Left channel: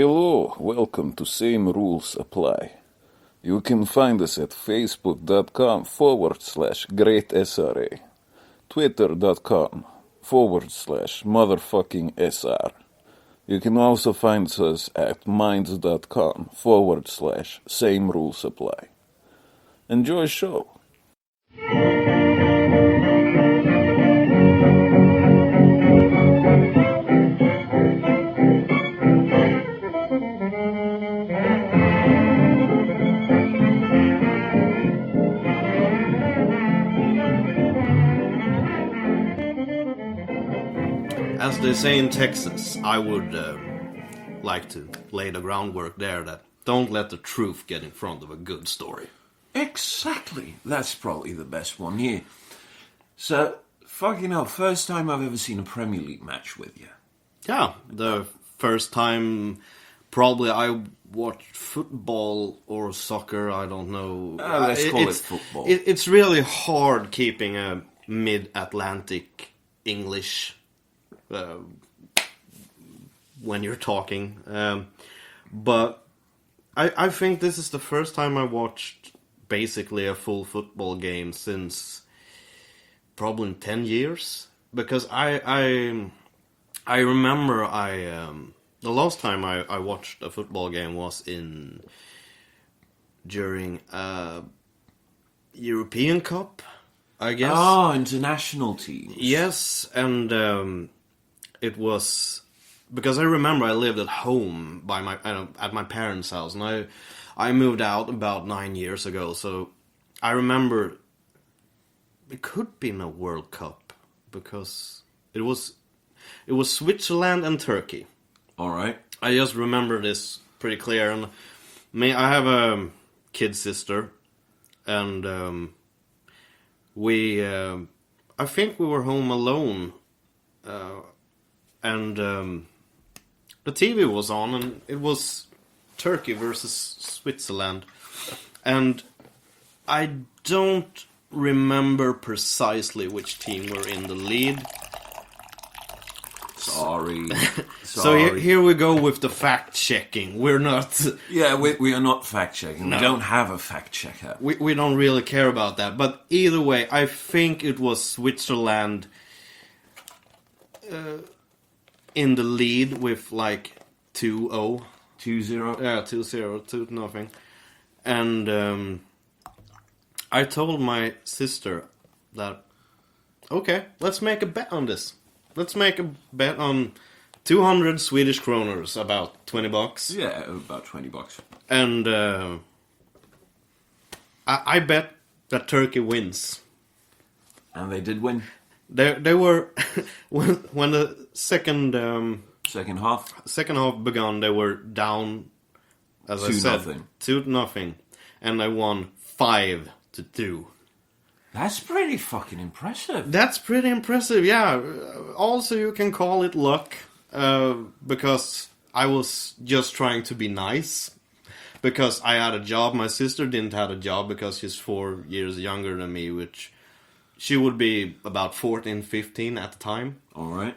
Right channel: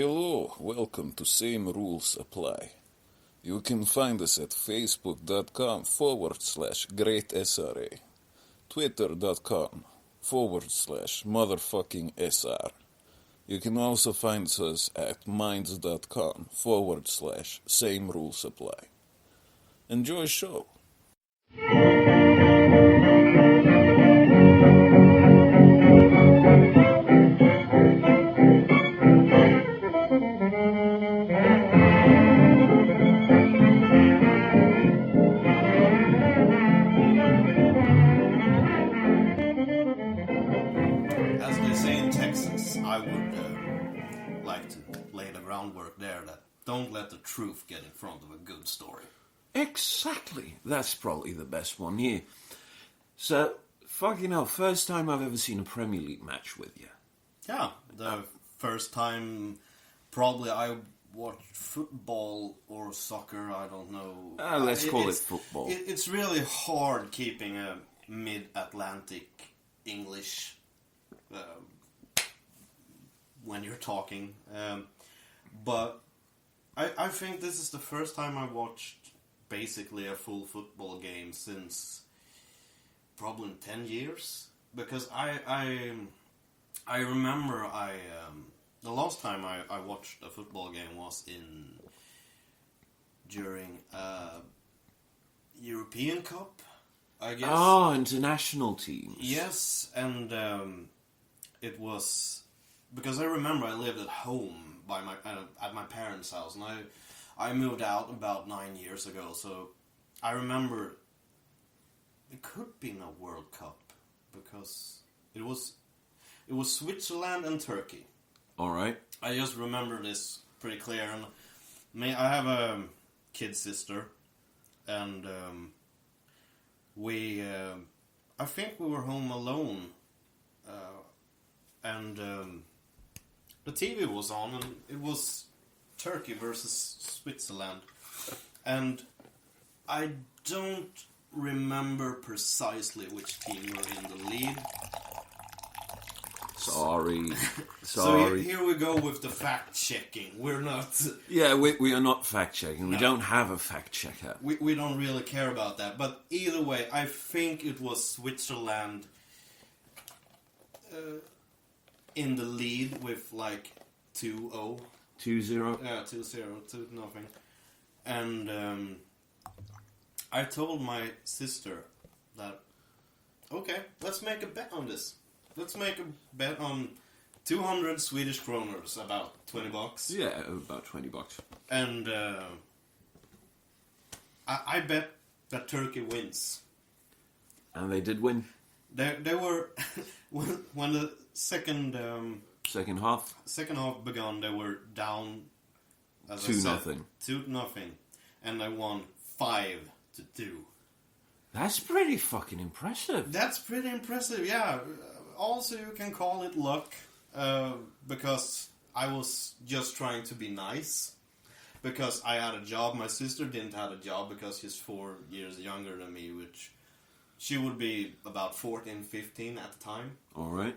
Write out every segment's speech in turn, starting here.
Hello, welcome to Same Rules Apply. You can find us at facebook.com/greatsra, twitter.com/motherfucking-SR. You can also find us at minds.com/Same Rules Apply. Enjoy show. As they say in Texas, I would like to lay the groundwork there that don't let the truth get in front of a good story. Exactly. That's probably the best one here. So, fucking hell, first time I've ever seen a Premier League match with you. Yeah, the first time probably I watched football or soccer, I don't know. Let's call it football. It's really hard keeping a mid-Atlantic English when you're talking. But I think this is the first time I watched basically a full football game since probably 10 years. Because I remember the last time I watched a football game was during European Cup, I guess. Oh, international teams. Yes, and it was because I remember I lived at home at my parents' house, and I moved out about 9 years ago. So I remember it could have been a World Cup because it was Switzerland and Turkey. All right. I just remember this pretty clear, and I have a kid sister, and I think we were home alone, and the TV was on, and it was Turkey versus Switzerland, and I don't remember precisely which team were in the lead. Sorry. So here we go with the fact-checking. We're not... Yeah, we are not fact-checking. No. We don't have a fact-checker. We don't really care about that. But either way, I think it was Switzerland in the lead with like 2-0. 2-0? Yeah, 2-0, 2-0. And I told my sister that, okay, let's make a bet on this. Let's make a bet on 200 Swedish kroners, about $20. Yeah, about $20. And I bet that Turkey wins. And they did win. They were when the second half began, they were down as 2-0. 2-0, and they won 5-2. That's pretty fucking impressive. That's pretty impressive, yeah. Also, you can call it luck, because I was just trying to be nice. Because I had a job, my sister didn't have a job because she's 4 years younger than me, which she would be about 14, 15 at the time. All right.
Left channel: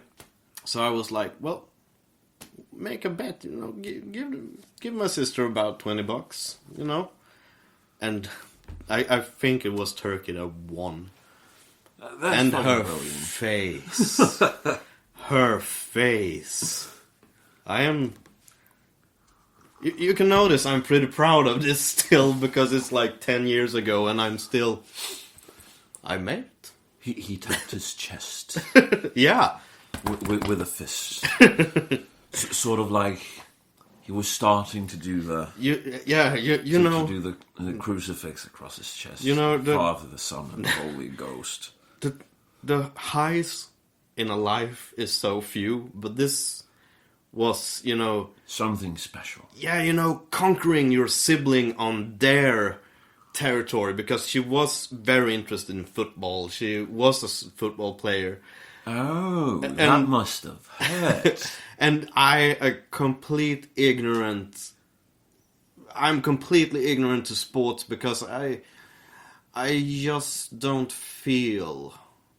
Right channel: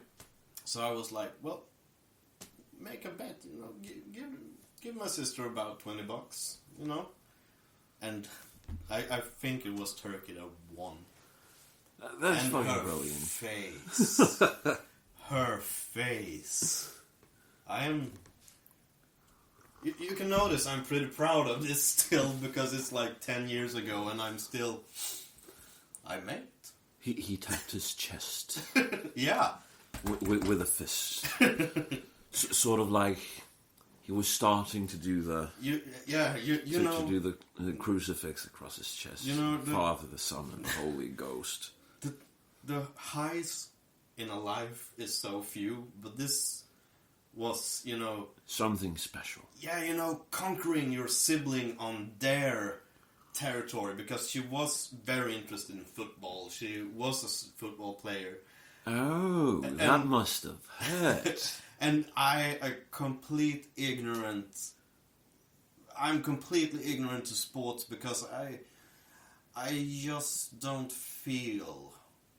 So I was like, well, make a bet, you know, give my sister about $20, you know. And I think it was Turkey that won. That's and fucking her brilliant. face. Her face. I am... You can notice I'm pretty proud of this still, because it's like 10 years ago and I'm still... I made it. He tapped his chest. Yeah. With a fist. Sort of like he was starting to do the... You know... To do the crucifix across his chest. You know, Father, the Son, and the Holy Ghost. The highs in a life is so few, but this was, you know... Something special. Yeah, you know, conquering your sibling on their territory, because she was very interested in football. She was a football player. Oh, that must have hurt. And I'm completely ignorant to sports, because I just don't feel...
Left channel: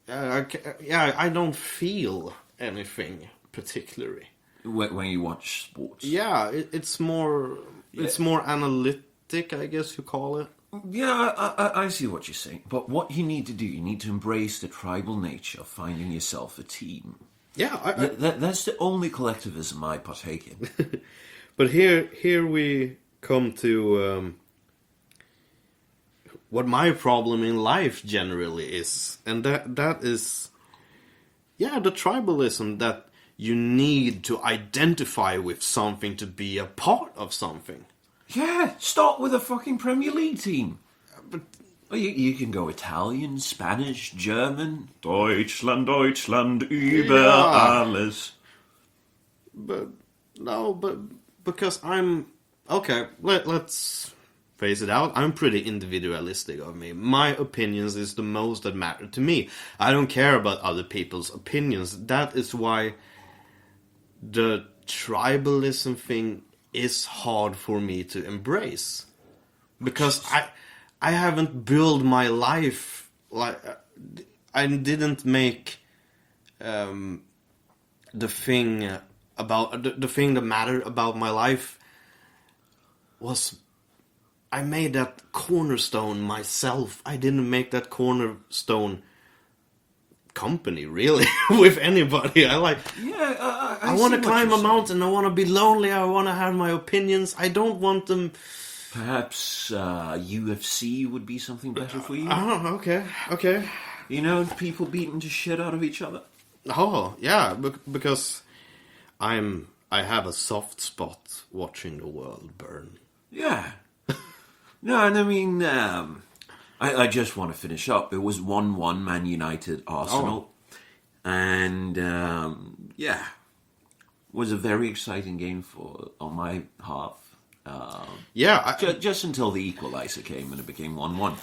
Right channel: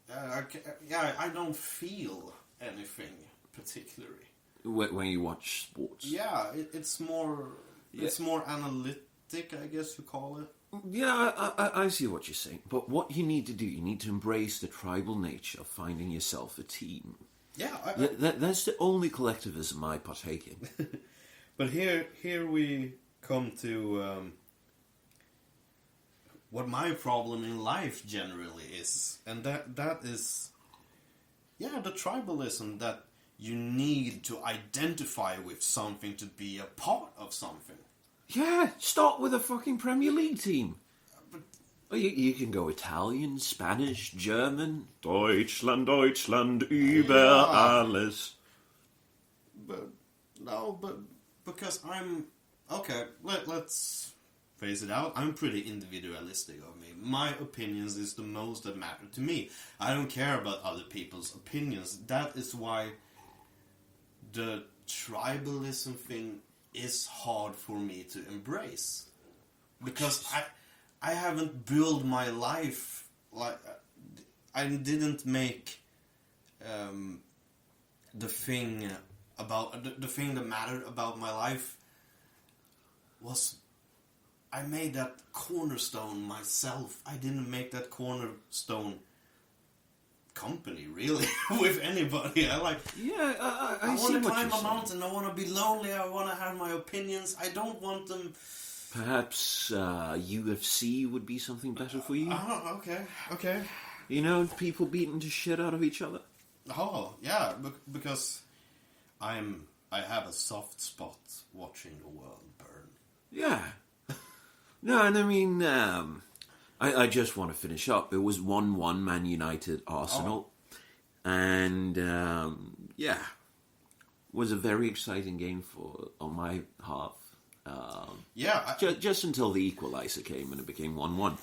I don't feel anything particularly. when you watch sports. Yeah, it's more analytic, I guess you call it. Yeah, I see what you're saying. But what you need to do, you need to embrace the tribal nature of finding yourself a team. Yeah, That's the only collectivism I partake in. but here we come to what my problem in life generally is, and that is, yeah, the tribalism that you need to identify with something to be a part of something. Yeah, start with a fucking Premier League team. Or you can go Italian, Spanish, German. Deutschland, Deutschland, über alles. But because I'm okay. Let's face it out. I'm pretty individualistic of me. My opinions is the most that matter to me. I don't care about other people's opinions. That is why the tribalism thing is hard for me to embrace, because I haven't built my life like I didn't make the thing about the thing that mattered about my life was I made that cornerstone myself. I didn't make that cornerstone company really with anybody. I want to climb a mountain. I want to be lonely. I want to have my opinions. I don't want them. Perhaps UFC would be something better for you. Oh, okay. You know, people beating the shit out of each other. Oh, yeah, because I have a soft spot watching the world burn. Yeah. No, and I mean, I just want to finish up. It was 1-1 Man United Arsenal. And, yeah, was a very exciting game on my half. Just until the equalizer came and it became 1-1.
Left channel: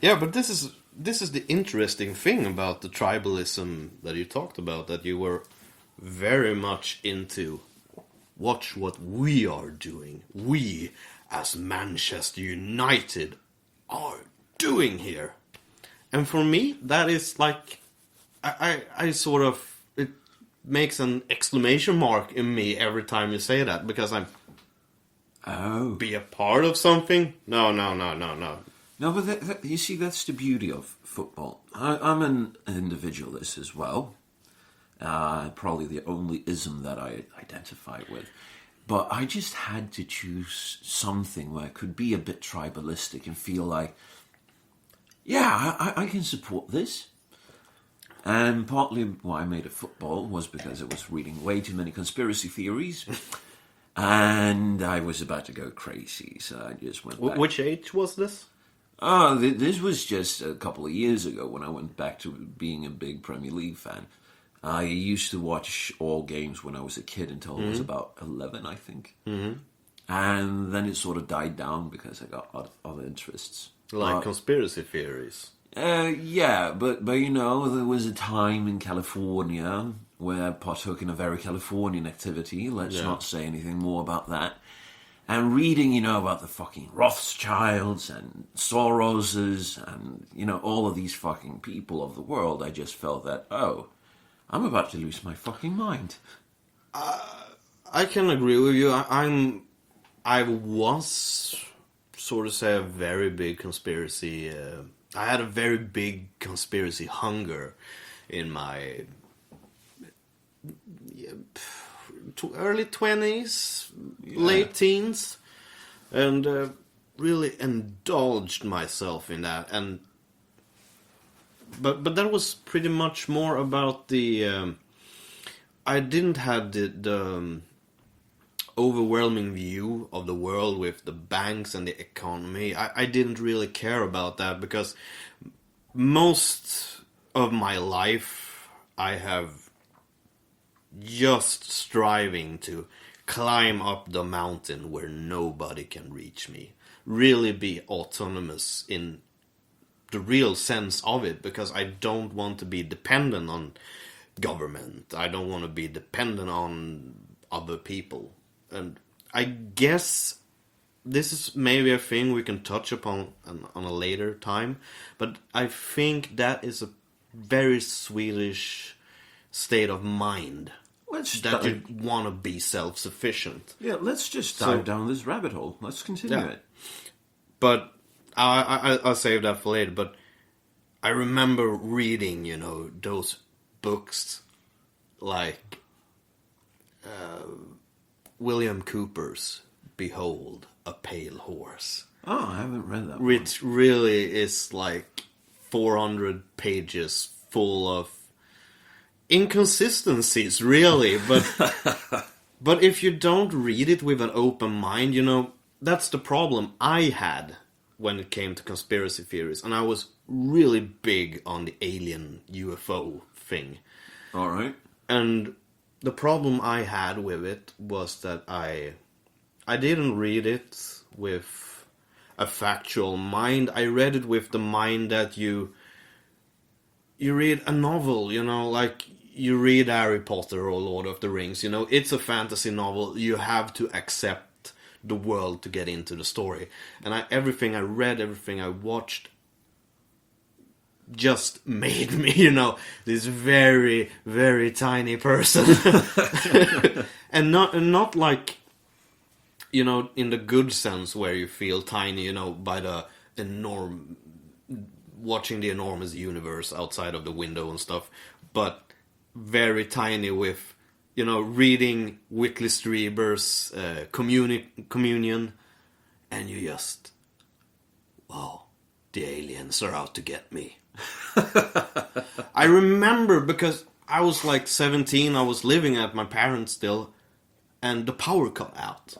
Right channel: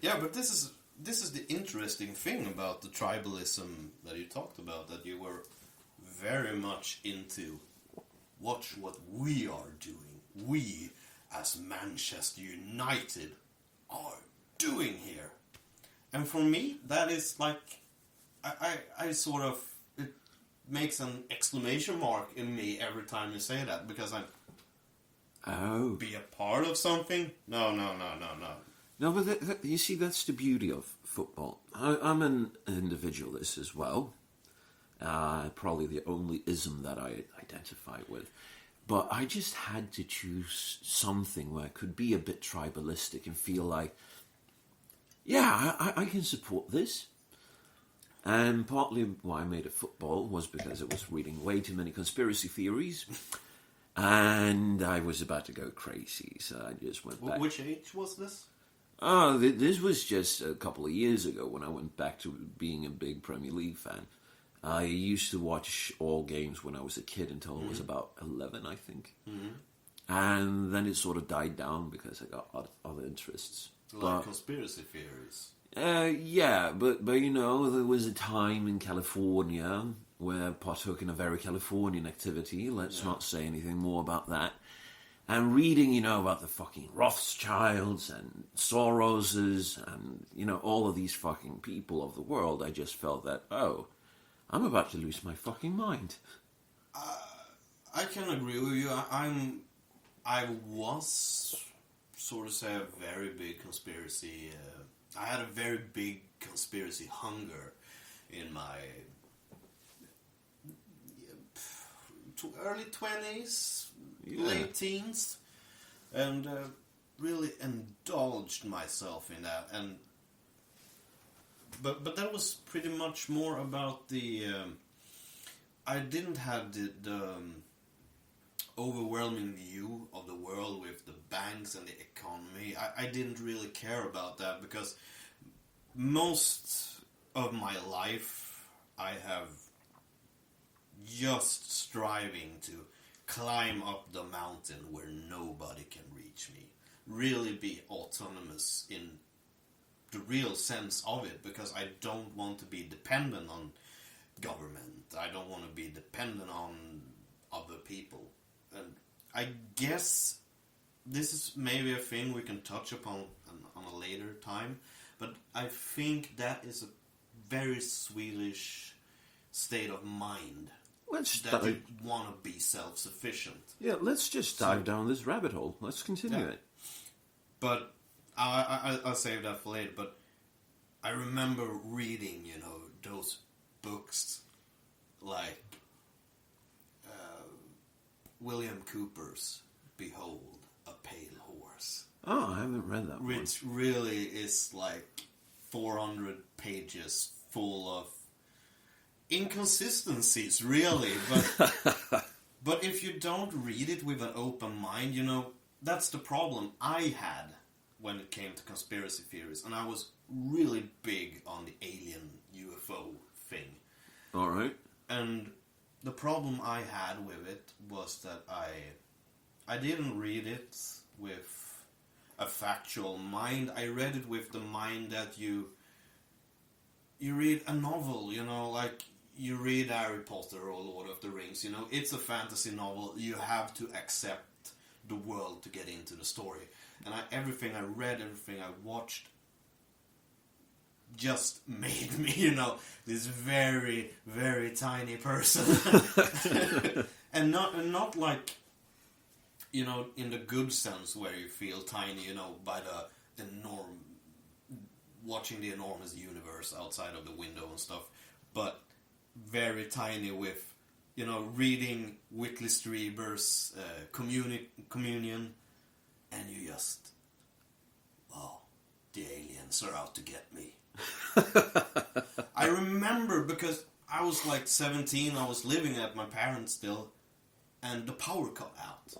Yeah, but this is the interesting thing about the tribalism that you talked about, that you were very much into. Watch what we are doing. We, as Manchester United, are doing here. And for me, that is like, I sort of, it makes an exclamation mark in me every time you say that, because I'm, be a part of something? No. No, but you see, that's the beauty of football. I'm an individualist as well. Probably the only ism that I identify with. But I just had to choose something where I could be a bit tribalistic and feel like, yeah, I can support this. And partly why I made it football was because I was reading way too many conspiracy theories. And I was about to go crazy, so I just went back. Which age was this? Oh, this was just a couple of years ago when I went back to being a big Premier League fan. I used to watch all games when I was a kid until I was about 11, I think. Mm-hmm. And then it sort of died down because I got other interests. Like conspiracy theories? Yeah, but you know, there was a time in California where I partook in a very Californian activity. Let's not say anything more about that. And reading, you know, about the fucking Rothschilds and Soroses and, you know, all of these fucking people of the world, I just felt that, I'm about to lose my fucking mind. I can agree with you. I was, sort of say, a very big conspiracy. I had a very big conspiracy hunger in my early 20s, late teens, and really indulged myself in that. And but that was pretty much more about the. I didn't have the overwhelming view of the world with the banks and the economy. I didn't really care about that, because most of my life I have just striving to climb up the mountain where nobody can reach me. Really be autonomous in the real sense of it, because I don't want to be dependent on government. I don't want to be dependent on other people. And I guess this is maybe a thing we can touch upon on a later time, but I think that is a very Swedish state of mind. that you want to be self-sufficient. Yeah, let's just dive down this rabbit hole. Let's continue it. But I'll save that for later. But I remember reading, those books like William Cooper's Behold a Pale Horse. Oh, I haven't read that one. Which really is like 400 pages full of inconsistencies, really. But if you don't read it with an open mind, that's the problem I had when it came to conspiracy theories. And I was really big on the alien UFO thing. All right. And the problem I had with it was that I didn't read it with a factual mind. I read it with the mind that you read a novel, like you read Harry Potter or Lord of the Rings, it's a fantasy novel. You have to accept the world to get into the story. And everything I read, everything I watched just made me, this very, very tiny person. and not like, in the good sense where you feel tiny, by the watching the enormous universe outside of the window and stuff, but very tiny with, reading Whitley Strieber's Communion, and you just, wow, the aliens are out to get me. I remember because I was like 17, I was living at my parents still, and the power cut out.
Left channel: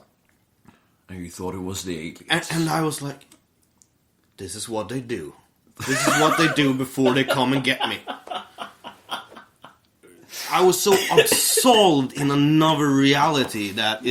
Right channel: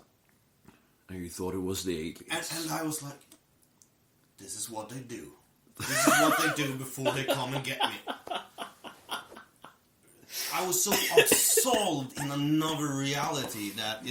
And you thought it was the aliens. And I was like, this is what they do. This is what they do before they come and get me. I was so absolved in another reality that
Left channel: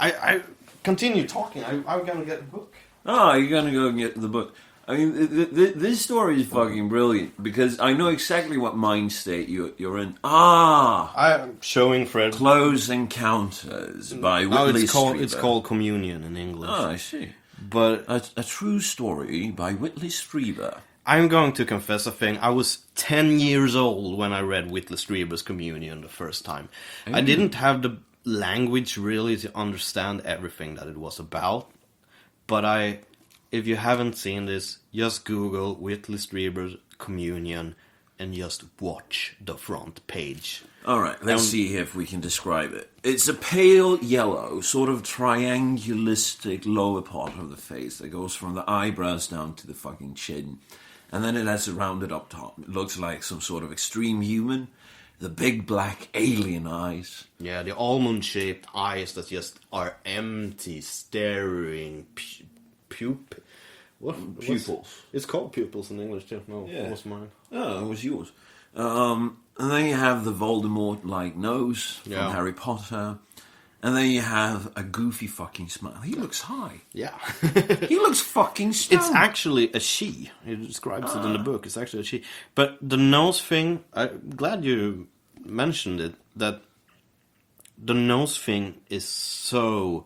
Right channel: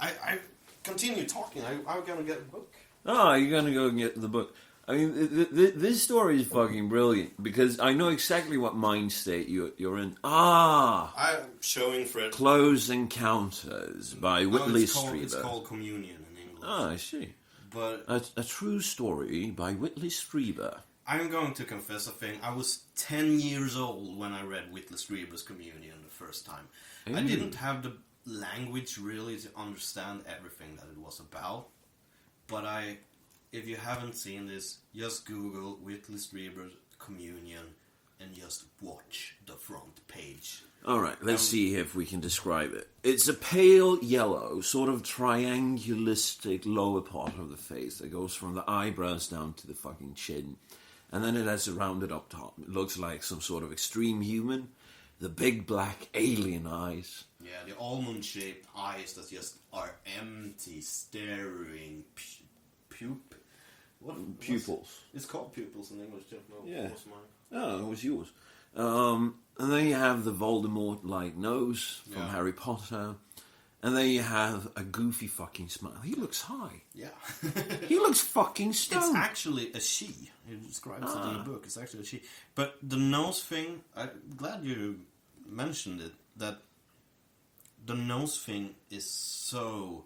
I continue talking. I'm gonna get a book. Oh, you're gonna go and get the book. I mean, this story is fucking brilliant because I know exactly what mind state you're in. I'm showing Fred. Close Encounters by Whitley Strieber. It's called Communion in English. Oh, I see. But a true story by Whitley Strieber. I'm going to confess a thing. I was 10 years old when I read Whitley Strieber's Communion the first time. I didn't have the language really to understand everything that it was about. But if you haven't seen this, just Google Whitley Strieber's Communion and just watch the front page. Alright, let's see if we can describe it. It's a pale yellow, sort of triangulistic lower part of the face that goes from the eyebrows down to the fucking chin. And then it has a rounded up top. It looks like some sort of extreme human. The big black alien eyes. Yeah, the almond-shaped eyes that just are empty, staring Pupils. It's called pupils in English too. No, Yeah. it was mine. Oh, it was yours. And then you have the Voldemort-like nose from Yeah. Harry Potter. And then you have a goofy fucking smile. He looks high. Yeah. He looks fucking stoned. It's actually a she. It describes it in the book. It's actually a she. But the nose thing, I'm glad you mentioned it, that the nose thing is so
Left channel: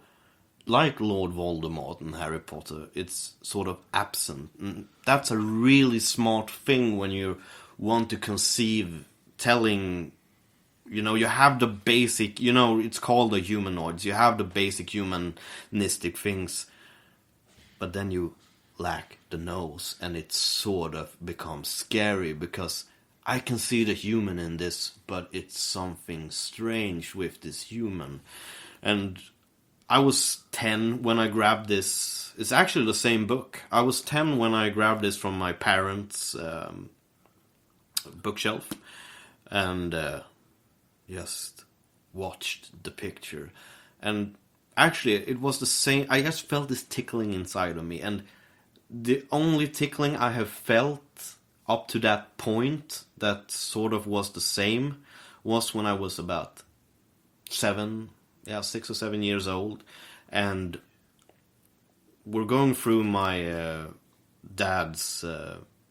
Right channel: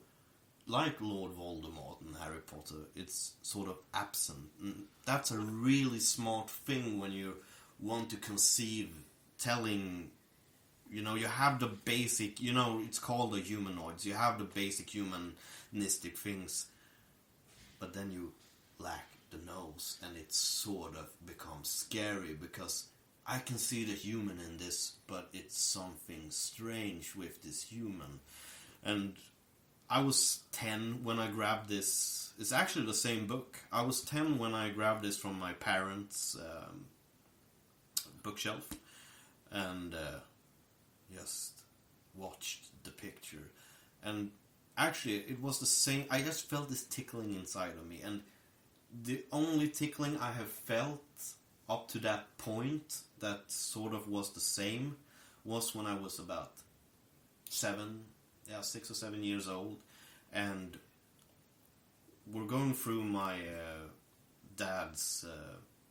like Lord Voldemort and Harry Potter. It's sort of absent. And that's a really smart thing when you want to conceive telling... you have the basic, it's called the humanoids. You have the basic humanistic things. But then you lack the nose. And it sort of becomes scary. Because I can see the human in this. But it's something strange with this human. And I was 10 when I grabbed this. It's actually the same book. I was 10 when I grabbed this from my parents' bookshelf. And... just watched the picture, and actually it was the same. I just felt this tickling inside of me, and the only tickling I have felt up to that point that sort of was the same was when I was about 6 or 7 years old, and we're going through my dad's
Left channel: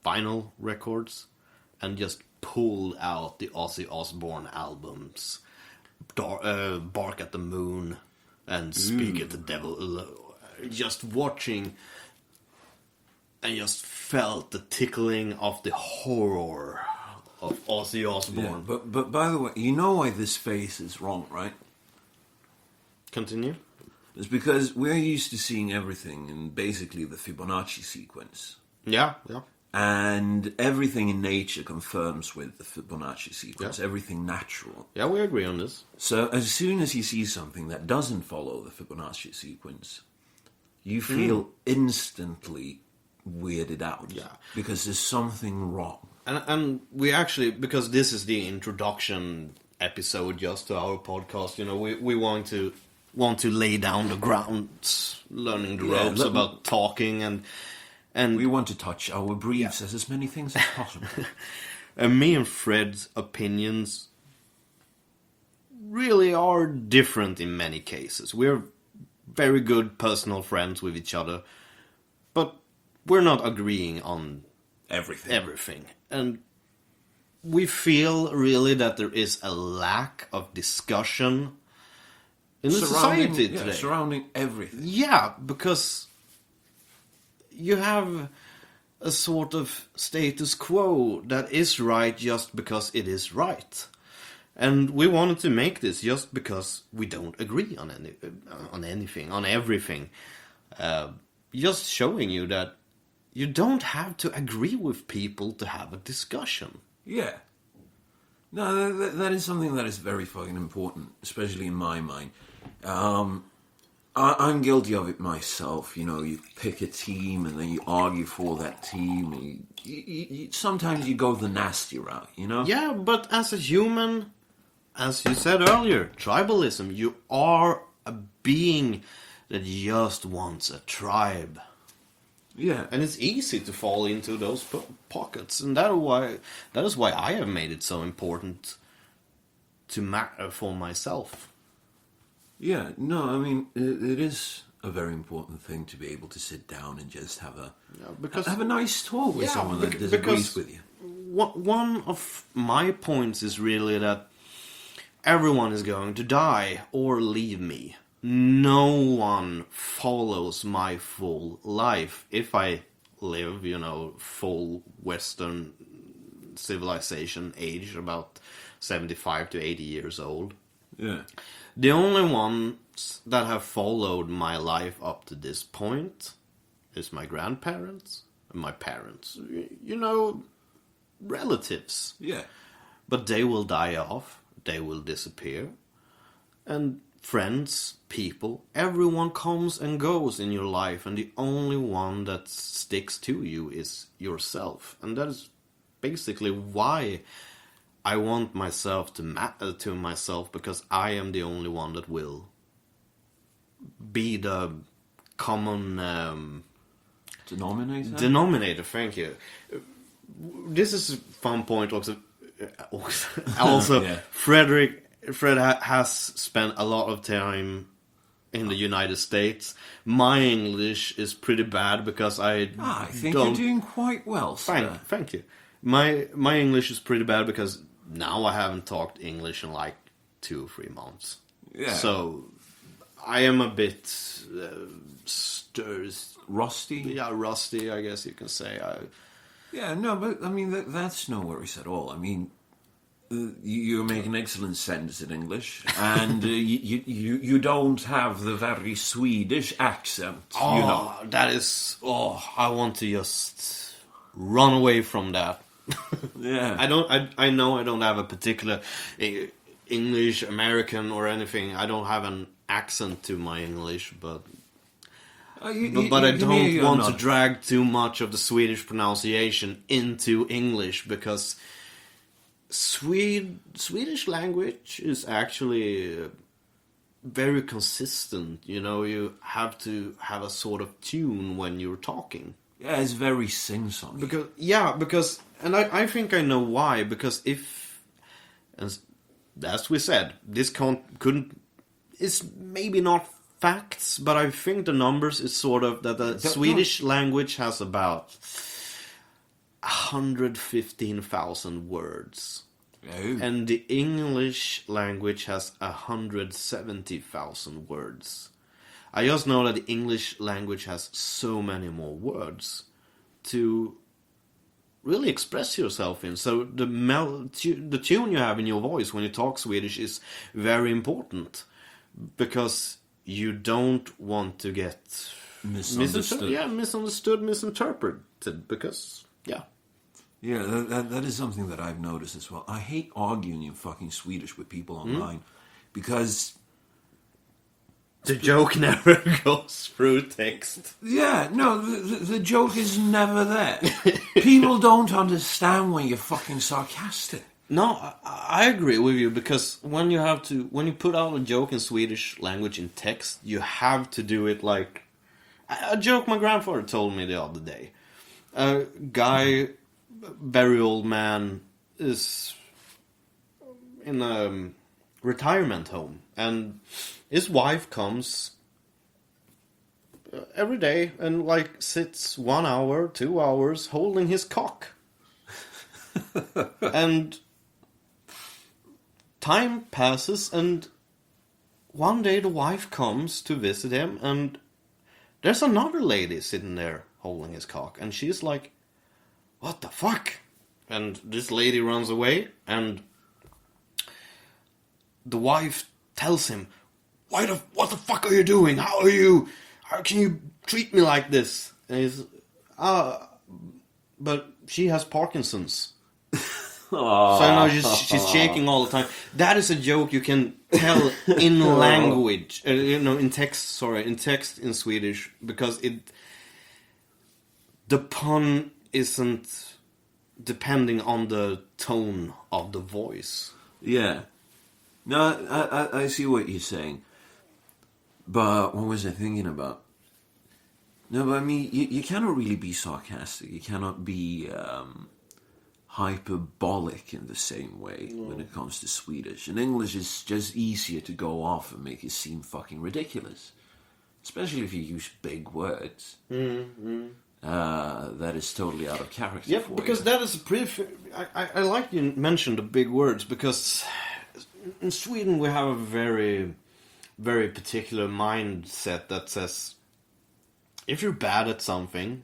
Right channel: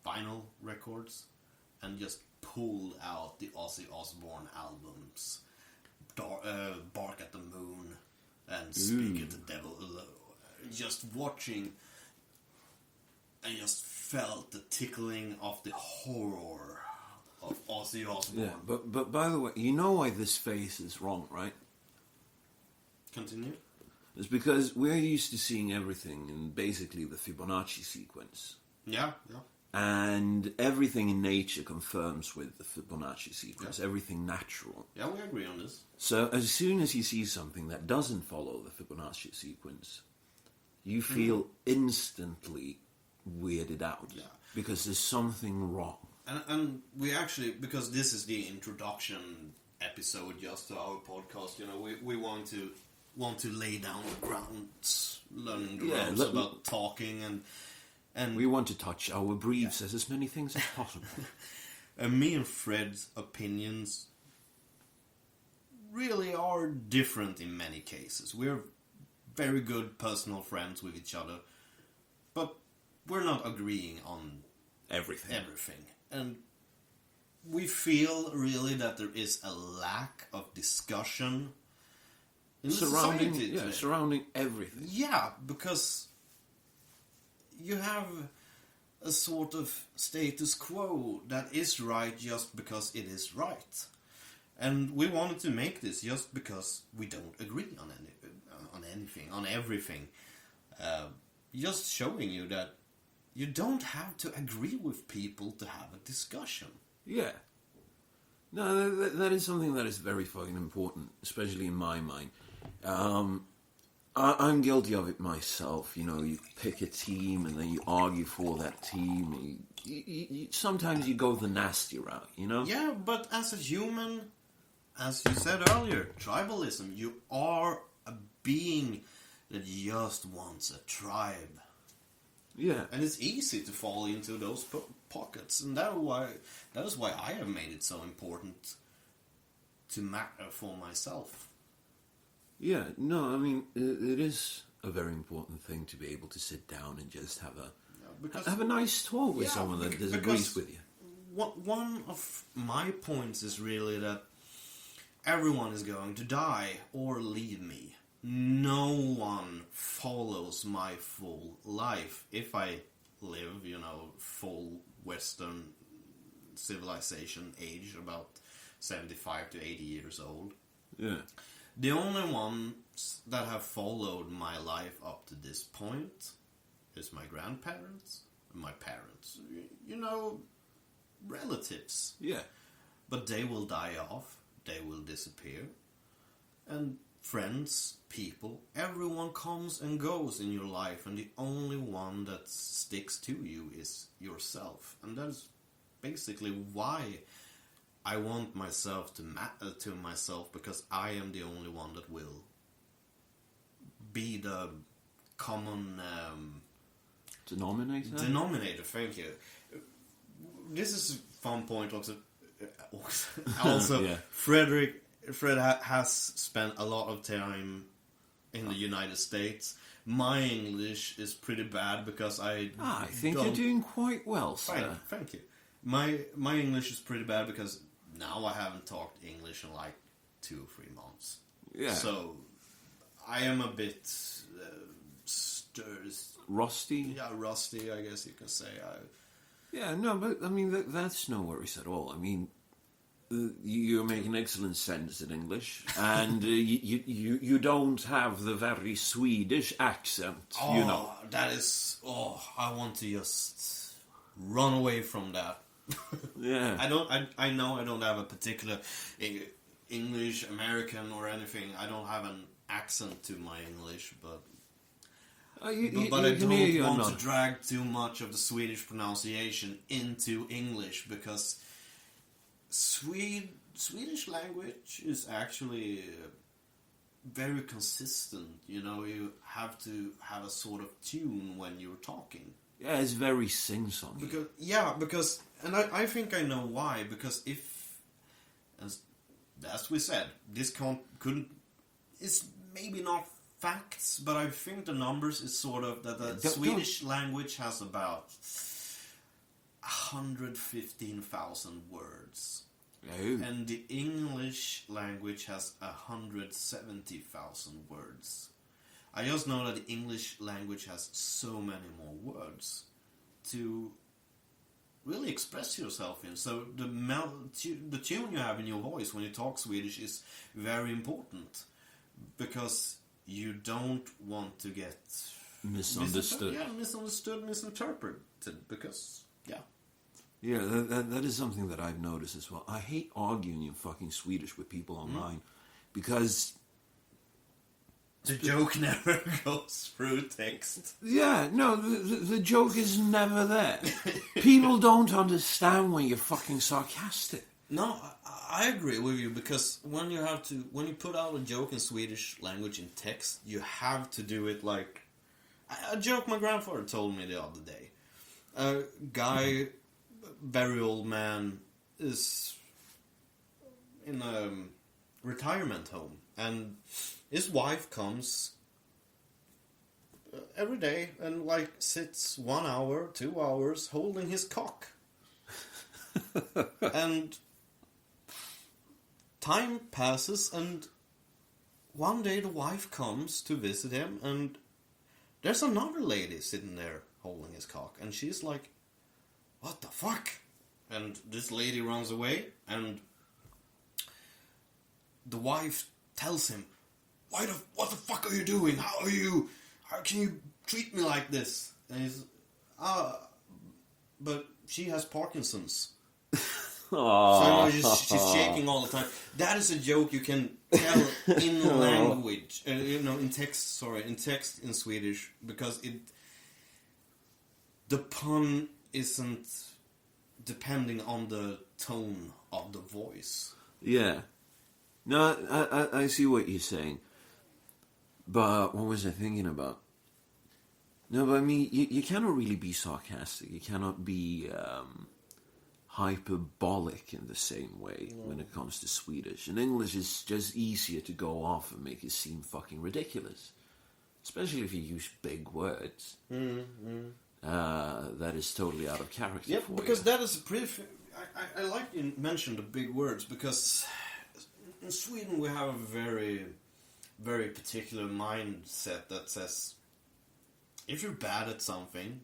vinyl records and just pulled out the Ozzy Osbourne albums, Bark at the Moon and Speak at the Devil. Just watching and just felt the tickling of the horror of Ozzy Osbourne. Yeah, but by the way, you know why this face is wrong, right? Continue. It's because we're used to seeing everything in basically the Fibonacci sequence. Yeah. And everything in nature confirms with the Fibonacci sequence, Yeah. everything natural. Yeah, we agree on this. So as soon as you see something that doesn't follow the Fibonacci sequence, you feel instantly weirded out. Yeah. Because there's something wrong. And we actually, because this is the introduction episode just to our podcast, we want to lay down the grounds, learning the ropes about talking and We want to touch our briefs as many things as possible. and me and Fred's opinions really are different in many cases. We're very good personal friends with each other, but we're not agreeing on Everything. And we feel really that there is a lack of discussion in the society today. Surrounding everything. Yeah, because you have a sort of status quo that is right just because it is right. And we wanted to make this just because we don't agree on everything. Just showing you that you don't have to agree with people to have a discussion. Yeah. No, that is something that is very fucking important, especially in my mind. I'm guilty of it myself. You pick a team and then you argue for that team. Sometimes you go the nasty route, Yeah, but as a human, as you said earlier, tribalism, you are a being that just wants a tribe. Yeah. And it's easy to fall into those pockets, and that is why I have made it so important to matter for myself. Yeah, no, I mean, it is a very important thing to be able to sit down and just have a nice talk with someone that disagrees with you. One of my points is really that everyone is going to die or leave me. No one follows my full life. If I live, full Western civilization age, about 75 to 80 years old. Yeah. The only ones that have followed my life up to this point is my grandparents and my parents. Relatives. Yeah. But they will die off. They will disappear. And friends, people, everyone comes and goes in your life, and the only one that sticks to you is yourself. And that is basically why I want myself to matter to myself, because I am the only one that will be the common denominator. Thank you. This is a fun point also. Also, yeah. Fred has spent a lot of time in the United States. My English is pretty bad because I think you're doing quite well, sir. Thank you. My English is pretty bad because now I haven't talked English in like 2 or 3 months. Yeah. So I am a bit rusty. Yeah, rusty, I guess you can say. Yeah, no, but I mean that's no worries at all. I mean, you make an excellent sense in English, and you don't have the very Swedish accent. That is. I want to just run away from that. Yeah. I know I don't have a particular English, American, or anything. I don't have an accent to my English, but I don't want to drag too much of the Swedish pronunciation into English, because Swedish language is actually very consistent. You have to have a sort of tune when you're talking. Yeah, it's very sing-songy. Because and I think I know why. Because as we said, this it's maybe not facts, but I think the numbers is sort of that the Swedish language has about 115,000 words. Oh. And the English language has 170,000 words. I just know that the English language has so many more words to really express yourself in. So the tune you have in your voice when you talk Swedish is very important, because you don't want to get Misunderstood. misinterpreted, because Yeah, that is something that I've noticed as well. I hate arguing in fucking Swedish with people online because the joke never goes through text. yeah, no, the joke is never there. People don't understand when you're fucking sarcastic. No, I agree with you, because when you put out a joke in Swedish language in text, you have to do it like a joke my grandfather told me the other day. A guy, very old man, is in a retirement home, and his wife comes every day and like sits 1 hour, 2 hours holding his cock. And time passes, and one day the wife comes to visit him, and there's another lady sitting there holding his cock, and she's like, "What the fuck?" And this lady runs away, and the wife tells him, "What the fuck are you doing? How can you treat me like this?" And he's, but she has Parkinson's. So I know she's shaking all the time. That is a joke you can tell in language, in text in Swedish, because the pun isn't depending on the tone of the voice. Yeah. No, I see what you're saying. But what was I thinking about? No, but I mean, you cannot really be sarcastic. You cannot be hyperbolic in the same way when it comes to Swedish. In English, it's just easier to go off and make it seem fucking ridiculous. Especially if you use big words. That is totally out of character for you. Yeah, because that is pretty... I like you mentioned the big words, because in Sweden we have a very, very particular mindset that says, if you're bad at something,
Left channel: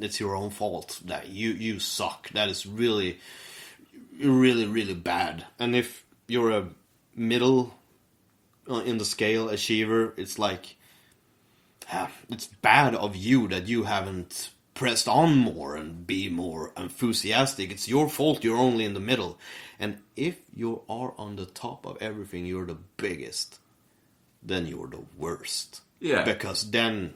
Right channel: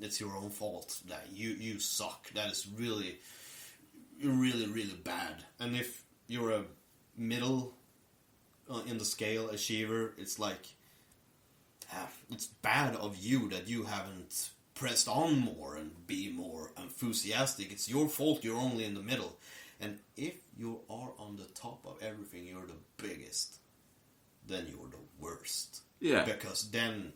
it's your own fault. That you suck. That is really, really, really bad. And if you're a middle in the scale achiever, it's like, it's bad of you that you haven't pressed on more and be more enthusiastic. It's your fault. You're only in the middle. And if you are on the top of everything, you're the biggest, then you're the worst. Yeah. Because then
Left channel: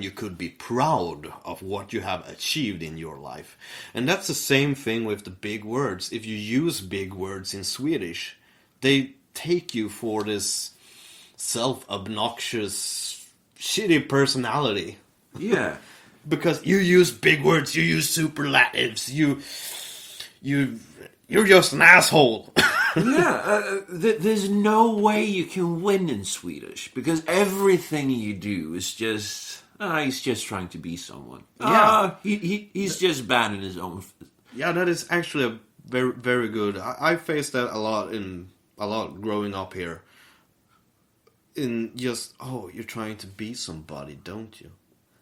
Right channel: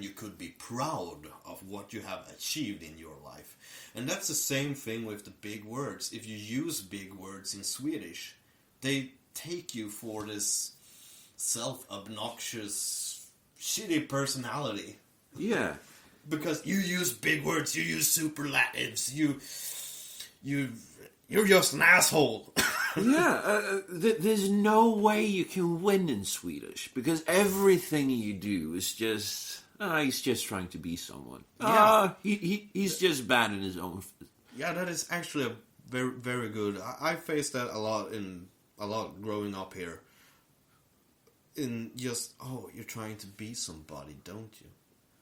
you could be proud of what you have achieved in your life. And that's the same thing with the big words. If you use big words in Swedish, they take you for this self-obnoxious, shitty personality. Yeah. Because you use big words, you use superlatives, you're just an asshole. Yeah, there's no way you can win in Swedish, because everything you do is just... he's just trying to be someone. Yeah. He's just bad in his own... Yeah, that is actually a very, very good... I faced that a lot growing up here. In just, you're trying to be somebody, don't you?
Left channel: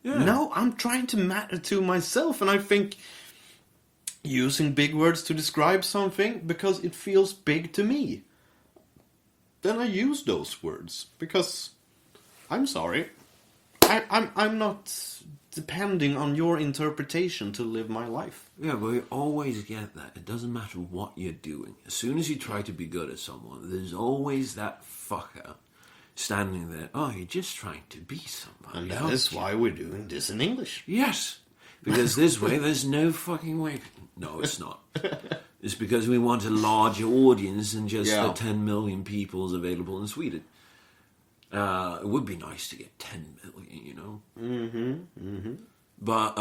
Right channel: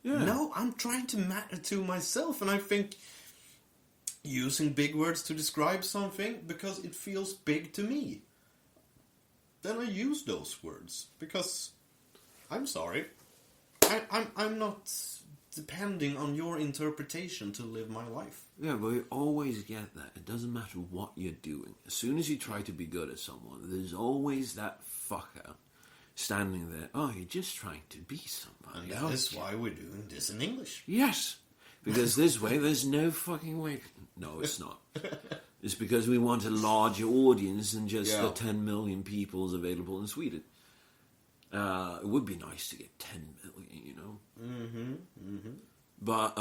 Yeah. No, I'm trying to matter to myself, and I think using big words to describe something because it feels big to me, then I use those words, because I'm sorry, I'm not depending on your interpretation to live my life. Yeah, but we always get that. It doesn't matter what you're doing. As soon as you try to be good at someone, there's always that fucker standing there. Oh, you're just trying to be somebody. And that's why we're doing this in English. Yes, because this way there's no fucking way. No, it's not. It's because we want a larger audience than just the 10 million peoples available in Sweden. It would be nice to get 10 million, you know. But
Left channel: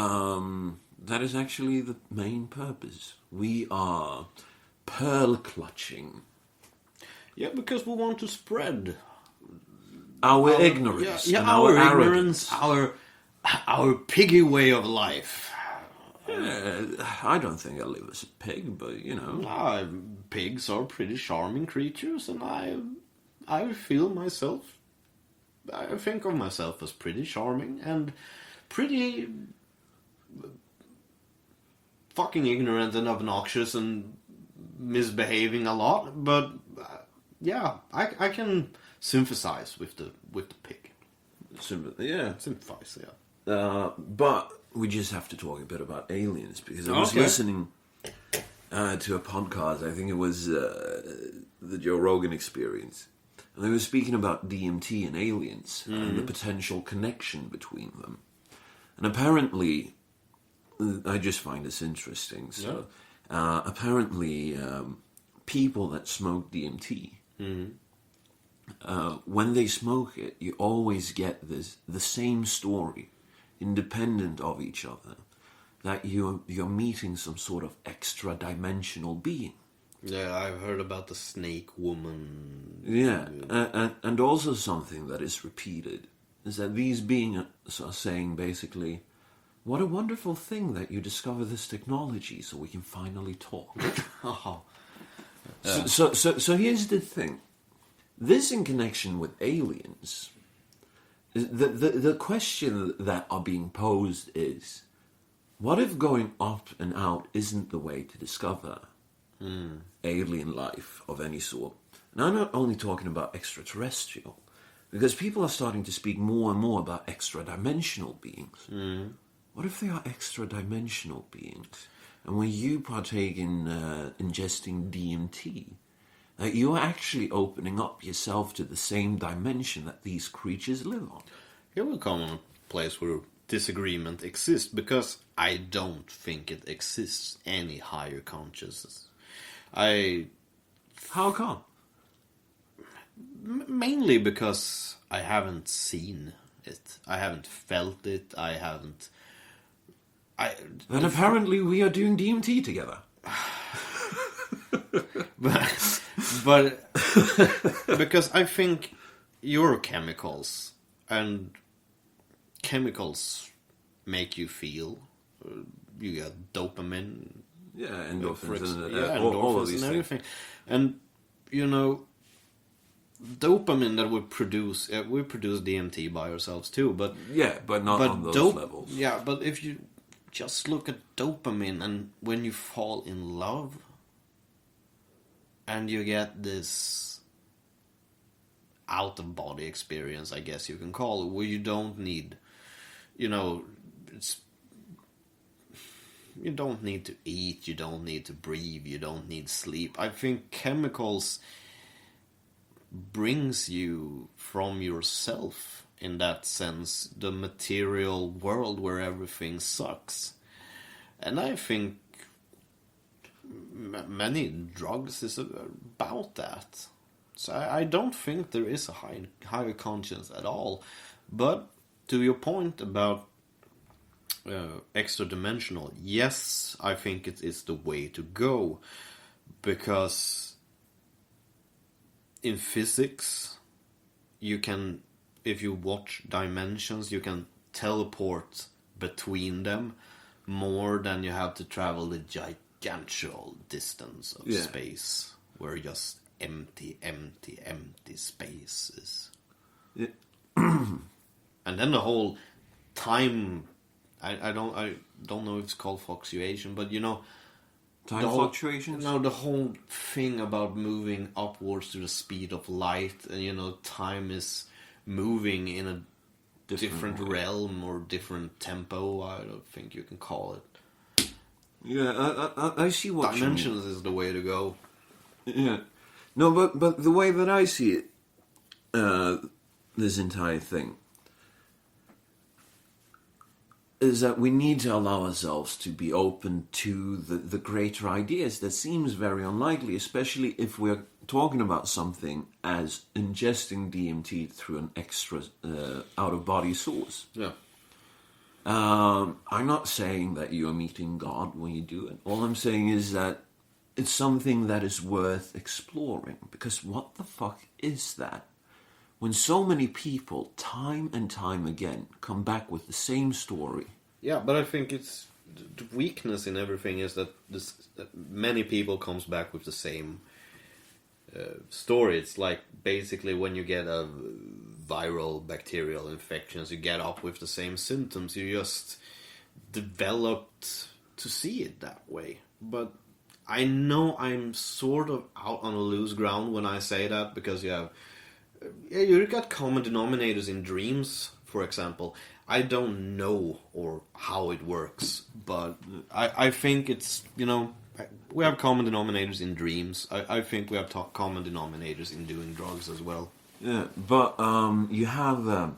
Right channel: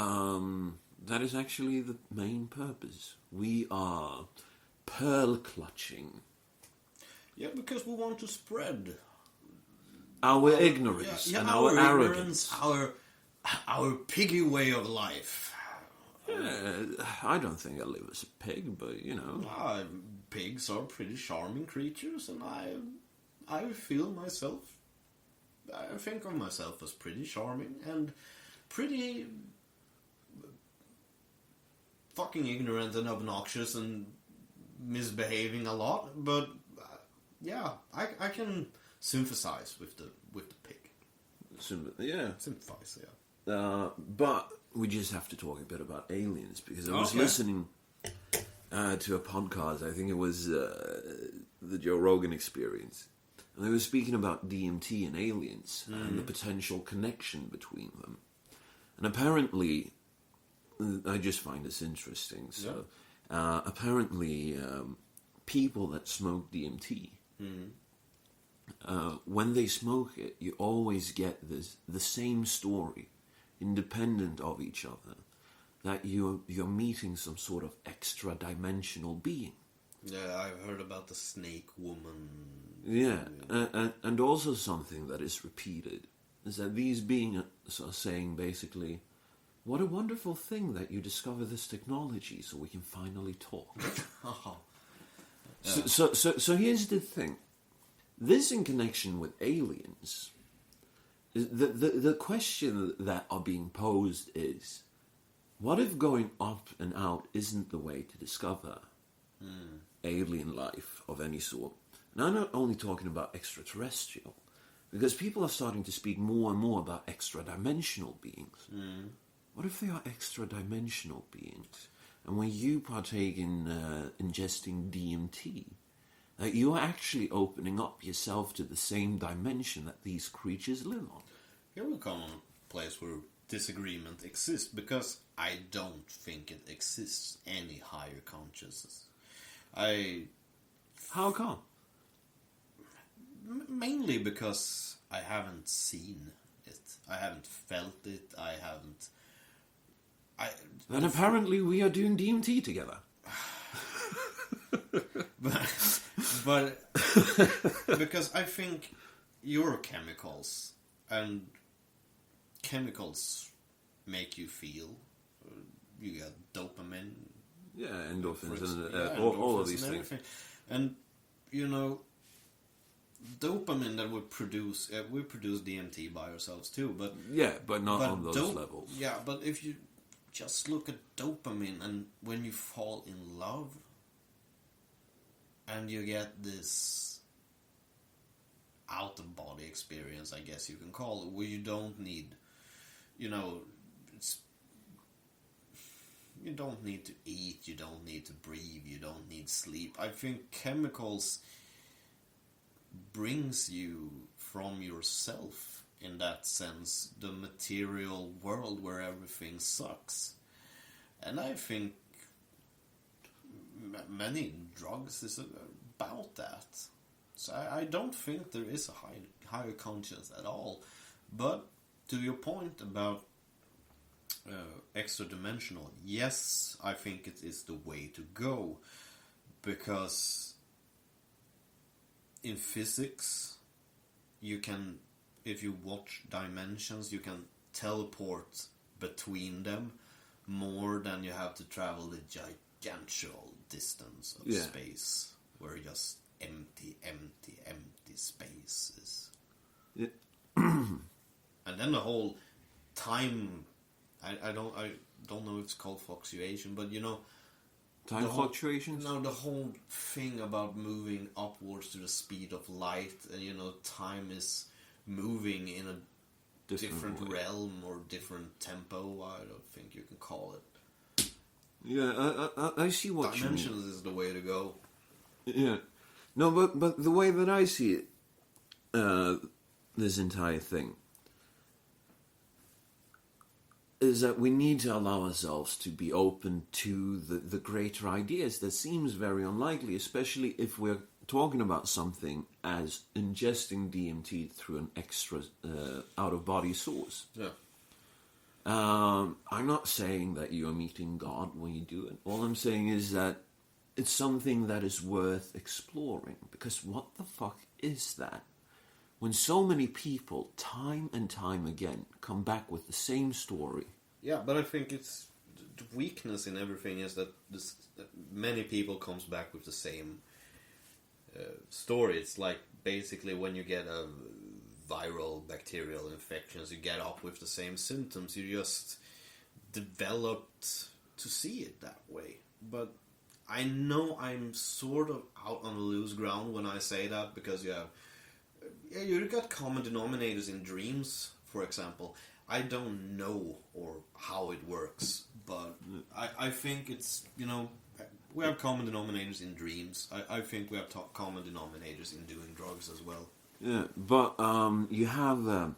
that is actually the main purpose. We are pearl clutching. Yeah, because we want to spread our ignorance and our arrogance. Our piggy way of life. Yeah, I don't think I live as a pig, but you know. Pigs are pretty charming creatures, and I feel myself. I think of myself as pretty charming and pretty fucking ignorant and obnoxious and misbehaving a lot, but yeah, I can sympathize with the pig. Yeah. Sympathize, yeah. But we just have to talk a bit about aliens, because I was listening to a podcast. I think it was the Joe Rogan Experience, and they were speaking about DMT and aliens and the potential connection between them. And apparently, I just find this interesting. So, apparently, people that smoke DMT, when they smoke it, you always get the same story, independent of each other, that you're meeting some sort of extra-dimensional being. Yeah, I've heard about the snake woman. Yeah, and also something that is repeated is that these beings are saying basically, what a wonderful thing that you discover this technology so we can finally talk. So here's the thing. This in connection with aliens, the question that are being posed is, what if going up and out isn't the way to discover alien life of any sort? And I'm not only talking about extraterrestrial, because people are starting to speak more and more about extra-dimensional beings. What if they are extra-dimensional beings? And when you partake in ingesting DMT, that you are actually opening up yourself to the same dimension that these creatures live on. Here will come a place where disagreement exists, because I don't think it exists any higher consciousness. How come? Mainly because I haven't seen it. I haven't felt it. Then apparently we are doing DMT together. But because I think your chemicals and chemicals make you feel. You get dopamine. Yeah, endorphins and endorphins all of these and things. everything. And you know, dopamine that we produce DMT by ourselves too, but not on those levels. Yeah, but if you just look at dopamine, and when you fall in love and you get this out of body experience, I guess you can call it, where you don't need, you don't need to eat, you don't need to breathe, you don't need sleep. I think chemicals brings you from yourself, in that sense, the material world where everything sucks. And I think many drugs is about that. So I don't think there is a higher conscience at all. But to your point about extra-dimensional, yes, I think it is the way to go, because in physics, you can, if you watch dimensions, you can teleport between them more than you have to travel the gigantual distance of space, where just empty spaces. Yeah. And then the whole time, I don't know if it's called fluctuation, but Time fluctuations? No, the whole thing about moving upwards to the speed of light, and time is moving in a different realm or different tempo. I don't think you can call it. Yeah, I see what you mean. Dimensions is the way to go. Yeah. No, but the way that I see it, this entire thing, is that we need to allow ourselves to be open to the greater ideas. That seems very unlikely, especially if we're talking about something as ingesting DMT through an extra out-of-body source. Yeah. I'm not saying that you're meeting God when you do it. All I'm saying is that it's something that is worth exploring. Because what the fuck is that? When so many people, time and time again, come back with the same story. Yeah, but I think it's the weakness in everything is that that many people comes back with the same story. It's like basically when you get a viral bacterial infections, you get up with the same symptoms. You just developed to see it that way. But I know I'm sort of out on a loose ground when I say that, because you got common denominators in dreams, for example. I don't know or how it works, but I think it's, we have common denominators in dreams. I think we have common denominators in doing drugs as well. Yeah, but you have,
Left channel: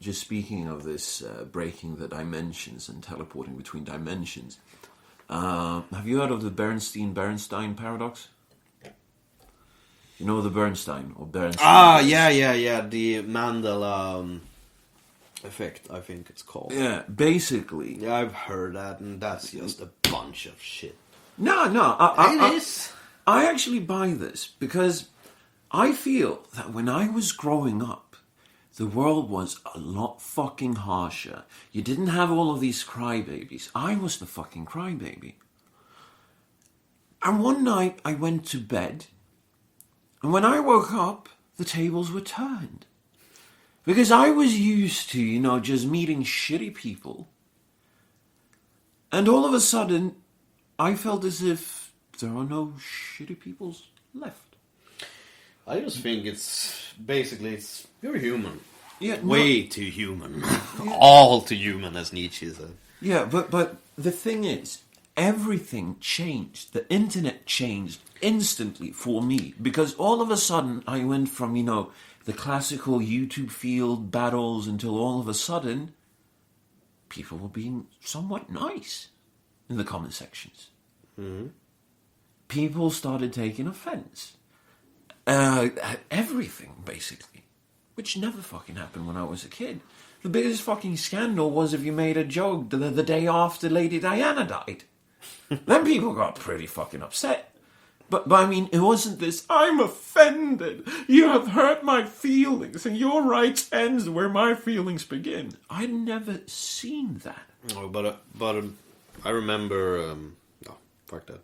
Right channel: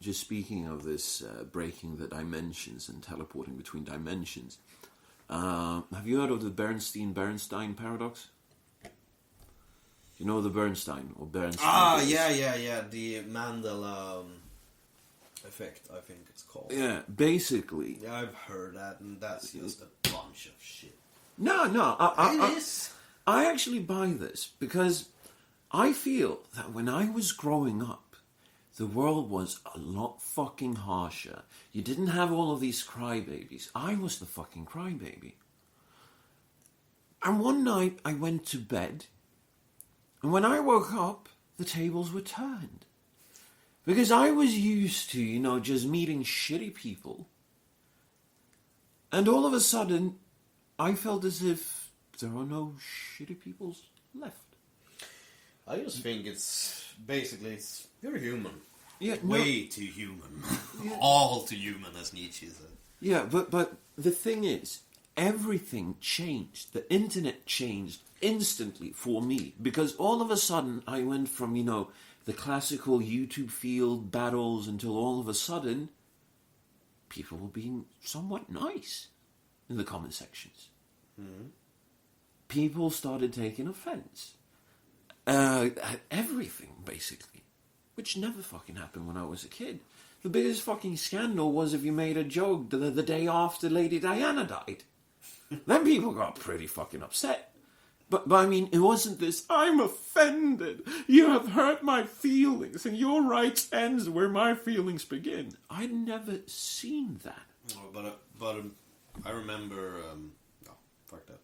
just speaking of this, breaking the dimensions and teleporting between dimensions, have you heard of the Bernstein paradox? You know the Bernstein or Bernstein? Ah, yeah. The Mandela effect, I think it's called. Yeah, basically. Yeah, I've heard that, and that's just a bunch of shit. No, It is. I actually buy this because I feel that when I was growing up, the world was a lot fucking harsher. You didn't have all of these crybabies. I was the fucking crybaby. And one night I went to bed, and when I woke up, the tables were turned. Because I was used to, just meeting shitty people. And all of a sudden, I felt as if there are no shitty people left. I just think you're human. Yeah, Way too human. All too human, as Nietzsche said. Yeah, but the thing is, everything changed. The internet changed instantly for me. Because all of a sudden, I went from, the classical YouTube field battles until all of a sudden, people were being somewhat nice in the comment sections. Mm-hmm. People started taking offense at everything, basically, which never fucking happened when I was a kid. The biggest fucking scandal was if you made a joke the day after Lady Diana died. Then people got pretty fucking upset. But I mean, it wasn't this, I'm offended, you have hurt my feelings, and your rights ends where my feelings begin. I'd never seen that. Oh, but I remember, no, fuck that.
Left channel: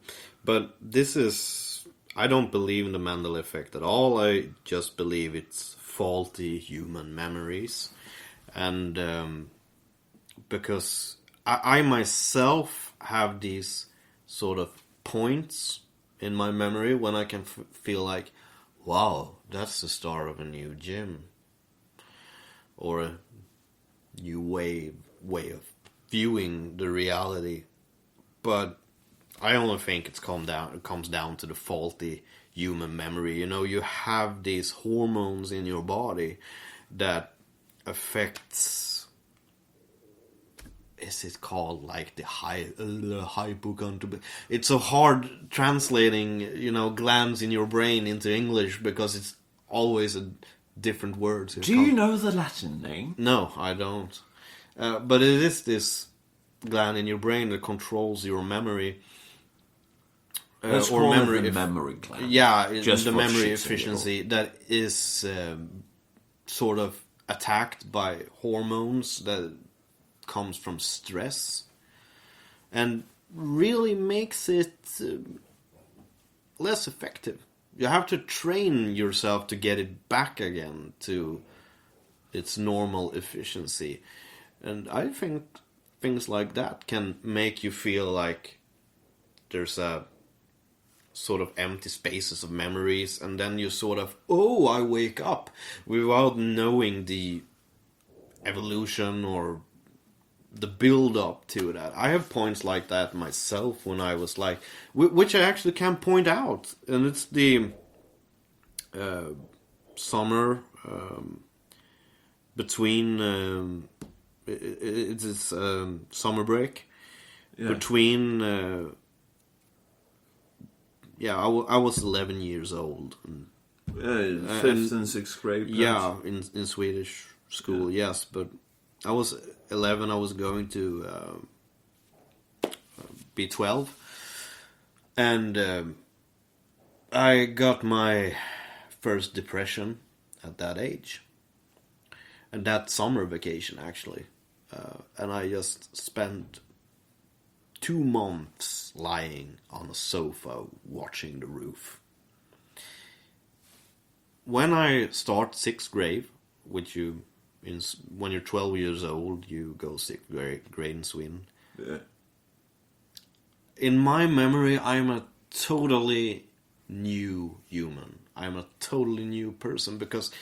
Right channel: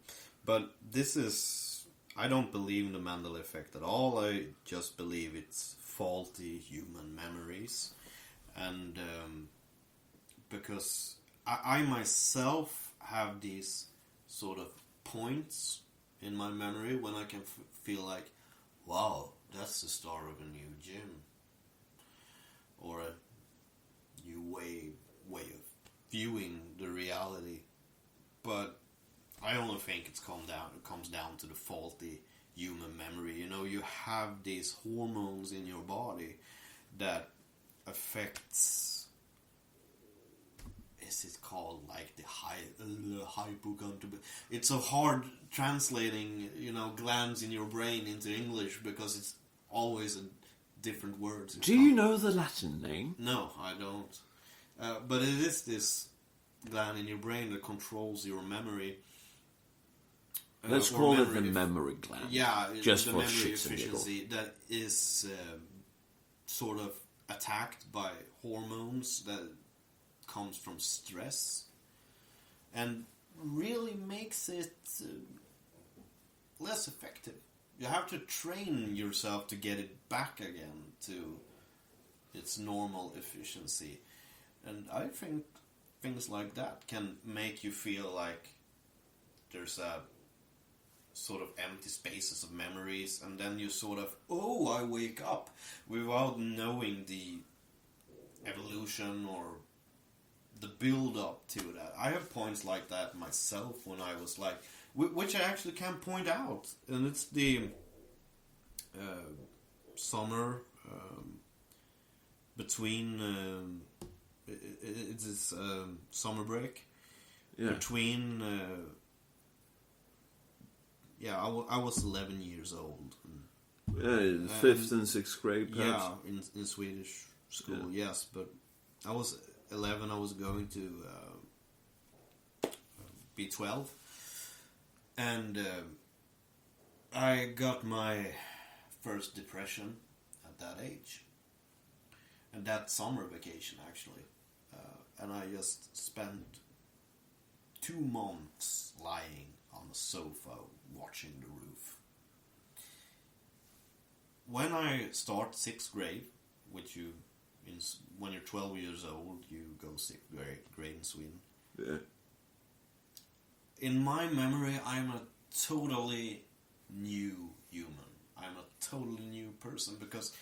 But this is, I don't believe in the Mandela effect at all. I just believe it's faulty human memories. And because I myself have these sort of points in my memory when I can feel like, wow, that's the start of a new gym, or a new way of viewing the reality. But I only think it comes down to the faulty human memory. You have these hormones in your body that affects. Is it called like the hypochondria? It's so hard translating, glands in your brain into English because it's always a different word. Do you know the Latin name? No, I don't. But it is this gland in your brain that controls your memory. Let's call it the memory gland. Yeah, just the for memory shits efficiency that is sort of attacked by hormones that comes from stress, and really makes it less effective. You have to train yourself to get it back again to its normal efficiency. And I think things like that can make you feel like there's a sort of empty spaces of memories, and then you sort of, I wake up without knowing the evolution or the build up to that. I have points like that myself when I was like, which I actually can point out, and it's the summer between it's summer break between I was 11 years old. Fifth and sixth grade. Perhaps. Yeah, in Swedish school, yes, but I was 11. I was going to be 12, and I got my first depression at that age, and that summer vacation actually, and I just spent 2 months lying on a sofa watching the roof. When I start 6th grade, which when you're 12 years old, you go 6th grade in Sweden. Yeah. in my memory, I'm a totally new human. I'm a totally new person because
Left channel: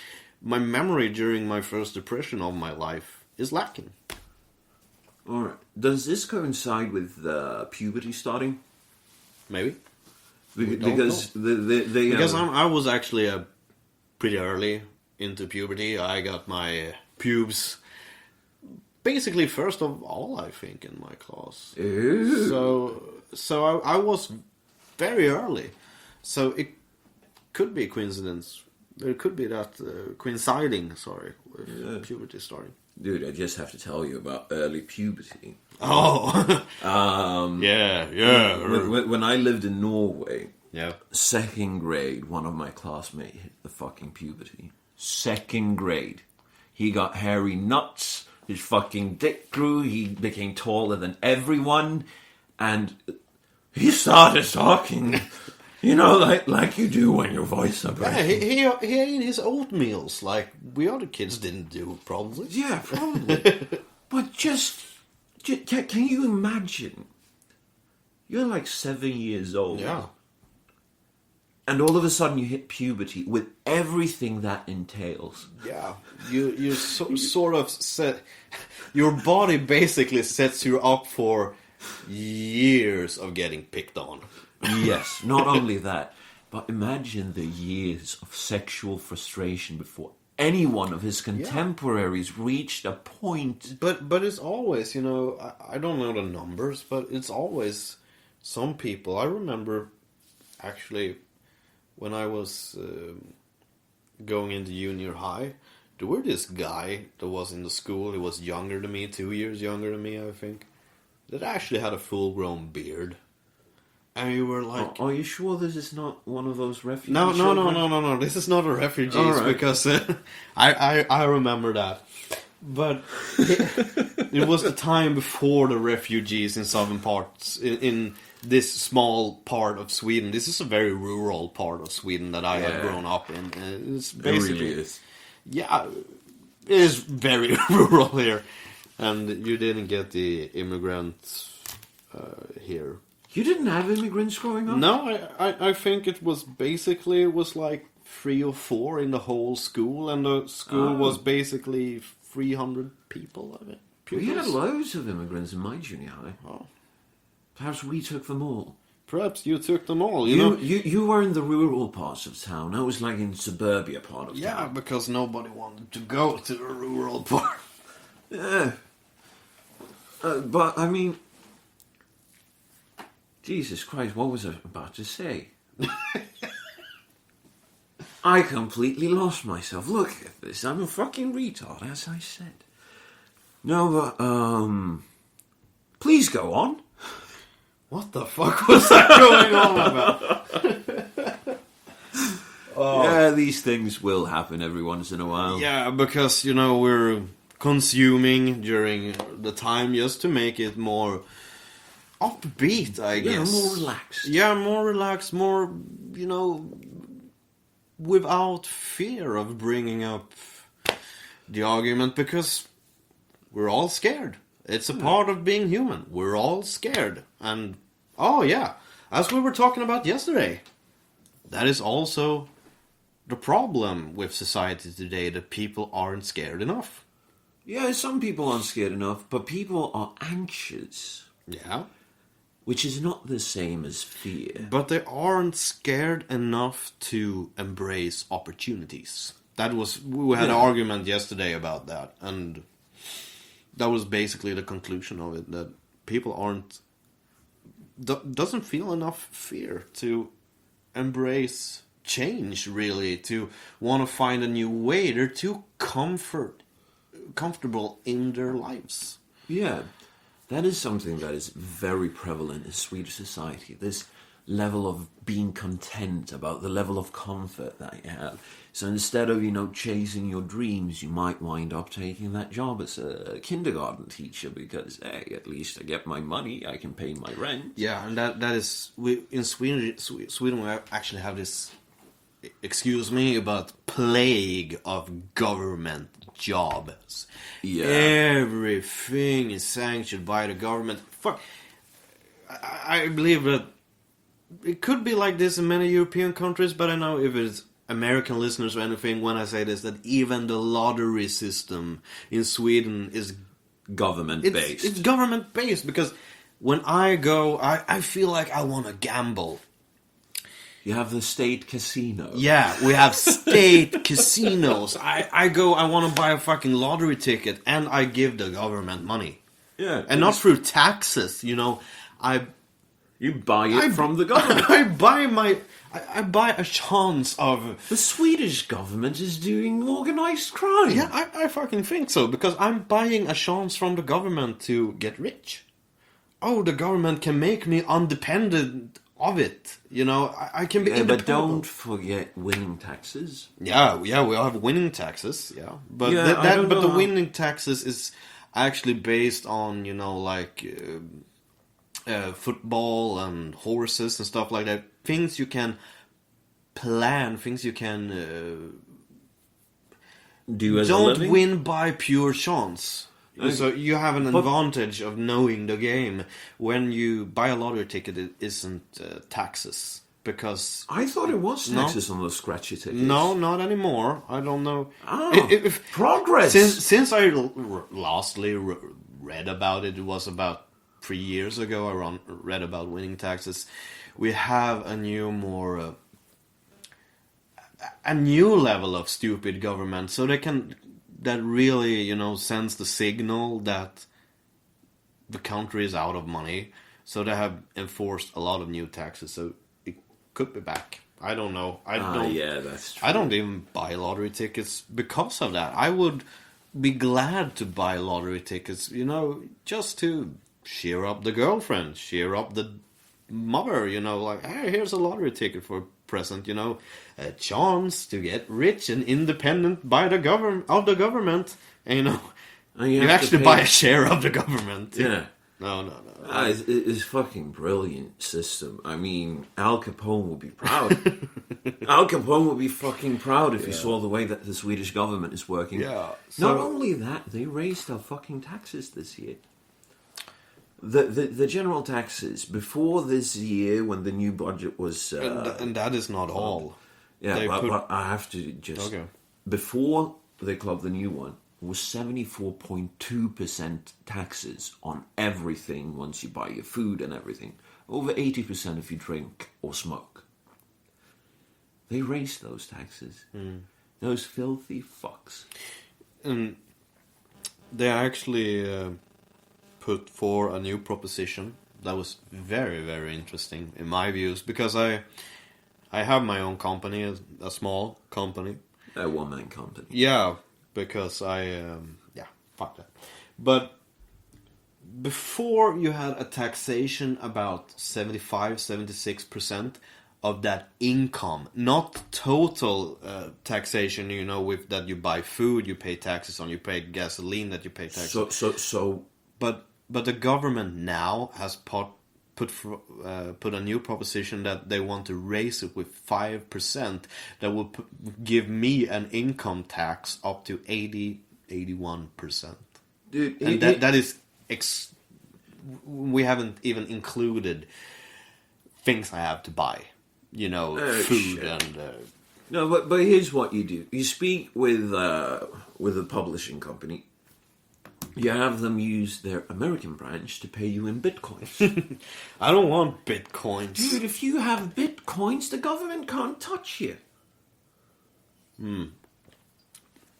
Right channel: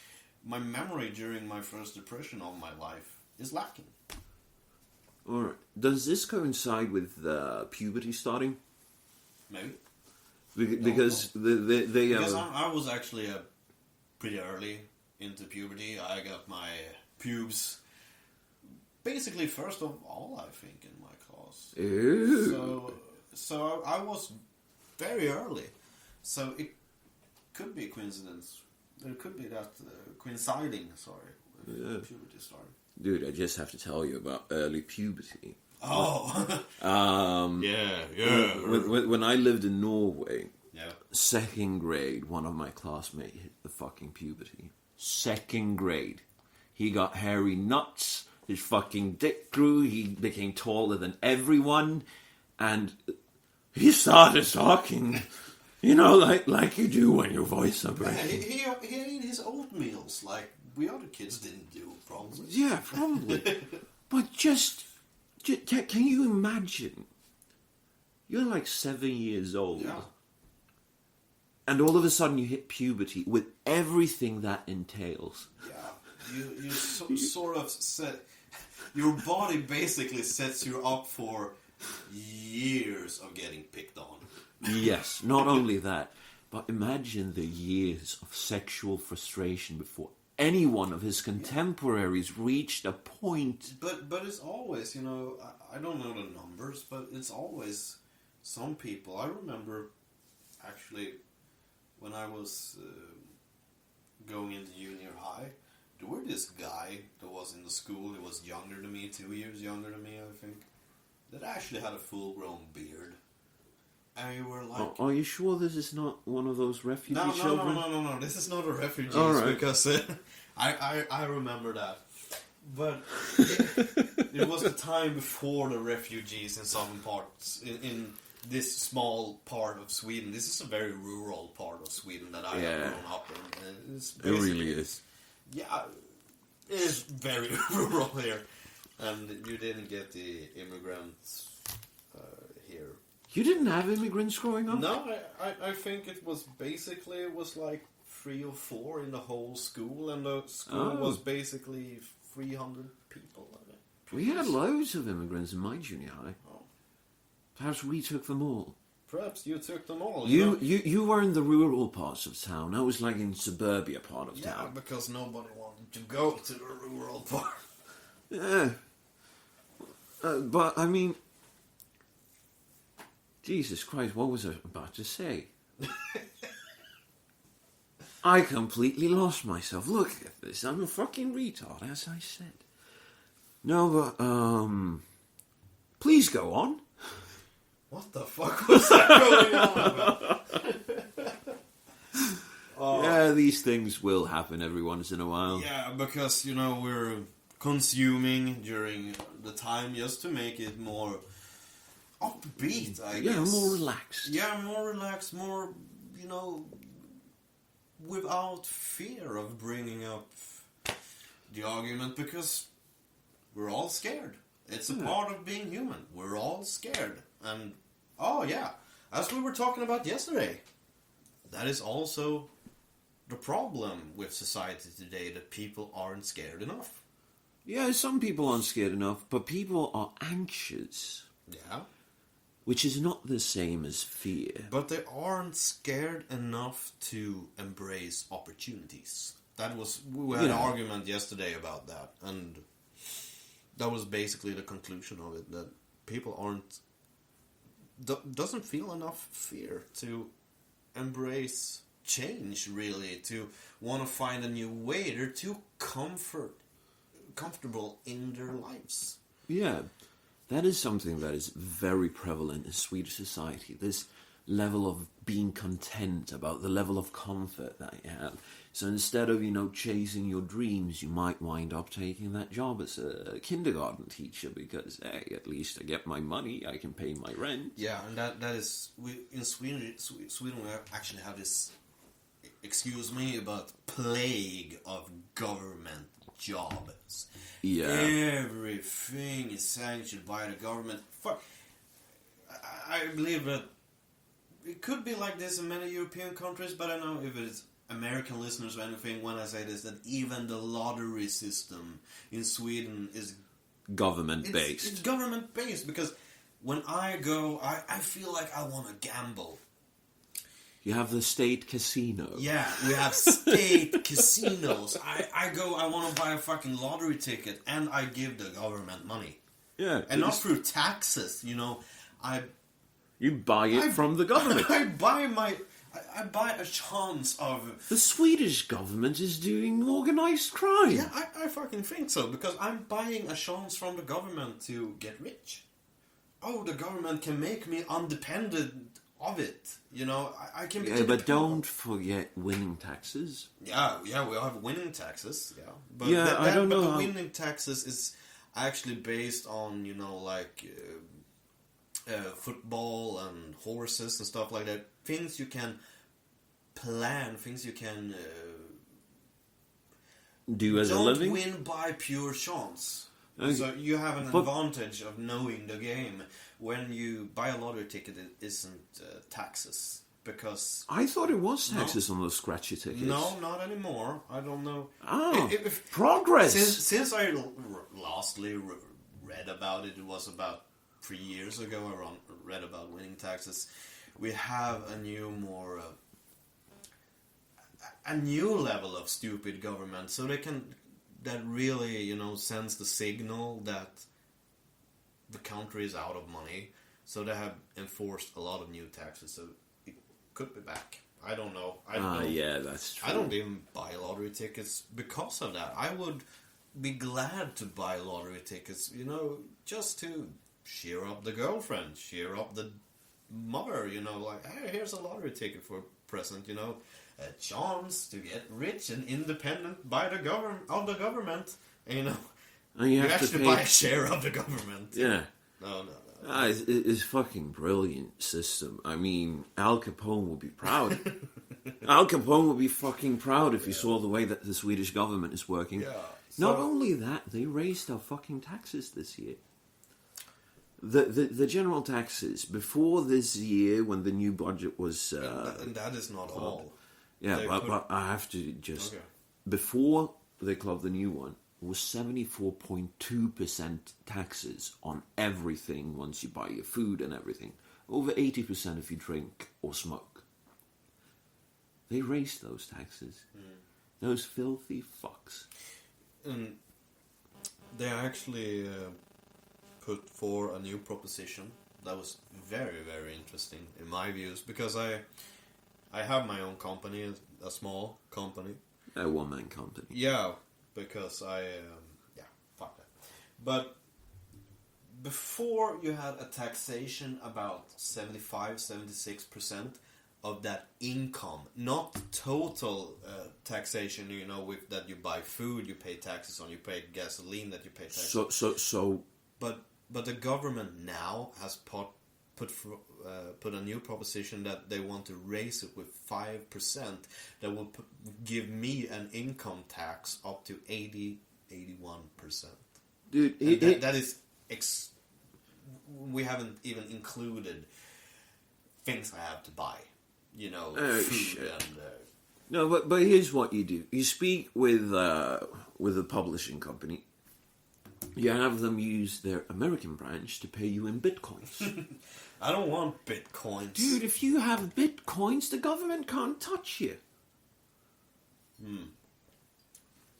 my memory during my first depression of my life is lacking. All right. Does this coincide with puberty starting? Maybe. Because Because I was actually pretty early into puberty. I got my pubes basically first of all, I think, in my class. Ew. So I was very early. So it could be a coincidence. It could be that coinciding, with puberty starting. Dude, I just have to tell you about early puberty. Oh, yeah. When I lived in Norway, Yeah. second grade, one of my classmates hit the fucking puberty. Second grade. He got hairy nuts, his fucking dick grew, he became taller than everyone, and he started talking, like you do when your voice is breaking. Yeah, he ate his oatmeals like we other kids didn't do, probably. Yeah, probably. But just, can you imagine? You're like 7 years old. Yeah. And all of a sudden you hit puberty with everything that entails. Yeah, you sort of set your body basically sets you up for years of getting picked on. Yes, not only that, but imagine the years of sexual frustration before any one of his contemporaries reached a point. But it's always, I don't know the numbers, but it's always some people. I remember actually when I was going into junior high, there were this guy that was in the school. He was younger than me, 2 years younger than me, I think, that actually had a full-grown beard. And we were like... Are you sure this is not one of those refugee No, children? this is not a refugee, right. because I remember that. But it was the time before the refugees in southern parts, in this small part of Sweden. This is a very rural part of Sweden that I have grown up in. It's It really is. Yeah, it is very rural here. And you didn't get the immigrants here. You didn't have immigrants growing up? No, I think it was like 3 or 4 in the whole school, and the school was basically 300 people of it. We had loads of immigrants in my junior high. Oh. Perhaps we took them all. Perhaps you took them all. You were in the rural parts of town. I was like in suburbia part of Yeah, town. because nobody wanted to go to the rural part. Yeah. But, I mean... Jesus Christ, what was I about to say? I completely lost myself. Look at this. I'm a fucking retard, as I said. No, but, please go on. What the fuck was that going on about? Yeah, these things will happen every once in a while. Yeah, because, we're consuming during the time just to make it more upbeat, I guess. Yeah, more relaxed. Yeah, more relaxed, more, without fear of bringing up the argument, because we're all scared. It's a part of being human. We're all scared. And, as we were talking about yesterday, that is also the problem with society today, that people aren't scared enough. Yeah, some people aren't scared enough, but people are anxious. Yeah. Which is not the same as fear. But they aren't scared enough to embrace opportunities. We had an argument yesterday about that, and that was basically the conclusion of it, that people doesn't feel enough fear to embrace change, really, to want to find a new way. They're too comfortable in their lives. Yeah. That is something that is very prevalent in Swedish society. This level of being content about the level of comfort that you have. So instead of, chasing your dreams, you might wind up taking that job as a kindergarten teacher because, hey, at least I get my money, I can pay my rent. Yeah, and that is... in Sweden we actually have this, excuse me, but plague of government jobs. Yeah. Everything is sanctioned by the government. Fuck. I believe that it could be like this in many European countries, but I know if it's American listeners or anything when I say this, that even the lottery system in Sweden is Government based. It's government based because when I go, I feel like I want to gamble. You have the state casino. Yeah, we have state casinos. I go, I want to buy a fucking lottery ticket, and I give the government money. Yeah. And not through taxes, you know. You buy it from the government. I buy a chance of... The Swedish government is doing organized crime. Yeah, I fucking think so, because I'm buying a chance from the government to get rich. Oh, the government can make me independent of it. You know, I can be independent. But don't forget winning taxes. Yeah, we have winning taxes, yeah. But I don't know the how... winning taxes is actually based on, you know, like... football and horses and stuff like that. Things you can plan, things you can do as a don't living. win by pure chance. Okay. So you have an advantage of knowing the game. When you buy a lottery ticket, it isn't taxes. Because I thought it was taxes on those scratchy tickets. no, not anymore. I don't know. Progress. Since I lastly read about it, it was about 3 years ago. I read about winning taxes. We have a new level of stupid government, so that really, you know, sends the signal that the country is out of money. So they have enforced a lot of new taxes. So it could be back. I don't know. Yeah, that's true. I don't even buy lottery tickets because of that. I would be glad to buy lottery tickets, you know, just to cheer up the girlfriend, cheer up the mother, you know, like, hey, here's a lottery ticket for a present, you know, a chance to get rich and independent by the government, and you know, and you have actually to pay... buy a share of the government. Yeah. No. It's fucking brilliant system. I mean, Al Capone would be proud. Al Capone would be fucking proud if he saw the way that the Swedish government is working. Yeah. Not only that, they raised our fucking taxes this year. The general taxes before this year, when the new budget was... and that is not all. Yeah, but I have to just... Okay. Before they clubbed the new one, it was 74.2% taxes on everything once you buy your food and everything. Over 80% if you drink or smoke. They raised those taxes. Those filthy fucks. And they actually... put for a new proposition that was very, very interesting in my views, because I have my own company, a small company. A one-man company. Yeah, because fuck that. But before you had a taxation about 75-76% of that income, not total taxation, you know, with that you buy food, you pay taxes on, you pay gasoline that you pay taxes. So But the government now has put a new proposition that they want to raise it with 5%. That will give me an income tax up to 81%. Dude, that is... we haven't even included things I have to buy. You know, food shit. And... No, but here's what you do. You speak with a publishing company. You have them use their American branch to pay you in bitcoins. I don't want bitcoins. Dude, if you have bitcoins, the government can't touch you.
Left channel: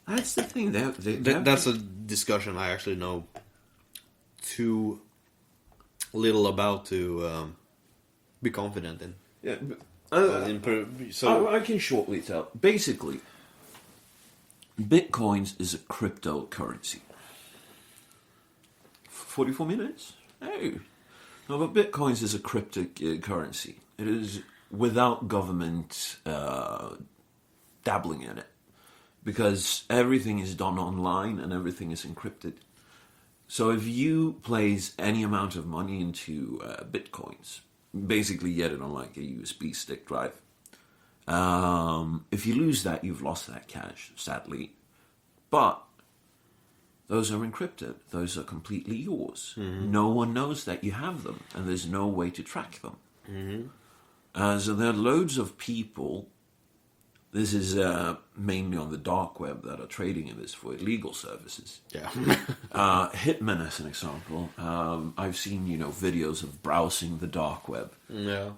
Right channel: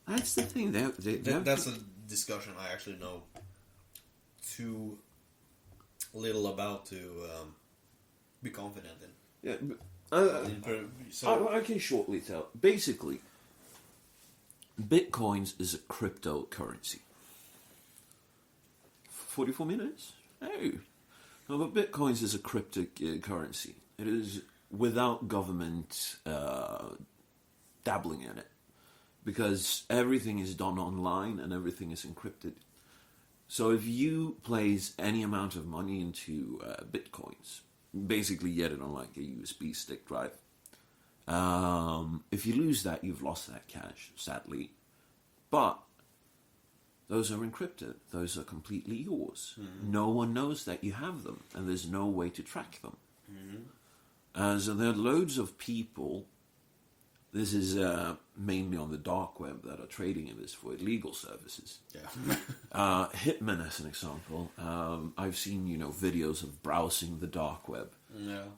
That's the thing. That's a discussion I actually know too little about to be confident in. Yeah, I can shortly tell. Basically, bitcoins is a cryptocurrency. 44 minutes? Oh. No, but bitcoins is a cryptocurrency. It is without government dabbling in it. Because everything is done online and everything is encrypted. So if you place any amount of money into bitcoins, basically get it on like a USB stick drive. If you lose that, you've lost that cash, sadly. But those are encrypted. Those are completely yours. No one knows that you have them, and there's no way to track them. So there are loads of people. This is mainly on the dark web that are trading in this for illegal services. Yeah. Hitmen, as an example. I've seen, videos of browsing the dark web. Yeah.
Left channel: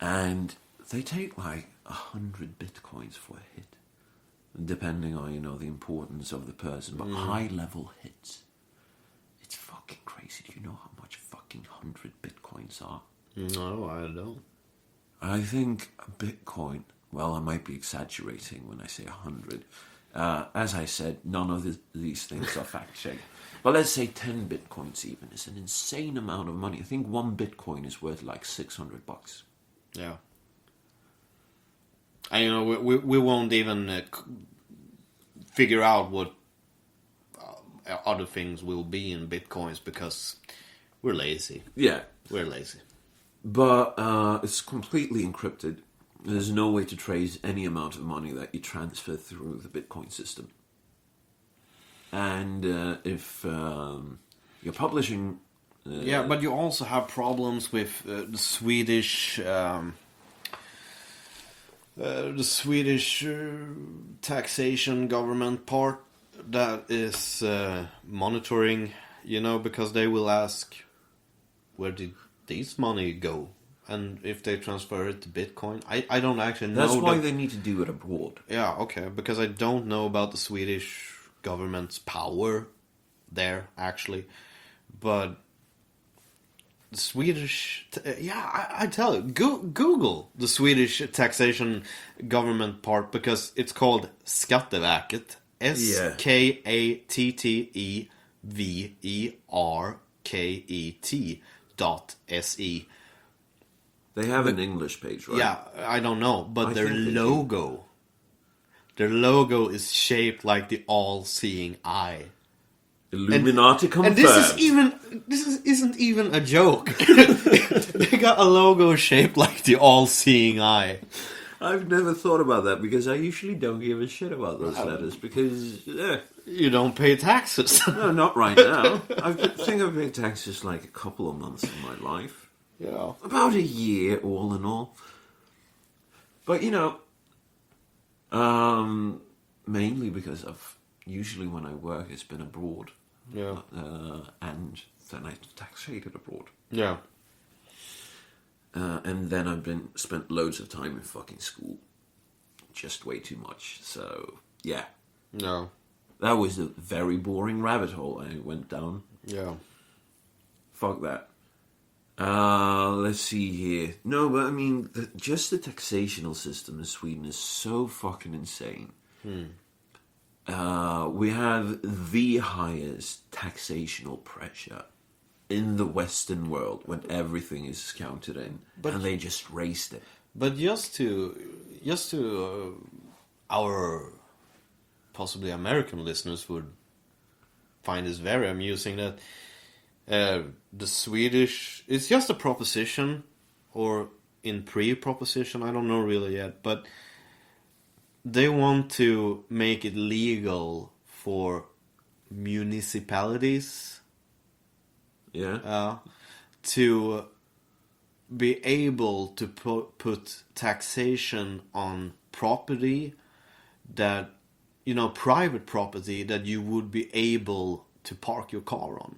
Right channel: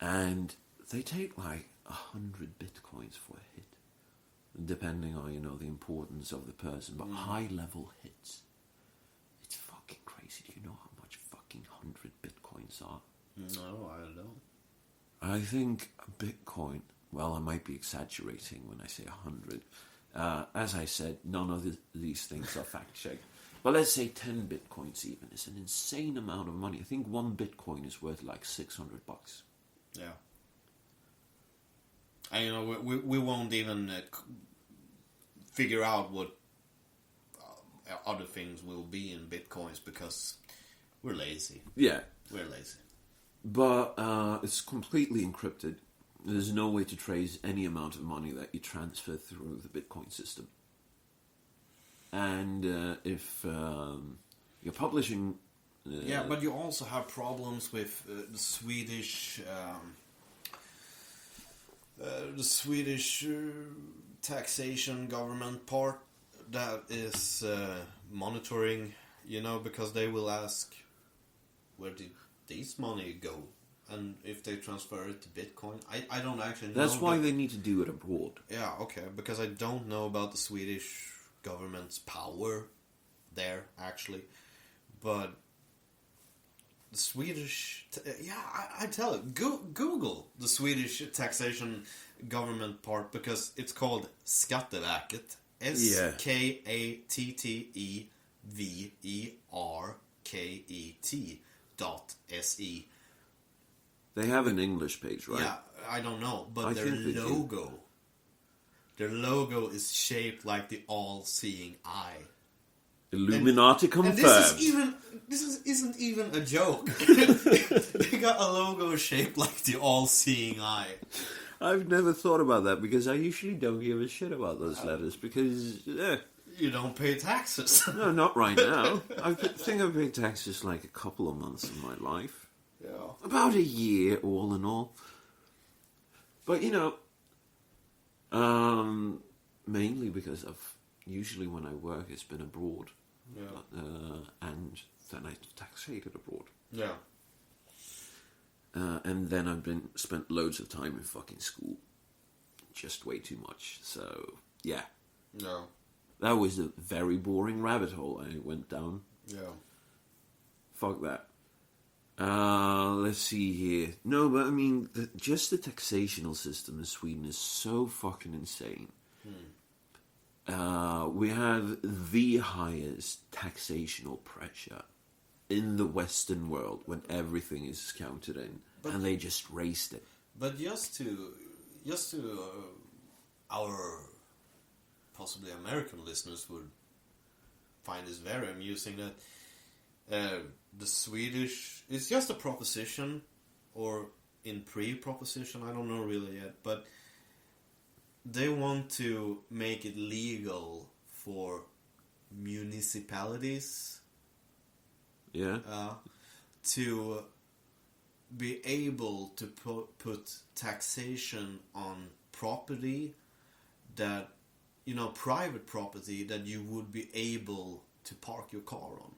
And they take like 100 bitcoins for a hit. Depending on, the importance of the person. But high-level hits. It's fucking crazy. Do you know how much fucking 100 bitcoins are? No, I don't. I think a bitcoin... Well, I might be exaggerating when I say 100. As I said, none of these things are fact-checked. But let's say 10 bitcoins even is an insane amount of money. I think one bitcoin is worth like $600. Yeah. And, we won't even figure out what other things will be in bitcoins because we're lazy. Yeah. We're lazy. But it's completely encrypted. There's no way to trace any amount of money that you transfer through the Bitcoin system. And if you're publishing... yeah, but you also have problems with the Swedish taxation government part that is monitoring, because they will ask, where did this money go? And if they transfer it to Bitcoin, I don't actually know. That's why they need to do it abroad. Yeah, okay, because I don't know about the Swedish government's power there, actually. But the Swedish... I tell you, Google the Swedish taxation government part, because it's called Skatteverket. Skatteverket.se. They have an English page, right? Yeah, I don't know, but their logo is shaped like the all-seeing eye. Illuminati confirmed. And this isn't even a joke. They got a logo shaped like the all-seeing eye. I've never thought about that because I usually don't give a shit about those letters because you don't pay taxes. No, not right now. I think I've paid taxes like a couple of months of my life. Yeah. About a year, all in all. But, mainly because usually when I work, it's been abroad. Yeah. And then I taxated abroad. Yeah. And then I've spent loads of time in fucking school. Just way too much. So, yeah. No. That was a very boring rabbit hole I went down. Yeah. Fuck that. Let's see here. No, but I mean, just the taxational system in Sweden is so fucking insane. We have the highest taxational pressure in the Western world when everything is counted in, and they just raised it. But just to our possibly American listeners would find this very amusing that the Swedish, it's just a proposition, or in pre-proposition, I don't know really yet, but they want to make it legal for municipalities to be able to put taxation on property that, private property that you would be able to park your car on.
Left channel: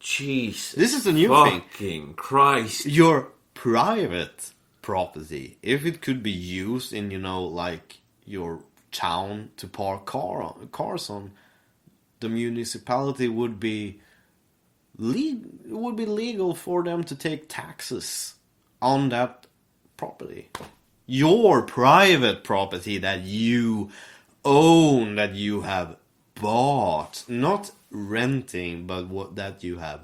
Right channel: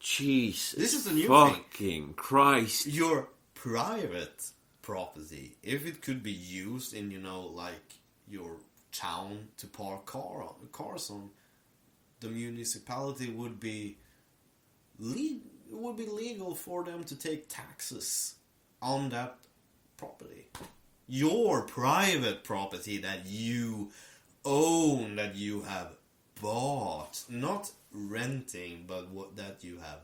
Jesus. This is the new fucking thing. Christ. Your private property, if it could be used in, like your town to park cars on, the municipality would be legal for them to take taxes on that property. Your private property that you own, that you have bought, not renting, but that you have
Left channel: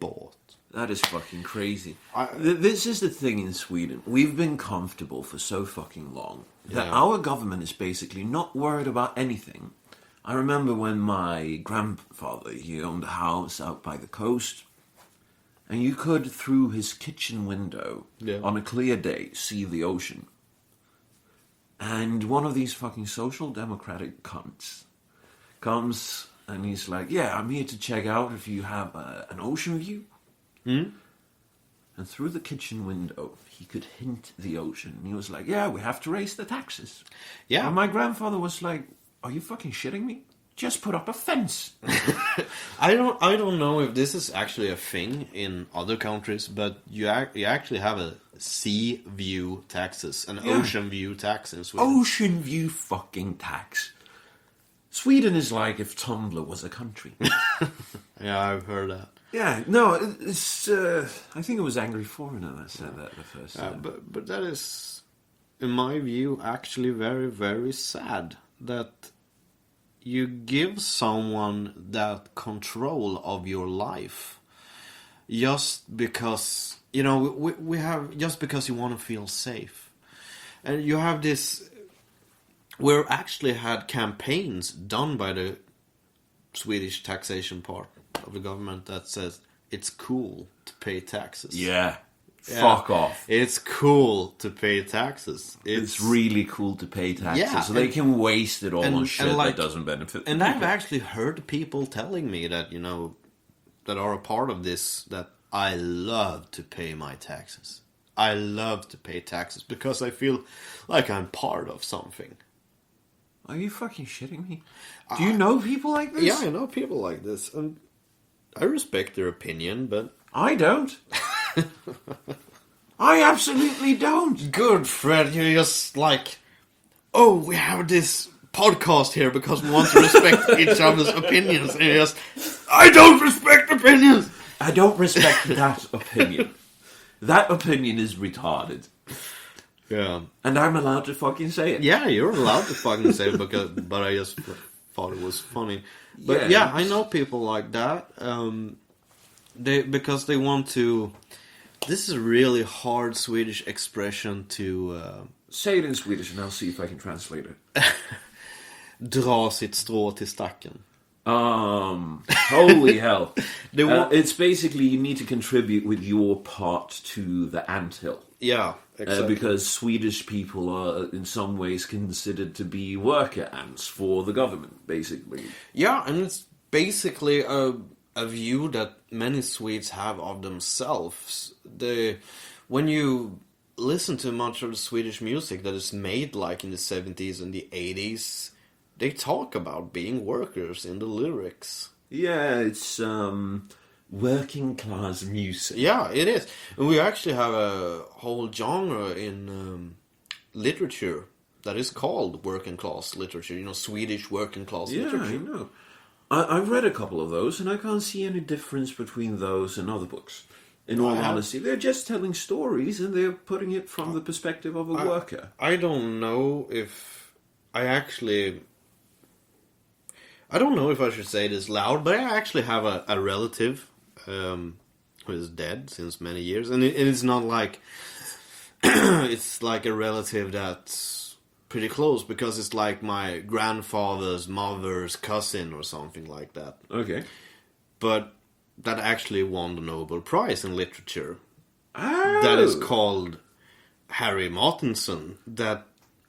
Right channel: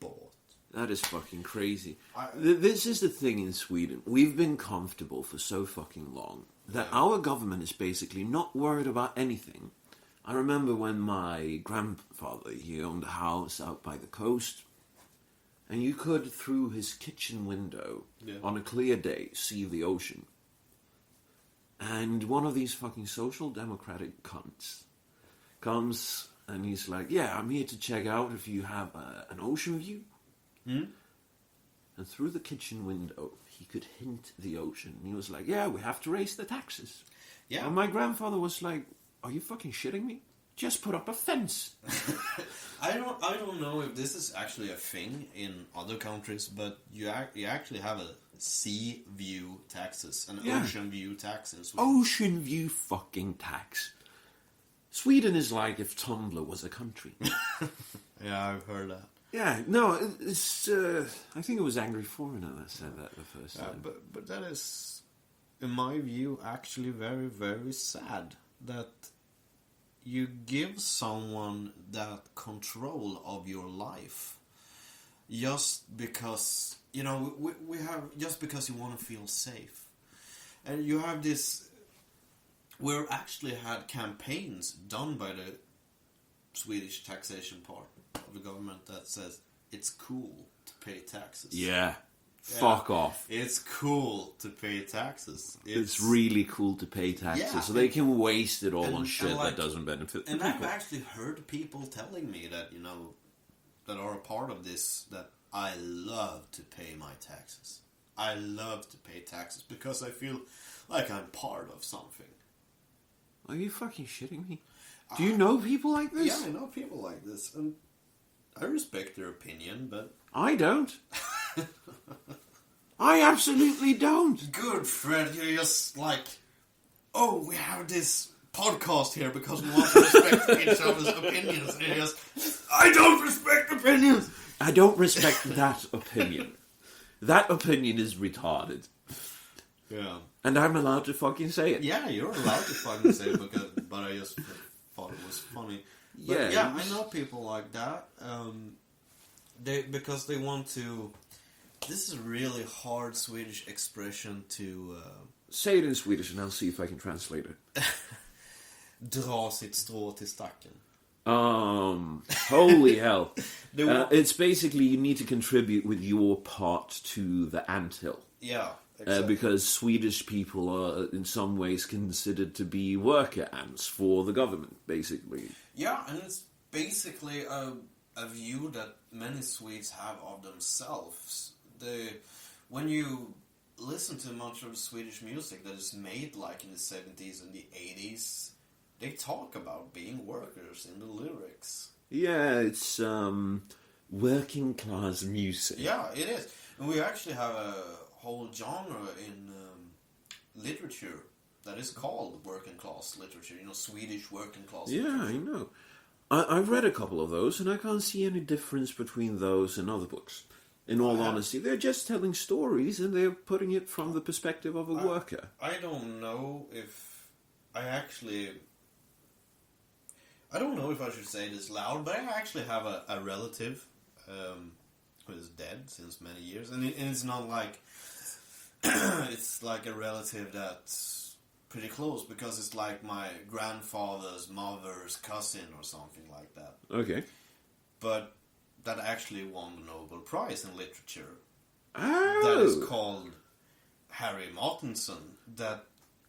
bought. That is fucking crazy. This is the thing in Sweden. We've been comfortable for so fucking long that our government is basically not worried about anything. I remember when my grandfather, he owned a house out by the coast, and you could, through his kitchen window, on a clear day, see the ocean. And one of these fucking social democratic cunts comes And he's like, yeah, I'm here to check out if you have an ocean view. Mm. And through the kitchen window, he could hint the ocean. And he was like, yeah, we have to raise the taxes. Yeah. And my grandfather was like, are you fucking shitting me? Just put up a fence. I don't know if this is actually a thing in other countries, but you actually have a sea view taxes, an ocean view tax in Sweden. Ocean view fucking tax. Sweden is like if Tumblr was a country. Yeah, I've heard that. Yeah, no, it's. I think it was Angry Foreigner that said that the first time. But that is, in my view, actually very, very sad that you give someone that control of your life just because, you know, we have, just because you want to feel safe. And you have this, we actually had campaigns done by the Swedish taxation part of the government that says it's cool to pay taxes. Yeah. Fuck off. It's cool to pay taxes. It's really cool to pay taxes. Yeah, so they can waste it all on and shit like, that doesn't benefit And people. I've actually heard people telling me that, you know, that are a part of this, that I love to pay my taxes. I love to pay taxes because I feel like I'm part of something. Are you fucking shitting me? Do you know people like this? Yeah, I know people like this. And I respect their opinion, but... I don't. I absolutely don't. Good, Fred. You're just like, oh, we have this podcast here because we want to respect each other's opinions. And you're just, I don't respect opinions. I don't respect that opinion. That opinion is retarded. Yeah. And I'm allowed to fucking say it. Yeah, you're allowed to fucking say it, but I just thought it was funny. But yeah, I know people like that. Because they want to... This is a really hard Swedish expression to... Say it in Swedish and I'll see if I can translate it. dra sitt strå till stacken. Holy hell. It's It's basically you need to contribute with your part to the anthill. yeah, exactly. Because Swedish people are in some ways considered to be worker ants for the government, basically. Yeah, and it's basically a view that many Swedes have of themselves. When you listen to much of the Swedish music that is made like in the 70s and the 80s, they talk about being workers in the lyrics. Yeah, it's working class music. Yeah, it is. And we actually have a whole genre in literature that is called working class literature. You know, Swedish working class literature. Yeah, I know. I've read a couple of those, and I can't see any difference between those and other books. In all honesty, they're just telling stories, and they're putting it from the perspective of a worker. I don't know if I actually... I don't know if I should say this loud, but I actually have a relative who is dead since many years. And it's not like... it's like a relative that's pretty close, because it's like my grandfather's mother's cousin or something like that. Okay. But that actually won the Nobel Prize in literature. Oh! That is called Harry Martinson. That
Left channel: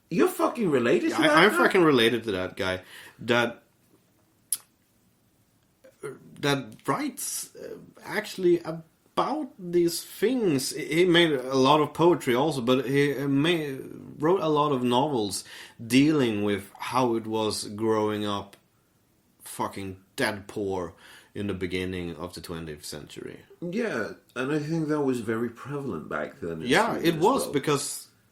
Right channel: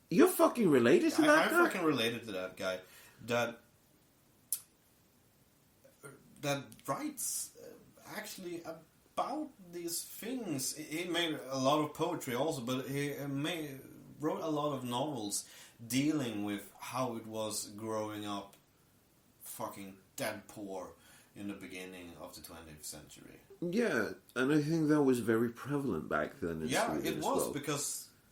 You're fucking related to that I'm guy? fucking related to that guy. That writes actually about these things. He made a lot of poetry also, but he wrote a lot of novels dealing with how it was growing up fucking dead poor in the beginning of the 20th century. Yeah, and I think that was very prevalent back then in Yeah, Sweden it as was, well.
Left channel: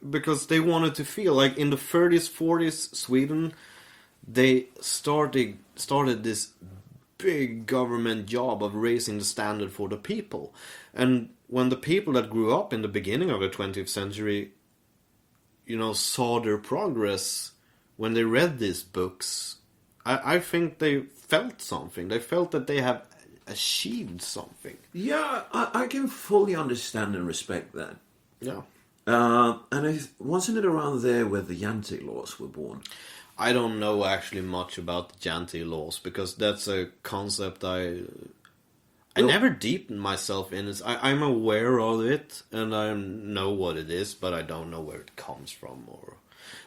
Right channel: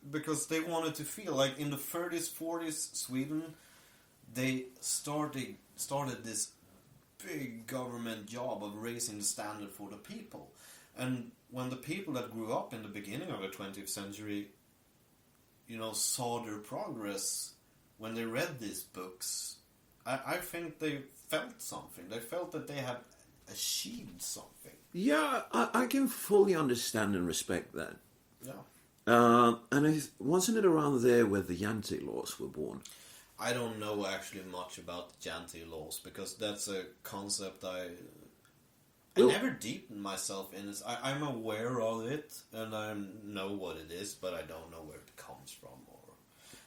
because they wanted to feel like in the 30s, 40s Sweden, they started this big government job of raising the standard for the people. And when the people that grew up in the beginning of the 20th century, you know, saw their progress when they read these books, I think they felt something. They felt that they have achieved something. Yeah, I can fully understand and respect that. Yeah. And wasn't it around there where the Jante laws were born? I don't know actually much about the Jante laws, because that's a concept I never deepened myself in. I'm aware of it and I know what it is, but I don't know where it comes from.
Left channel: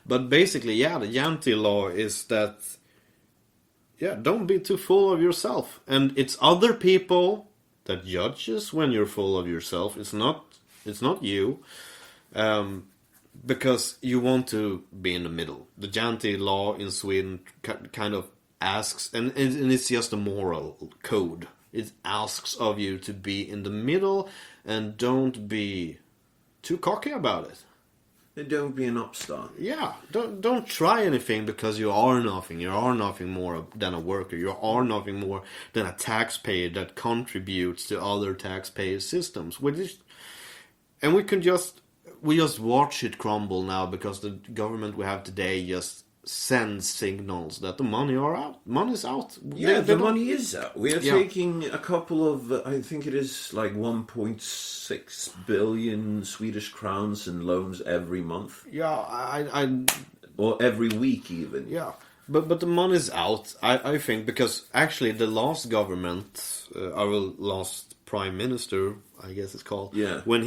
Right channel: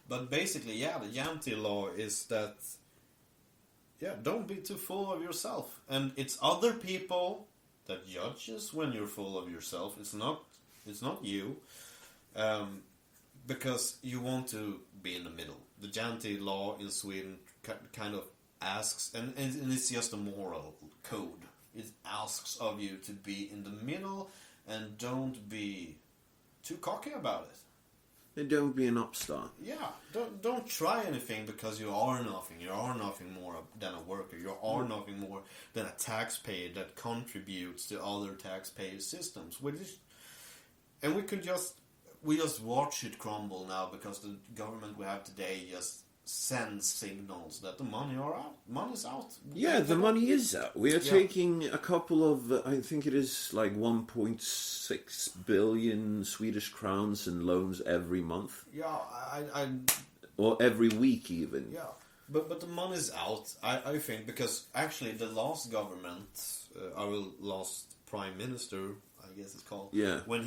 But basically, yeah, the Jante law is that don't be too full of yourself. And it's other people that judges when you're full of yourself. It's not you. Because you want to be in the middle. The Janty law in Sweden kind of asks, and it's just a moral code. It asks of you to be in the middle and don't be too cocky about it. And don't be an upstart. Yeah, don't try anything because you are nothing. You are nothing more than a worker. You are nothing more than a taxpayer that contributes to other taxpayer systems. And we just watch it crumble now because the government we have today just sends signals that the money are out. Money's out. Yeah, the money is out. We are taking a couple of, I think it is like 1.6 billion Swedish crowns in loans every month. Yeah, or every week even. Yeah, but the money's out. I think because actually the last government, our last prime minister, I guess it's called. Yeah. When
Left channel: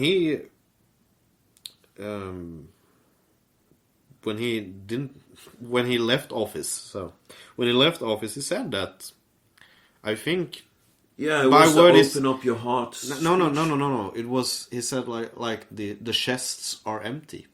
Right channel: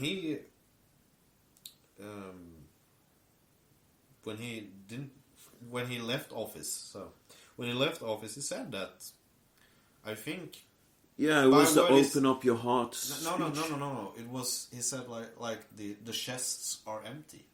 he left office, he said that, I think. Yeah, it was to open up your heart. No. It was, he said like the chests are empty.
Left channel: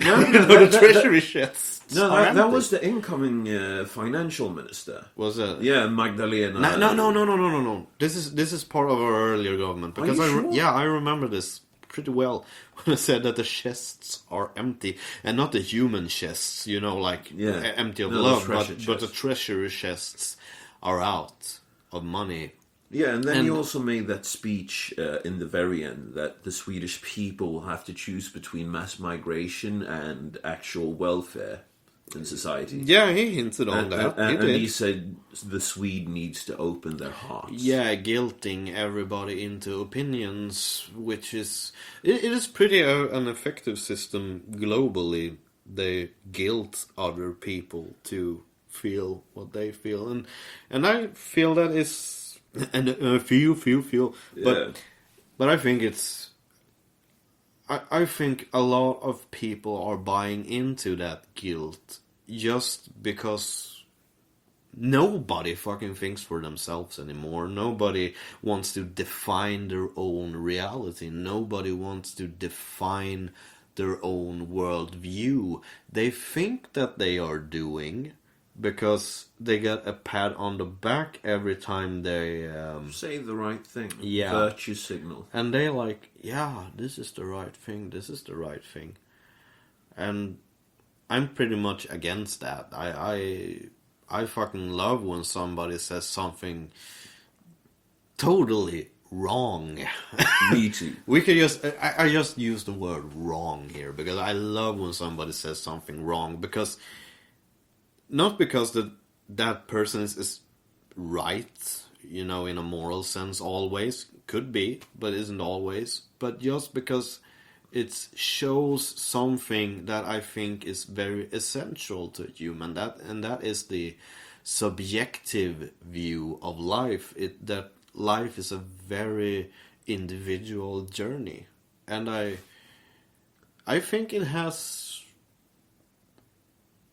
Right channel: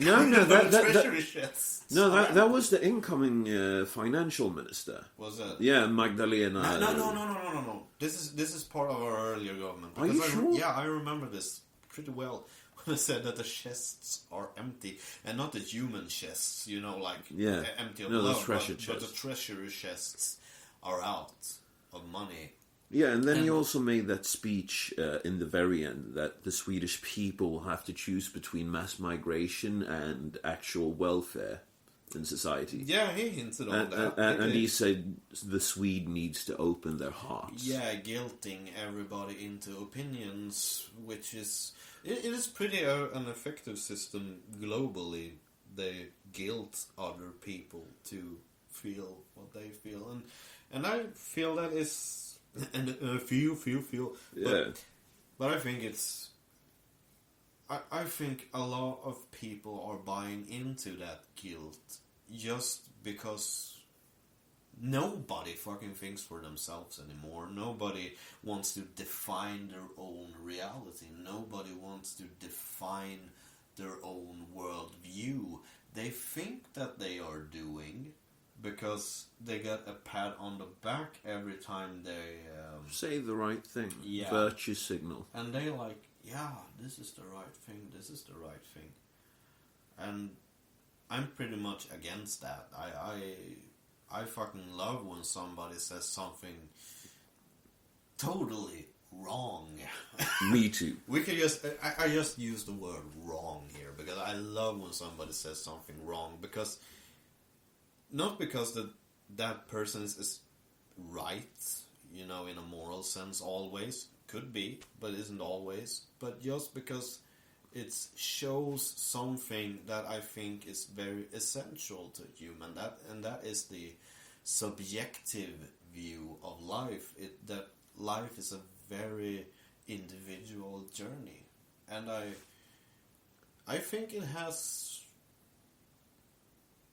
No, the treasury chests. No, that was the incoming financial minister. Was it? Yeah, Magdalena. No. This is part of our earlier government. Are you sure? Yeah, I remember this pretty well. When I said that the chests are empty, and not the human chests, like empty of love, but the treasury chests are out of money. Yeah, and then he also made that speech in the very end that the Swedish people have to choose between mass migration and actual welfare in society. Yeah, he hinted on that. And he said the Swede needs to open their hearts. Yeah, guilting everybody into opinions, which is... It is pretty an effective system globally. They guilt other people to feel what they feel. And I feel that is... And feel. Yeah. But I think it's... I think a lot of people are buying into that guilt just because nobody fucking thinks for themselves anymore. Nobody wants to define their own reality. Nobody wants to define their own worldview. They think that they are doing because they get a pat on the back every time they... say the right thing. Yeah. Virtue signal. And they like, yeah, this is the right thing. This is the right thing. And I'm pretty much against that. I fucking love when somebody says something totally wrong. Me too. We could just... I just use the word wrong here because I love when somebody says something wrong, because... Not because that person is right, in a moral sense always. Could be, but isn't always. But just because it shows something that I think is very essential to human. And that is the subjective view of life. That life is a very individual journey. And I think it has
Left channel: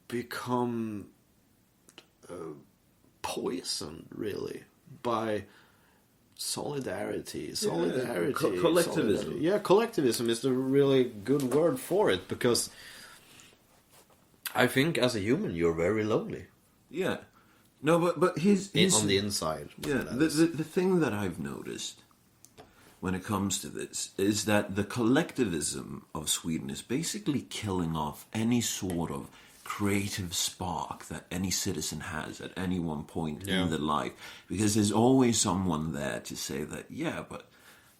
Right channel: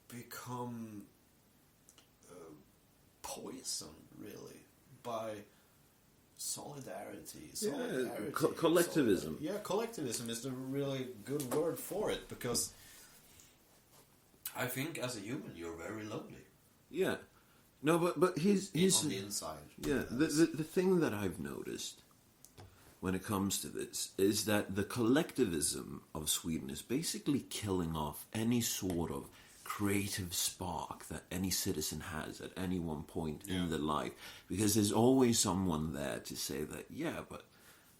become poisoned, really, by solidarity. Collectivism. Yeah, collectivism is the really good word for it, because I think as a human you're very lonely. Yeah. No, but his on the inside. Yeah, the thing that I've noticed when it comes to this is that the collectivism of Sweden is basically killing off any sort of creative spark that any citizen has at any one point in their life, because there's always someone there to say that, but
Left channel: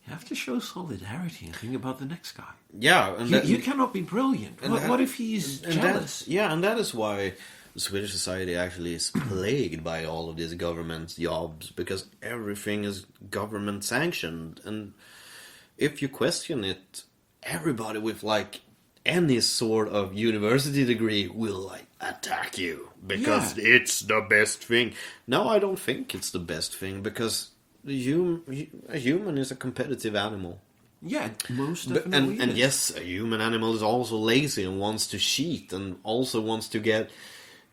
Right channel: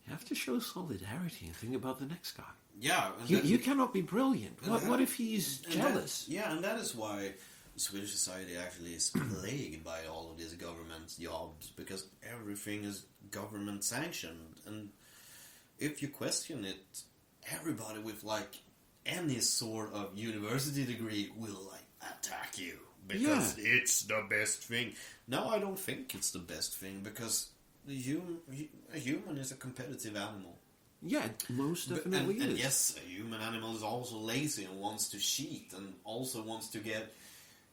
you have to show solidarity and think about the next guy. Yeah, and you cannot be brilliant. What if he's jealous? And that is why Swedish society actually is plagued by all of these government jobs, because everything is government sanctioned, and if you question it, everybody with any sort of university degree will attack you because it's the best thing. No, I don't think it's the best thing, because a human is a competitive animal. Yeah, most definitely. And yes, a human animal is also lazy and wants to cheat and also wants to get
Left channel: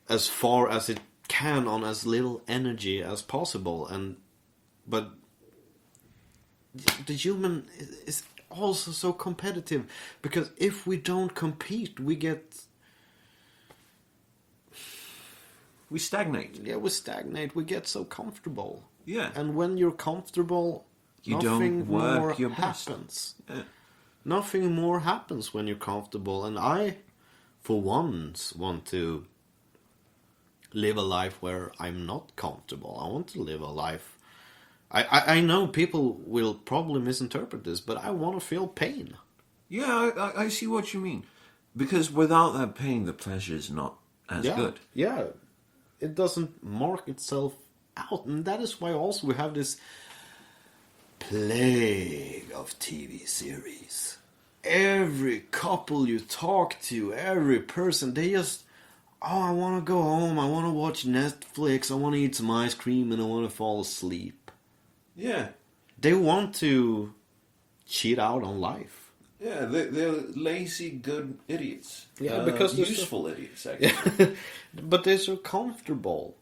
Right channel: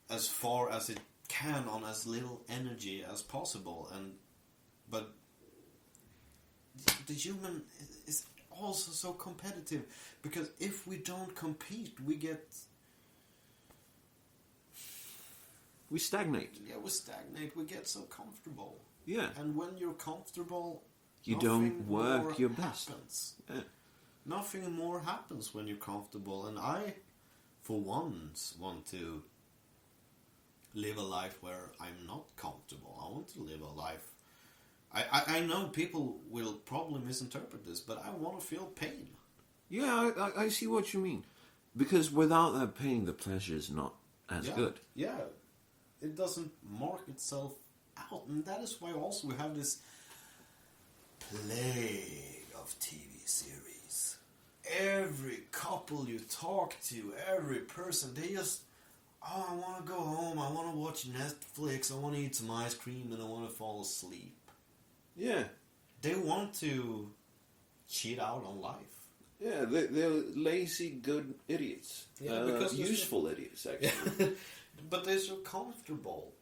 as far as it can on as little energy as possible, but the human is also so competitive, because if we don't compete, we stagnate. we stagnate. We get so comfortable. Yeah. And when you're comfortable, You nothing don't work more your best. happens. Yeah. Nothing more happens when you're comfortable. And I, for once, want to live a life where I'm not comfortable. I want to live a life. I know people will probably misinterpret this, but I want to feel pain. Yeah, I see what you mean. Because without that pain, the pleasure is not as good. Yeah. It doesn't mark itself out. And that is why also we have this plague of TV series. Every couple you talk to, every person, they just, I want to go home, I want to watch Netflix, I want to eat some ice cream, and I want to fall asleep. Yeah. They want to cheat out on life. Yeah, they're lazy, good idiots. Yeah, because useful idiots, actually. But they're so comfortable.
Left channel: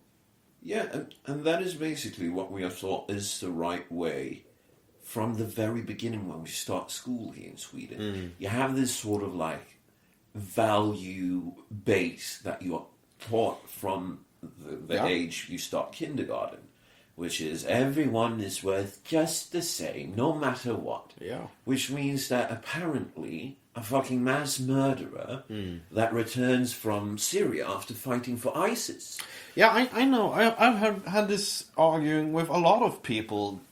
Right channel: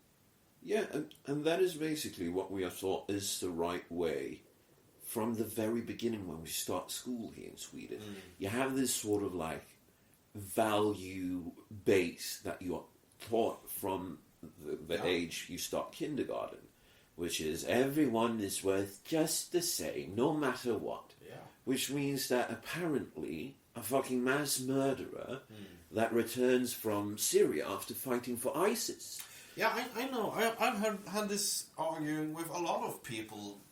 Yeah, and that is basically what we have thought is the right way from the very beginning when we start school here in Sweden. You have this sort of like value base that you are taught from the age you start kindergarten, which is everyone is worth just the same, no matter what. Yeah. Which means that apparently a fucking mass murderer that returns from Syria after fighting for ISIS. Yeah, I know. I've had this arguing with a lot of people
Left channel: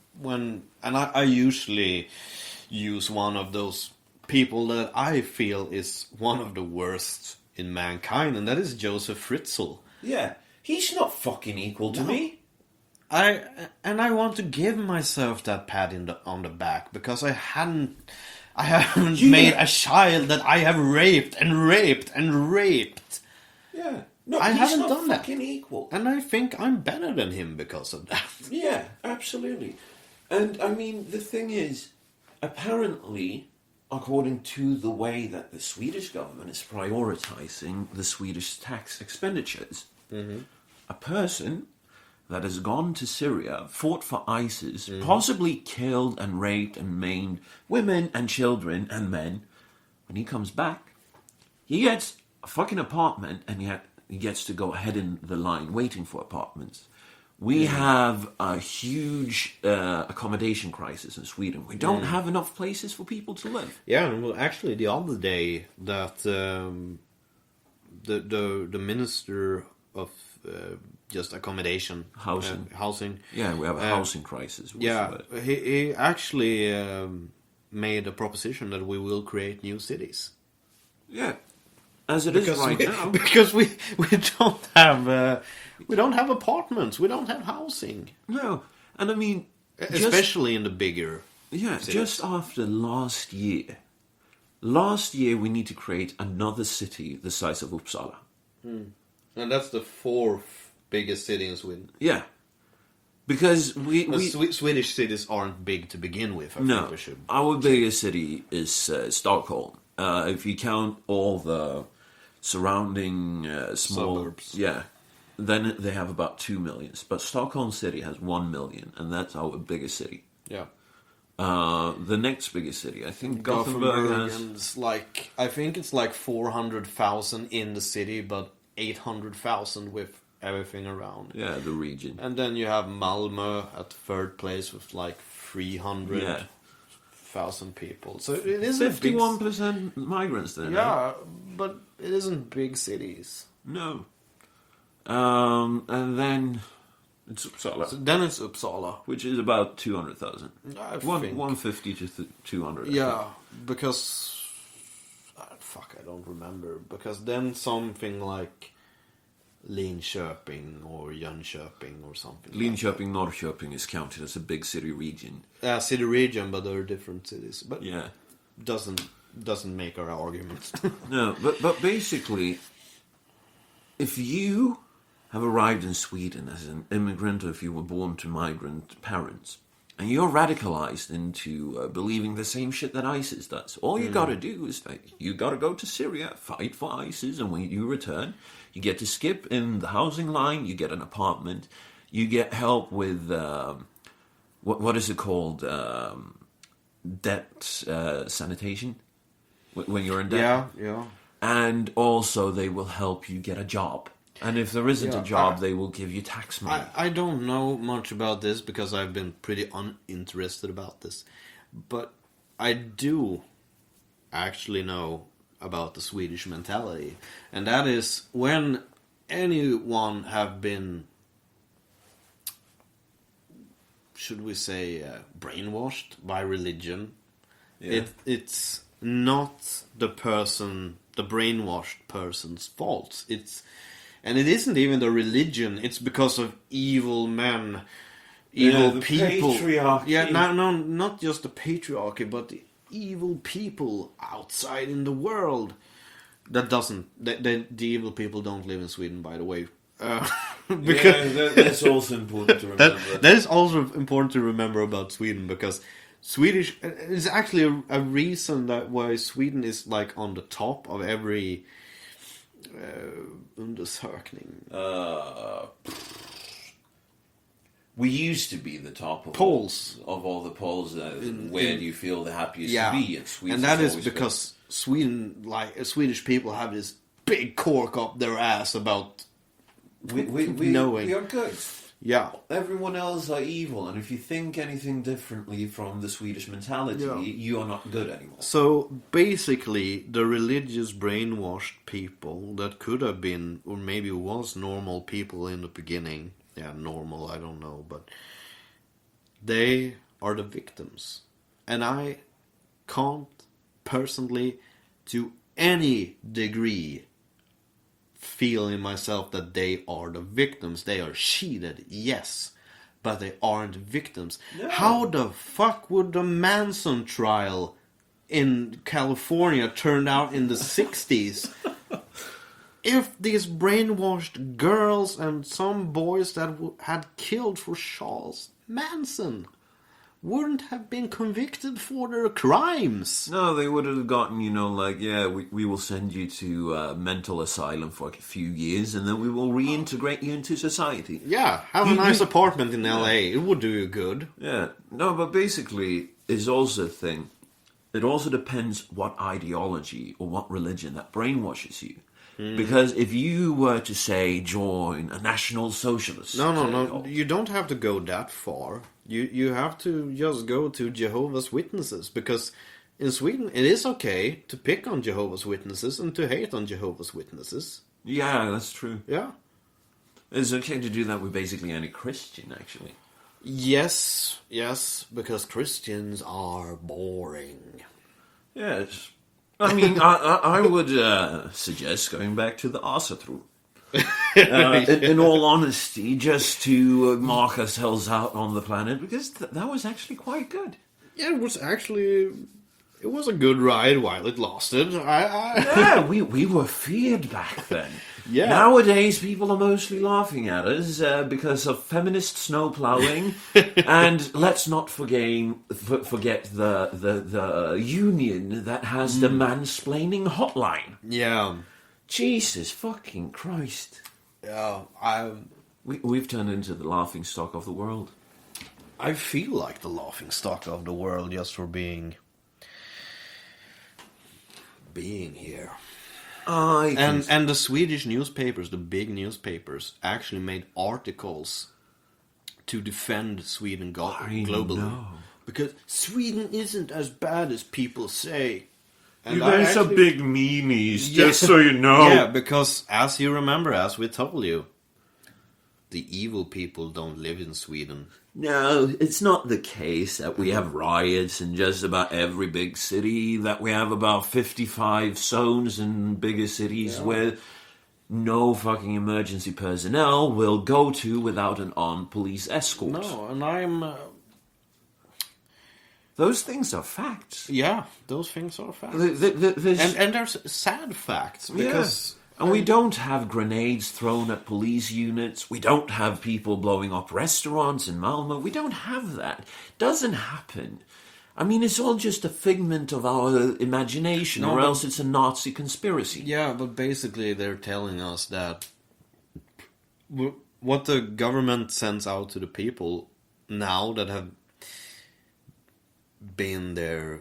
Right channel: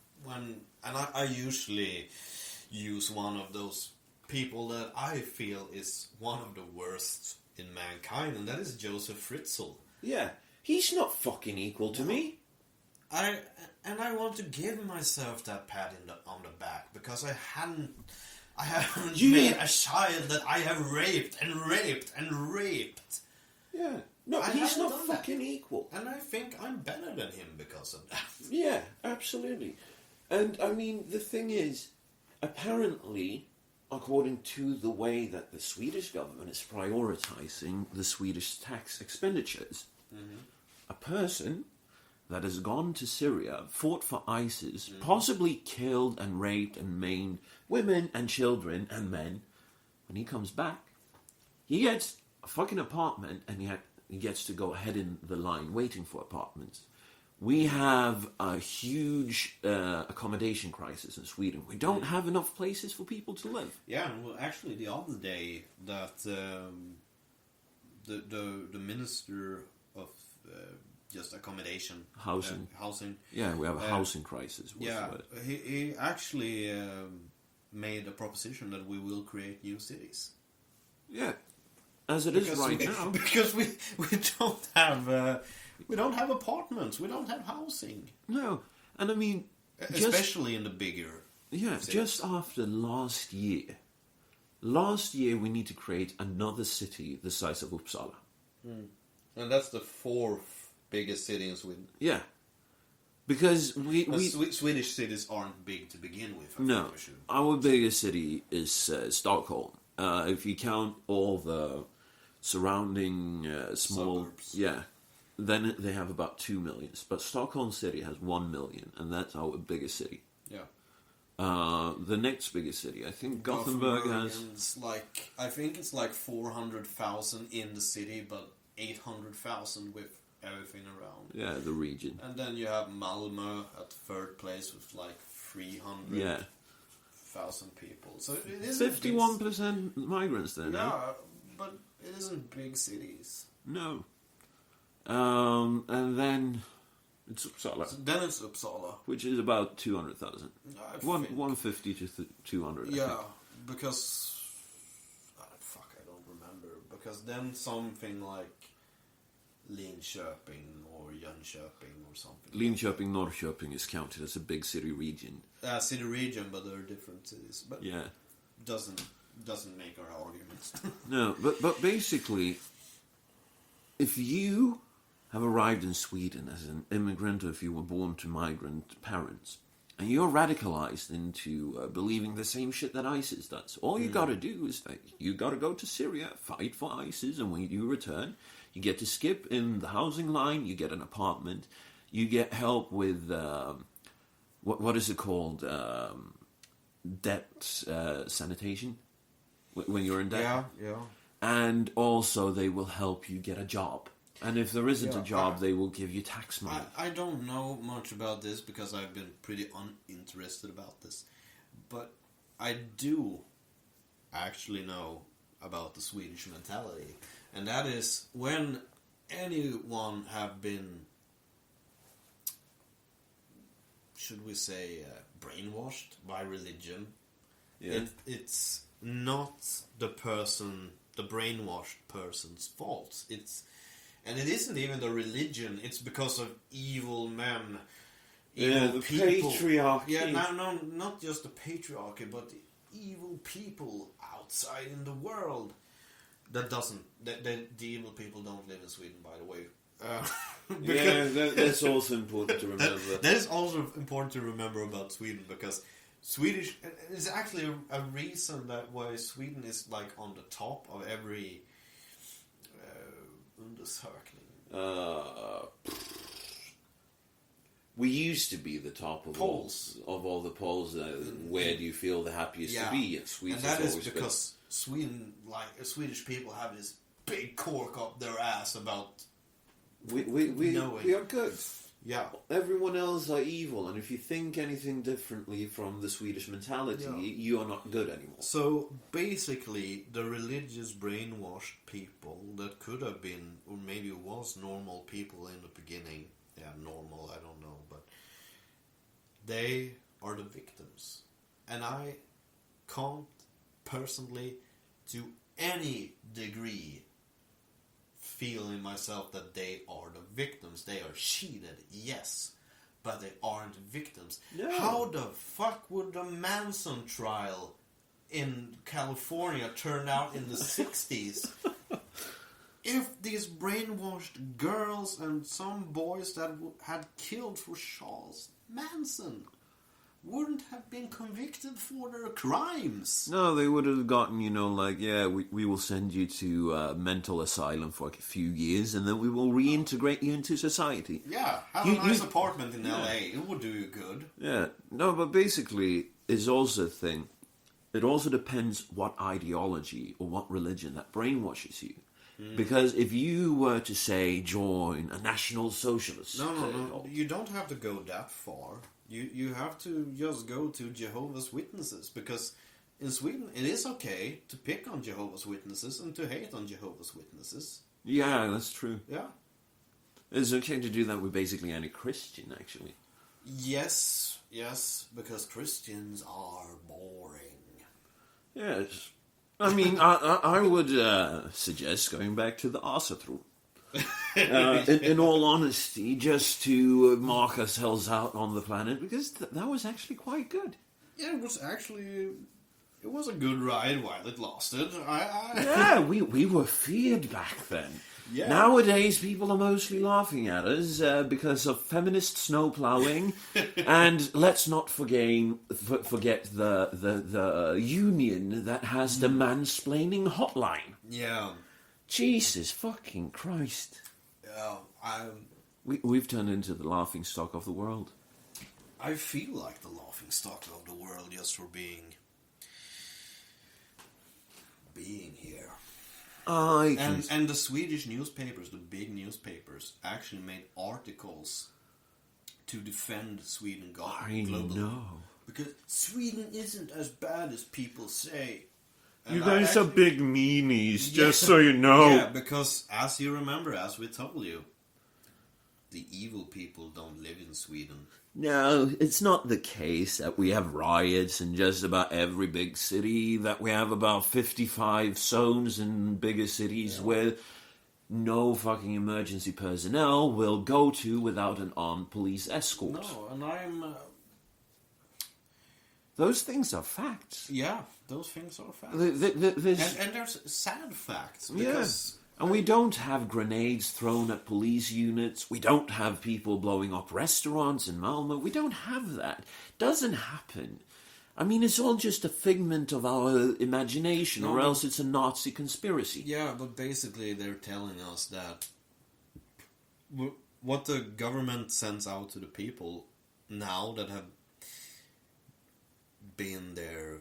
and I usually use one of those people that I feel is one of the worst in mankind, and that is Joseph Fritzl. Yeah, he's not fucking equal to me. I want to give myself that pat on the back, because I haven't made a child that I have raped and raped and raped. Yeah. No, I he's haven't not done that. fucking equal. And I think I'm better than him because of that. Yeah, absolutely. And I mean, the thing is, apparently, according to the way that the Swedish government is prioritizing the Swedish tax expenditures, a person that has gone to Syria, fought for ISIS, possibly killed and raped and maimed women and children and men, when he comes back, he gets a fucking apartment, and he gets to go ahead in the line waiting for apartments. We have a huge accommodation crisis in Sweden. We don't have enough places for people to live. Yeah, well, actually, the other day that the minister of just accommodation, housing. Yeah, we have a housing crisis. He actually made a proposition that we will create new cities. Yeah, as it is right now, because we don't have. We don't have apartments. We don't have housing. No, and I mean, especially in the bigger. Yeah, cities. Just after last year. Last year, we need to create another city the size of Uppsala. And that's the fourth biggest city in Sweden. Yeah, because Swedish cities aren't big to begin with. No, think we should. Our biggest city is Stockholm. If you count all the surrounding small suburbs. Yeah. Then they have about 2 million. But Stockholm City has 1 million, and that's our biggest city. Yeah. The next biggest city, I think Gothenburg has... I think it's like 400,000 in the city, but 800,000 with everything around. Yeah, the region. And then you have Malmö at third place with like 300,000 people. So it is 51% migrants there now. Yeah, but it isn't big cities. No. And then it's Uppsala. So then it's Uppsala, which is about 200,000. 150 to 200. Yeah, I think. because I don't remember. Because then something like Linköping or Jönköping or something. Linköping, Norrköping is counted as a big city region. Yeah, city region, but there are different cities. But yeah, doesn't make our arguments. No, but basically, if you have arrived in Sweden as an immigrant, or if you were born to migrant parents, and you're radicalized into believing the same shit that ISIS does. All you got to do is that you got to go to Syria, fight for ISIS, and when you return, you get to skip in the housing line, you get an apartment, you get help with, what is it called, debt sanitation, when you're in debt. Yeah. And also they will help you get a job. And if there isn't a job, they will give you tax money. I don't know much about this because I've been pretty uninterested about this. But I do actually know about the Swedish mentality. And that is when anyone have been, should we say, brainwashed by religion, it's not the brainwashed person's fault. And it isn't even the religion. It's because of evil men, evil people. Patriarchy. Yeah, no, not just the patriarchy, but the evil people outside in the world. That doesn't. The evil people don't live in Sweden, by the way. That's also important to remember. That is also important to remember about Sweden, because Swedish is actually a reason that why Sweden is like on the top of every undersökning. We used to be the top of polls of all the polls. Where do you feel the happiest to be? And Sweden, and that is because Sweden, like Swedish people, have this big cork up their ass about we are good. Yeah, everyone else are evil, and if you think anything differently from the Swedish mentality, you are not good anymore. So basically, the religious brainwashed people that could have been, or maybe was normal people in the beginning. Yeah, normal, I don't know, but they are the victims. And I can't personally, to any degree, feel in myself that they are the victims. They are cheated, yes, but they aren't victims. No. How the fuck would the Manson trial in California turn out in the 60s? If these brainwashed girls and some boys that had killed for Charles Manson wouldn't have been convicted for their crimes. No, they would have gotten, we will send you to mental asylum for like a few years, and then we will reintegrate you into society. Yeah, have a nice apartment in LA. It would do you good. Yeah, no, but basically, it's also a thing. It also depends what ideology or what religion that brainwashes you. Because if you were to, say, join a National Socialist... No, you don't have to go that far. You have to just go to Jehovah's Witnesses, because in Sweden it is okay to pick on Jehovah's Witnesses and to hate on Jehovah's Witnesses. Yeah, that's true. Yeah. It's okay to do that with basically any Christian, actually. Yes, because Christians are boring. Yes. I mean, I would suggest going back to the Asatru. In all honesty, just to mark ourselves out on the planet, because that was actually quite good. Yeah, it was a good ride while it lasted. Yeah, we were feared back then. Yeah. Nowadays, people are mostly laughing at us because of feminist snow plowing, and let's not forget the union that has the mansplaining hotline. Yeah. Jesus fucking Christ. Yeah, We've turned into the laughing stock of the world. I feel like the laughing stock of the world just for being here. And the Swedish newspapers, the big newspapers, actually made articles to defend Sweden globally. know. Because Sweden isn't as bad as people say. You guys are big meanies, just so you know. Yeah, because as you remember, as we told you, the evil people don't live in Sweden. No, it's not the case that we have riots in just about every big city, that we have about 55 zones in bigger cities where no fucking emergency personnel will go to without an armed police escort. No, and I'm... Those things are facts. Yeah, those things are facts. And And there's sad facts, because And we don't have grenades thrown at police units. We don't have people blowing up restaurants in Malmö. We don't have that. It doesn't happen. I mean, it's all just a figment of our imagination, or else it's a Nazi conspiracy. Yeah, but basically they're telling us that what the government sends out to the people now that have been their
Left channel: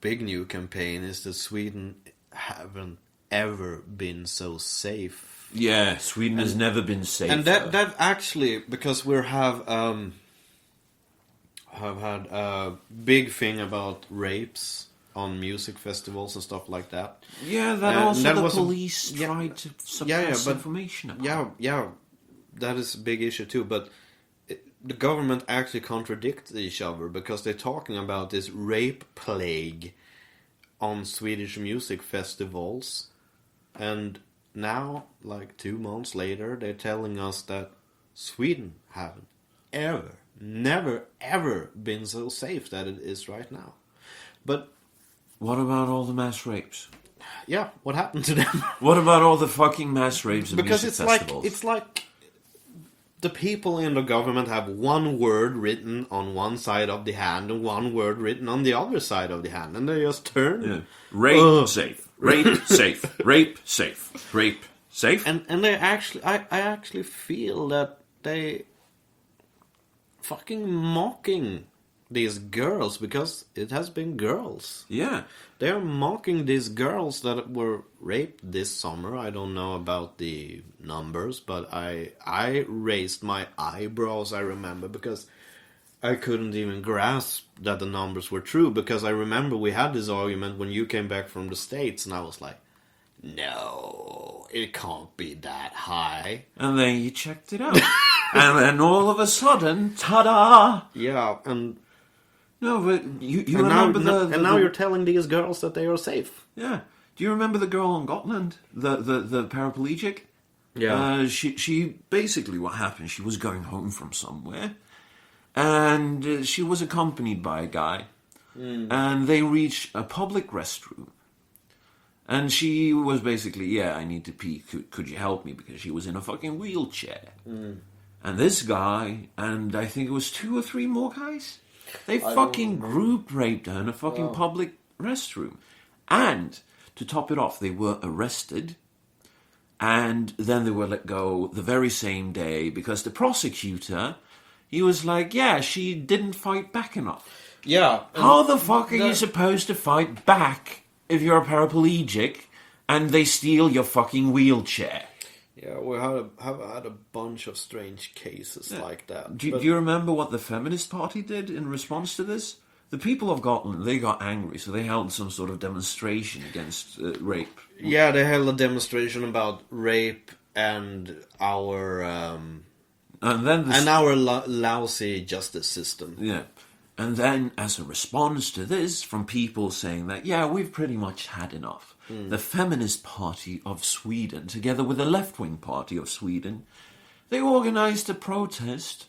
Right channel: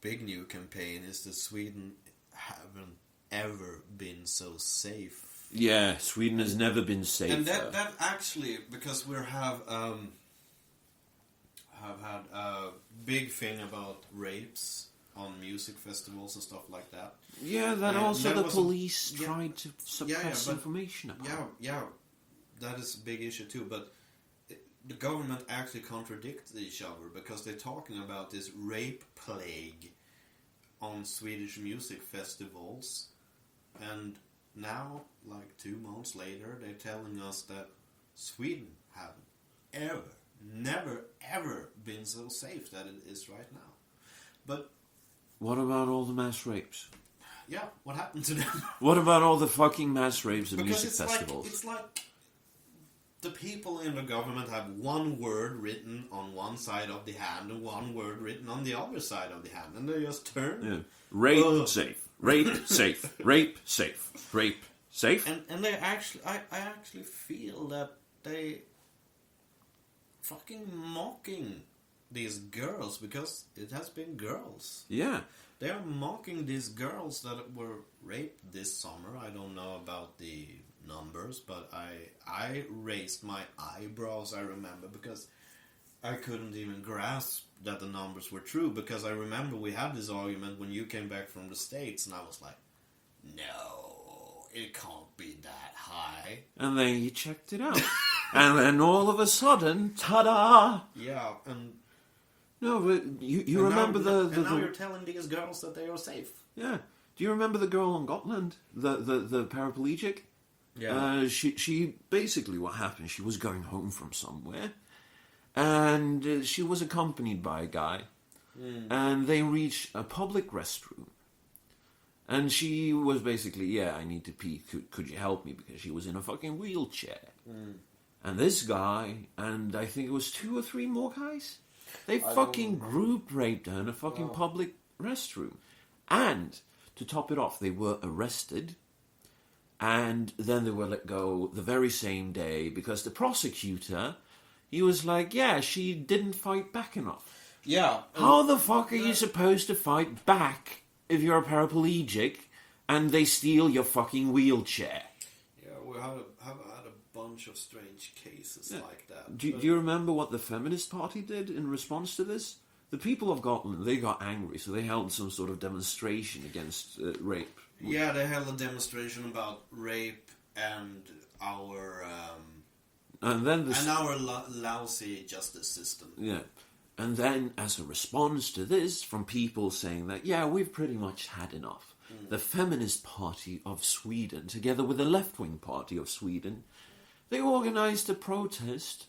big new campaign is that Sweden haven't ever been so safe. Yeah, Sweden has never been safer. And that actually, because we have had a big thing about rapes on music festivals and stuff like that. Yeah, the police tried to suppress but, information about. Yeah, that is a big issue too. But the government actually contradicts each other because they're talking about this rape plague on Swedish music festivals, and now, like 2 months later, they're telling us that Sweden haven't never ever been so safe that it is right now. But what about all the mass rapes? Yeah, what happened to them? What about all the fucking mass rapes at because music festivals? It's like the people in the government have one word written on one side of the hand and one word written on the other side of the hand, and they just turn. Yeah. Rape safe. Rape safe. Rape safe. Rape safe. And they actually, I actually feel that they fucking mocking these girls, because it has been girls. Yeah. They are mocking these girls that were raped this summer. I don't know about the numbers, but I raised my eyebrows, I remember, because I couldn't even grasp that the numbers were true, because I remember we had this argument when you came back from the States, and I was like, no, it can't be that high. And then you checked it out. And then all of a sudden, ta-da! Yeah, and... No, but you remember and now you're telling these girls that they are safe. Yeah. Do you remember the girl on Gotland? The paraplegic? Yeah. She basically, what happened, she was going home from somewhere, and she was accompanied by a guy, and they reached a public restroom, and she was basically, yeah, I need to pee, could you help me, because she was in a fucking wheelchair. And this guy, and I think it was 2 or 3 more guys, they fucking group raped her in a fucking public restroom. And, to top it off, they were arrested, and then they were let go the very same day, because the prosecutor, he was like, yeah, she didn't fight back enough. Yeah. How the fuck are you supposed to fight back if you're a paraplegic and they steal your fucking wheelchair? Yeah, we have had a bunch of strange cases like that. Do you remember what the Feminist Party did in response to this? The people of Gotland, they got angry, so they held some sort of demonstration against rape. Yeah, they held a demonstration about rape and our our lousy justice system. Yeah. And then, as a response to this, from people saying that, yeah, we've pretty much had enough, the Feminist Party of Sweden, together with the left-wing party of Sweden, they organised a protest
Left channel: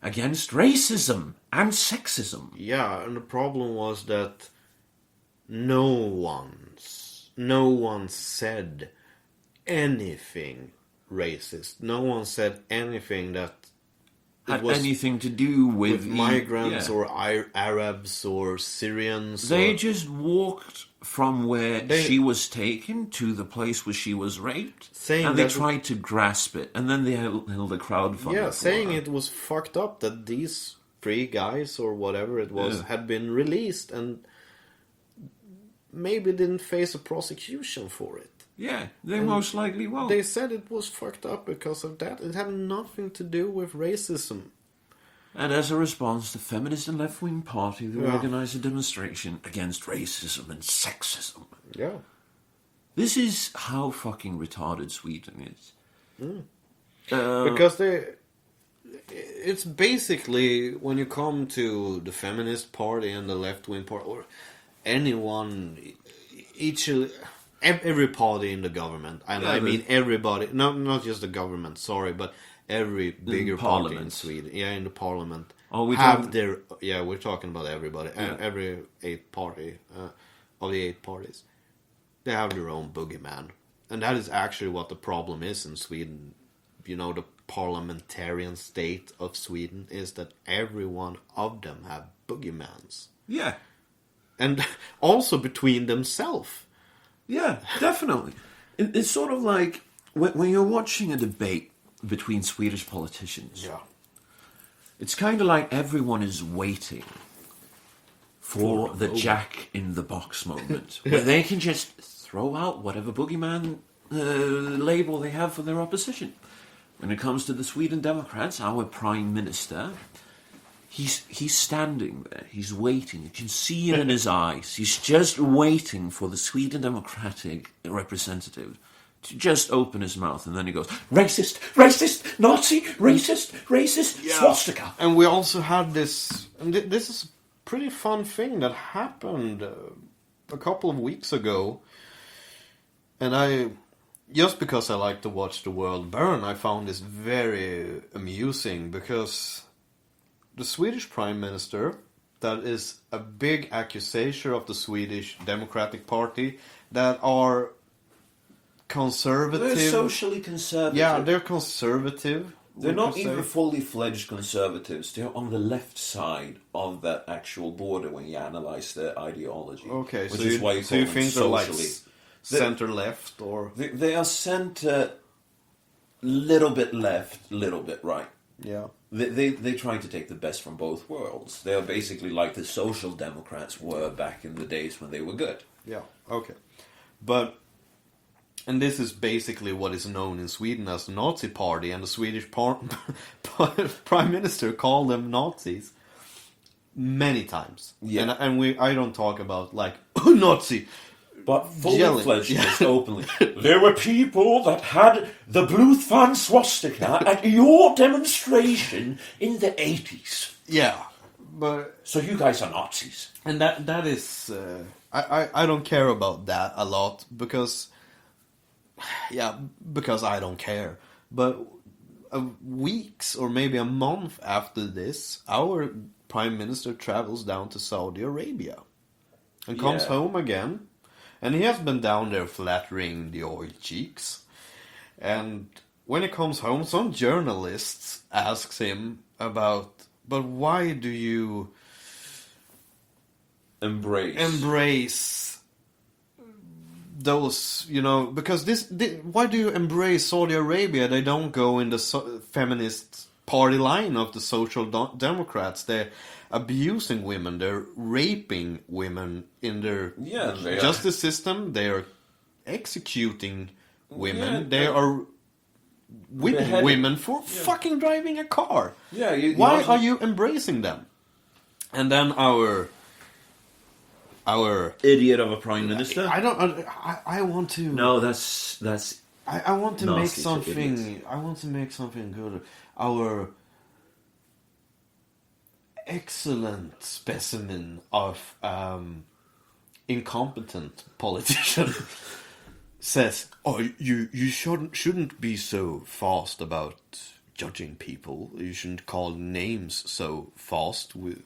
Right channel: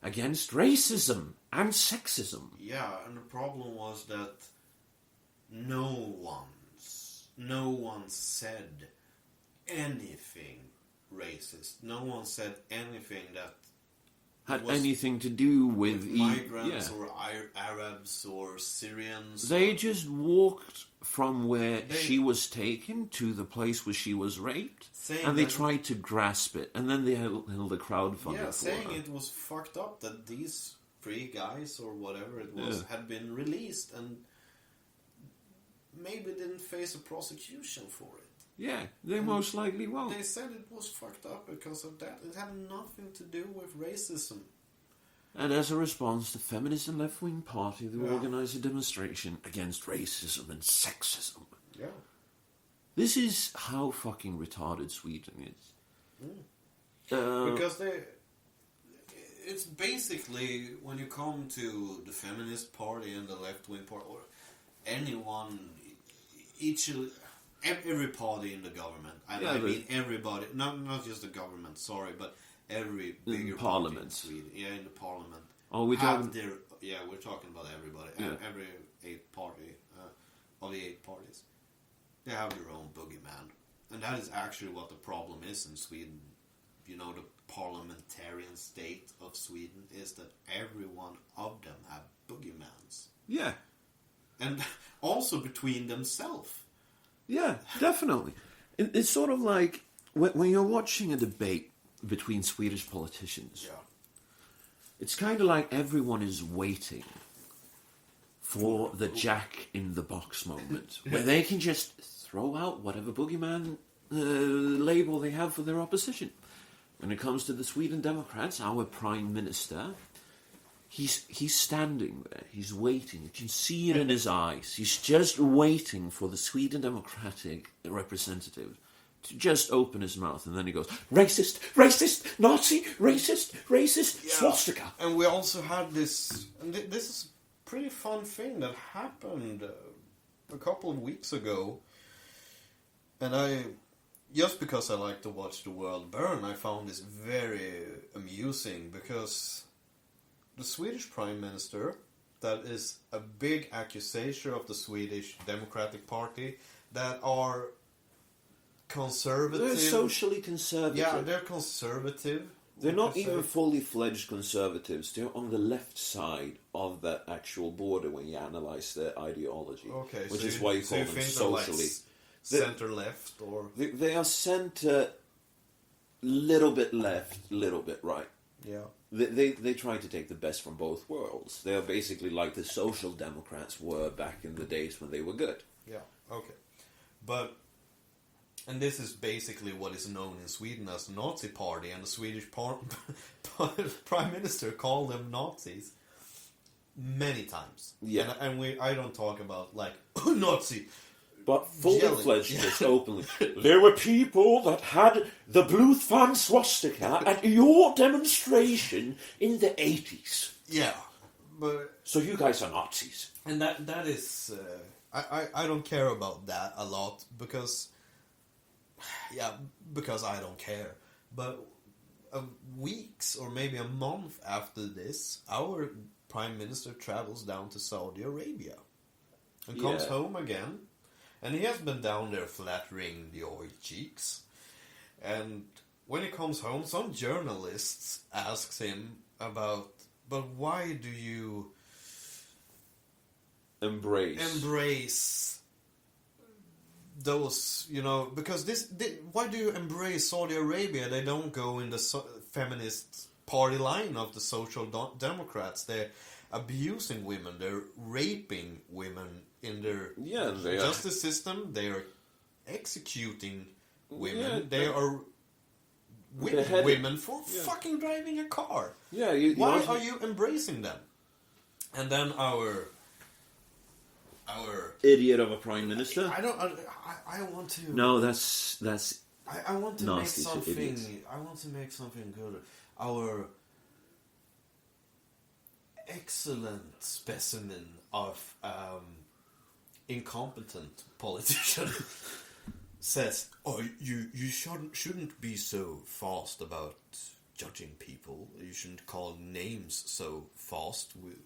against racism and sexism. Yeah, and the problem was that no one said anything racist. No one said anything that had anything to do with migrants or Arabs or Syrians. They just walked from where she was taken to the place where she was raped, and they tried to grasp it, and then they held a crowdfunder. Yeah, saying it was fucked up that these 3 guys or whatever it was had been released and maybe didn't face a prosecution for it. Yeah, they most likely won't. They said it was fucked up because of that. It had nothing to do with racism. And as a response, the feminist and left-wing party, they organised a demonstration against racism and sexism. Yeah. This is how fucking retarded Sweden is. Because it's basically, when you come to the feminist party and the left-wing party, or anyone, every party in the government, and I mean everybody, not just the government, sorry, but every bigger party in Sweden, in the parliament, we're talking about everybody, every 8 party of the 8 parties, they have their own boogeyman. and that is actually what the problem is in Sweden. You know, the parliamentarian state of Sweden is that every one of them have boogeymans. Yeah. And also between themselves. Yeah, definitely. It's sort of like when you're watching a debate between Swedish politicians. Yeah. It's kind of like everyone is waiting for the Jack in the Box moment, where they can just throw out whatever boogeyman label they have for their opposition. When it comes to the Sweden Democrats, our Prime Minister, he's standing there, he's waiting, you can see it in his eyes, he's just waiting for the Sweden Democratic representative to just open his mouth, and then he goes, racist, racist, Nazi, racist, swastika. And we also had this, and this is a pretty fun thing that happened a couple of weeks ago. And just because I like to watch the world burn, I found this very amusing, because the Swedish Prime Minister, that is a big accusation of the Swedish Democratic Party, that are conservative. They're socially conservative. Yeah, they're conservative. They're not even fully fledged conservatives. They're on the left side of that actual border when you analyze their ideology. Okay, which so is why you call them socially. Like center left, or They are center, little bit left, little bit right. yeah. They try to take the best from both worlds. They are basically like the Social Democrats were back in the days when they were good. Yeah, okay. And this is basically what is known in Sweden as the Nazi Party, and the Swedish Prime Minister called them Nazis many times. Yeah. And I don't talk about, like, Nazi. But fully Yelling. fledged, just openly. There were people that had the blue fan swastika at your demonstration in the 80s. Yeah, but... So you guys are Nazis. And that is... I don't care about that a lot, because... Yeah, because I don't care. But weeks or maybe a month after this, our Prime Minister travels down to Saudi Arabia. And comes home again. And he has been down there flattering the oil cheeks. And when he comes home, some journalists asks him about, but why do you embrace those, you know, because why do you embrace Saudi Arabia? They don't go in the feminist party line of the Social Democrats. They're abusing women, they're raping women in their justice system, they are executing women, they are whipping women for fucking driving a car. Yeah, why are you embracing them? And then our idiot of a prime minister. I want to. No, that's. I want to make nasty to idiots. something. I want to make something good. Our excellent specimen of incompetent politician says, "Oh, you shouldn't be so fast about judging people. You shouldn't call names so fast with."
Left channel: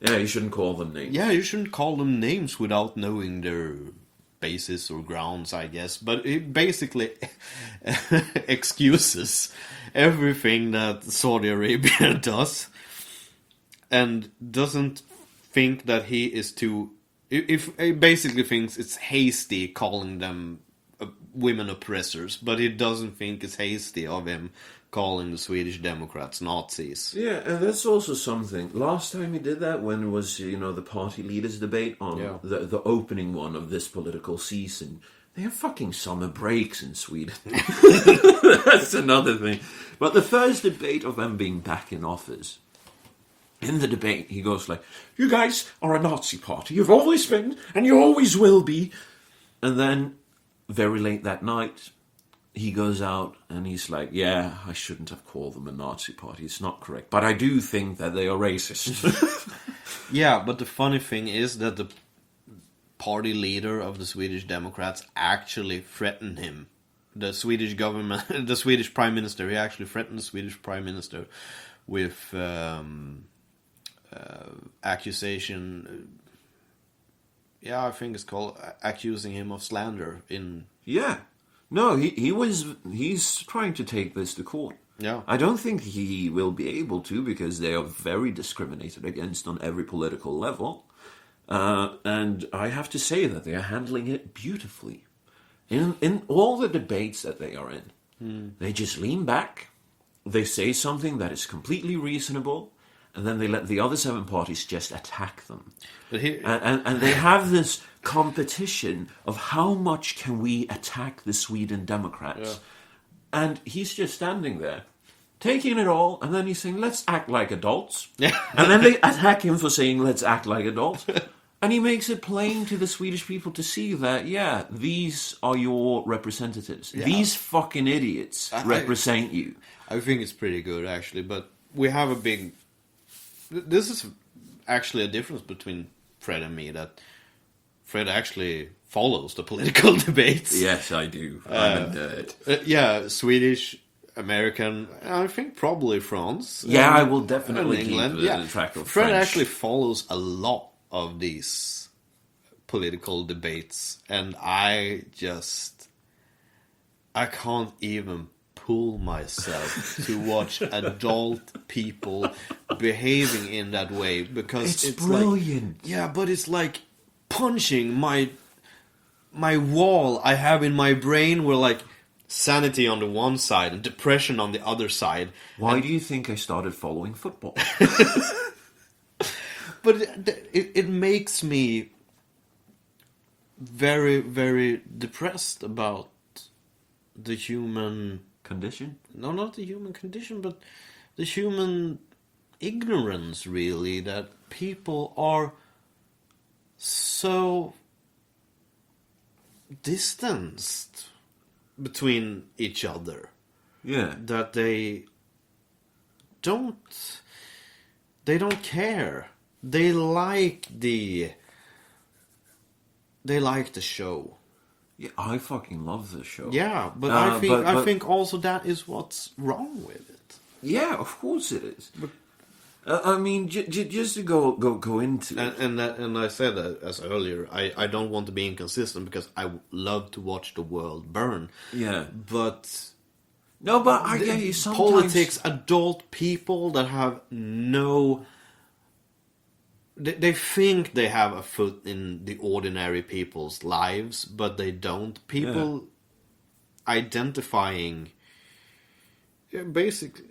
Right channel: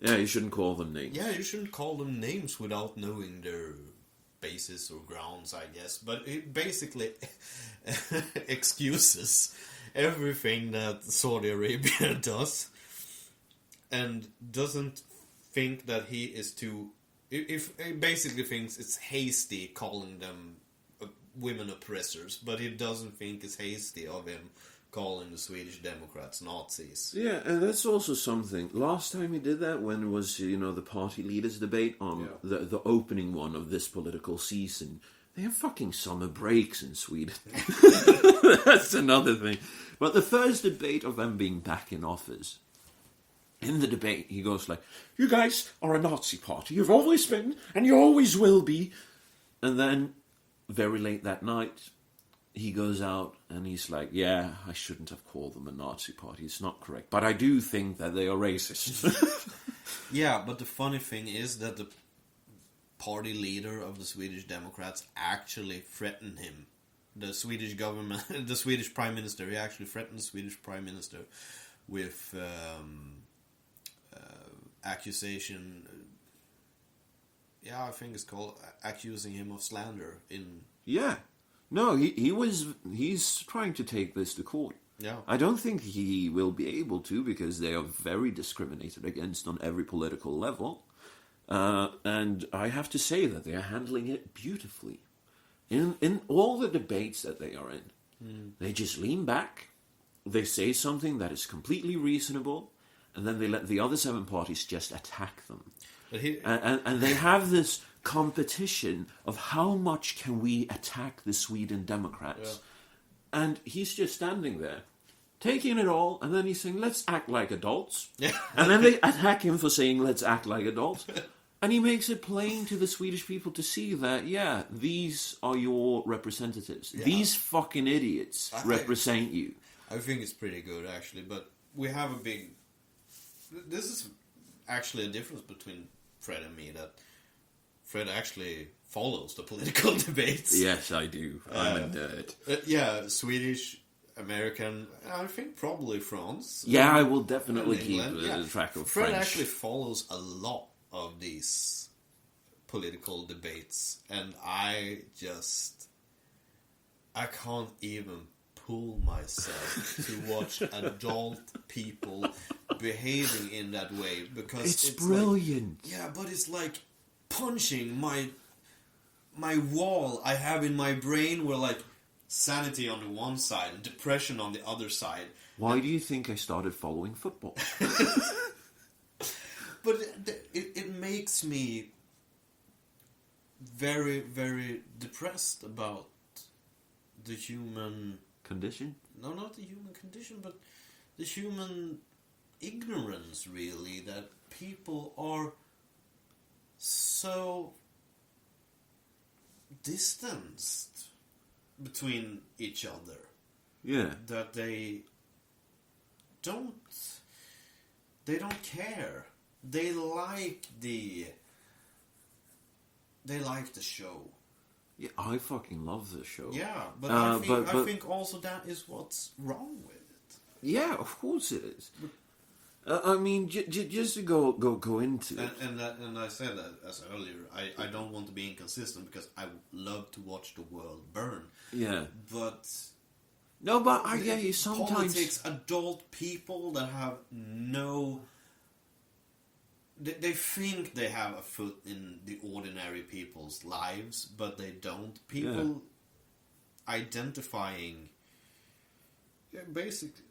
Yeah, you shouldn't call them names. Yeah, you shouldn't call them names without knowing their basis or grounds, I guess. But it basically excuses everything that Saudi Arabia does, and doesn't think that he is too... If he basically thinks it's hasty calling them women oppressors, but he doesn't think it's hasty of him calling the Swedish Democrats Nazis. Yeah, and that's also something. Last time he did that, when it was, the party leaders debate on the opening one of this political season, they have fucking summer breaks in Sweden. That's another thing. But the first debate of them being back in office, in the debate, he goes like, "You guys are a Nazi party. You've always been, and you always will be." And then, very late that night, he goes out and he's like, "Yeah, I shouldn't have called them a Nazi party. It's not correct. But I do think that they are racist." Yeah, but the funny thing is that the party leader of the Swedish Democrats actually threatened him. The Swedish government, the Swedish Prime Minister, he actually threatened the Swedish Prime Minister with accusation. Yeah, I think it's called accusing him of slander in... Yeah. No, he's trying to take this to court. Yeah. I don't think he will be able to, because they are very discriminated against on every political level. And I have to say that they are handling it beautifully. In all the debates that they are in, they just lean back, they say something that is completely reasonable, and then they let the other 7 parties just attack them. And they have this competition of how much can we attack the Sweden Democrats. Yeah. And he's just standing there, taking it all, and then he's saying, let's act like adults. And then they attack him for saying, let's act like adults. And he makes it plain to the Swedish people to see that, yeah, these are your representatives. Yeah. These fucking idiots represent you. I think it's pretty good, actually. But we have a big... This is actually a difference between Fred and me, that Fred actually follows the political debates. Yes, I do. I'm a nerd. Yeah, Swedish, American, I think probably France. Yeah, I will definitely keep track of Fred French. Actually follows a lot of these political debates, and I can't even pull myself to watch adult people behaving in that way, because it's brilliant. Like, yeah, but it's like punching my wall I have in my brain, where like sanity on the one side and depression on the other side. Why do you think I started following football? But it makes me very, very depressed about the human... Condition? No, not the human condition, but the human ignorance, really, that people are so distanced between each other. Yeah. That they don't care. They like the show. Yeah, I fucking love the show. Yeah, but I think also that is what's wrong with it. Yeah, of course it is. I mean, just to go into it. And I said that as earlier, I don't want to be inconsistent, because I love to watch the world burn. Yeah. But... No, but I get you sometimes... Politics, adult people that have no... They think they have a foot in the ordinary people's lives, but they don't. People identifying... Yeah, basically...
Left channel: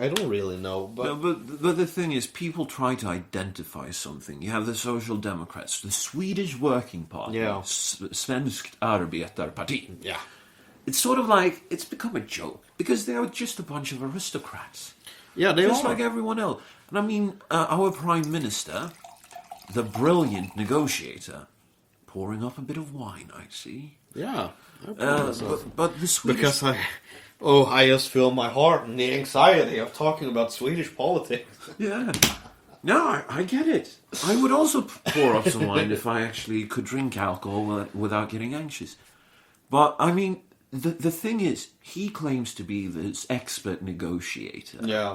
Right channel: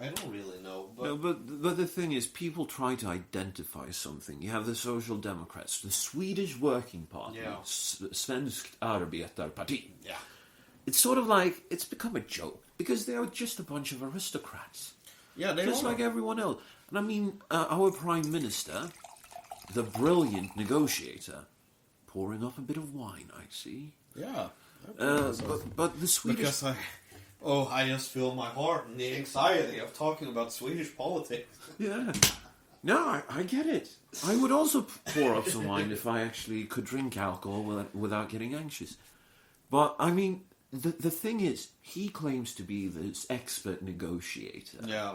I don't really know. But... No, but the thing is, people try to identify something. You have the Social Democrats, the Swedish Working Party, Svenskt Arbetarparti. Yeah. It's sort of like, it's become a joke, because they are just a bunch of aristocrats. Yeah, they just are. like everyone else. And I mean, our Prime Minister, the brilliant negotiator, pouring up a bit of wine, I see. Yeah. But the Swedish... Because I just feel my heart and the anxiety of talking about Swedish politics. Yeah. No, I get it. I would also pour up some wine if I actually could drink alcohol without getting anxious. But, I mean, the thing is, he claims to be this expert negotiator. Yeah.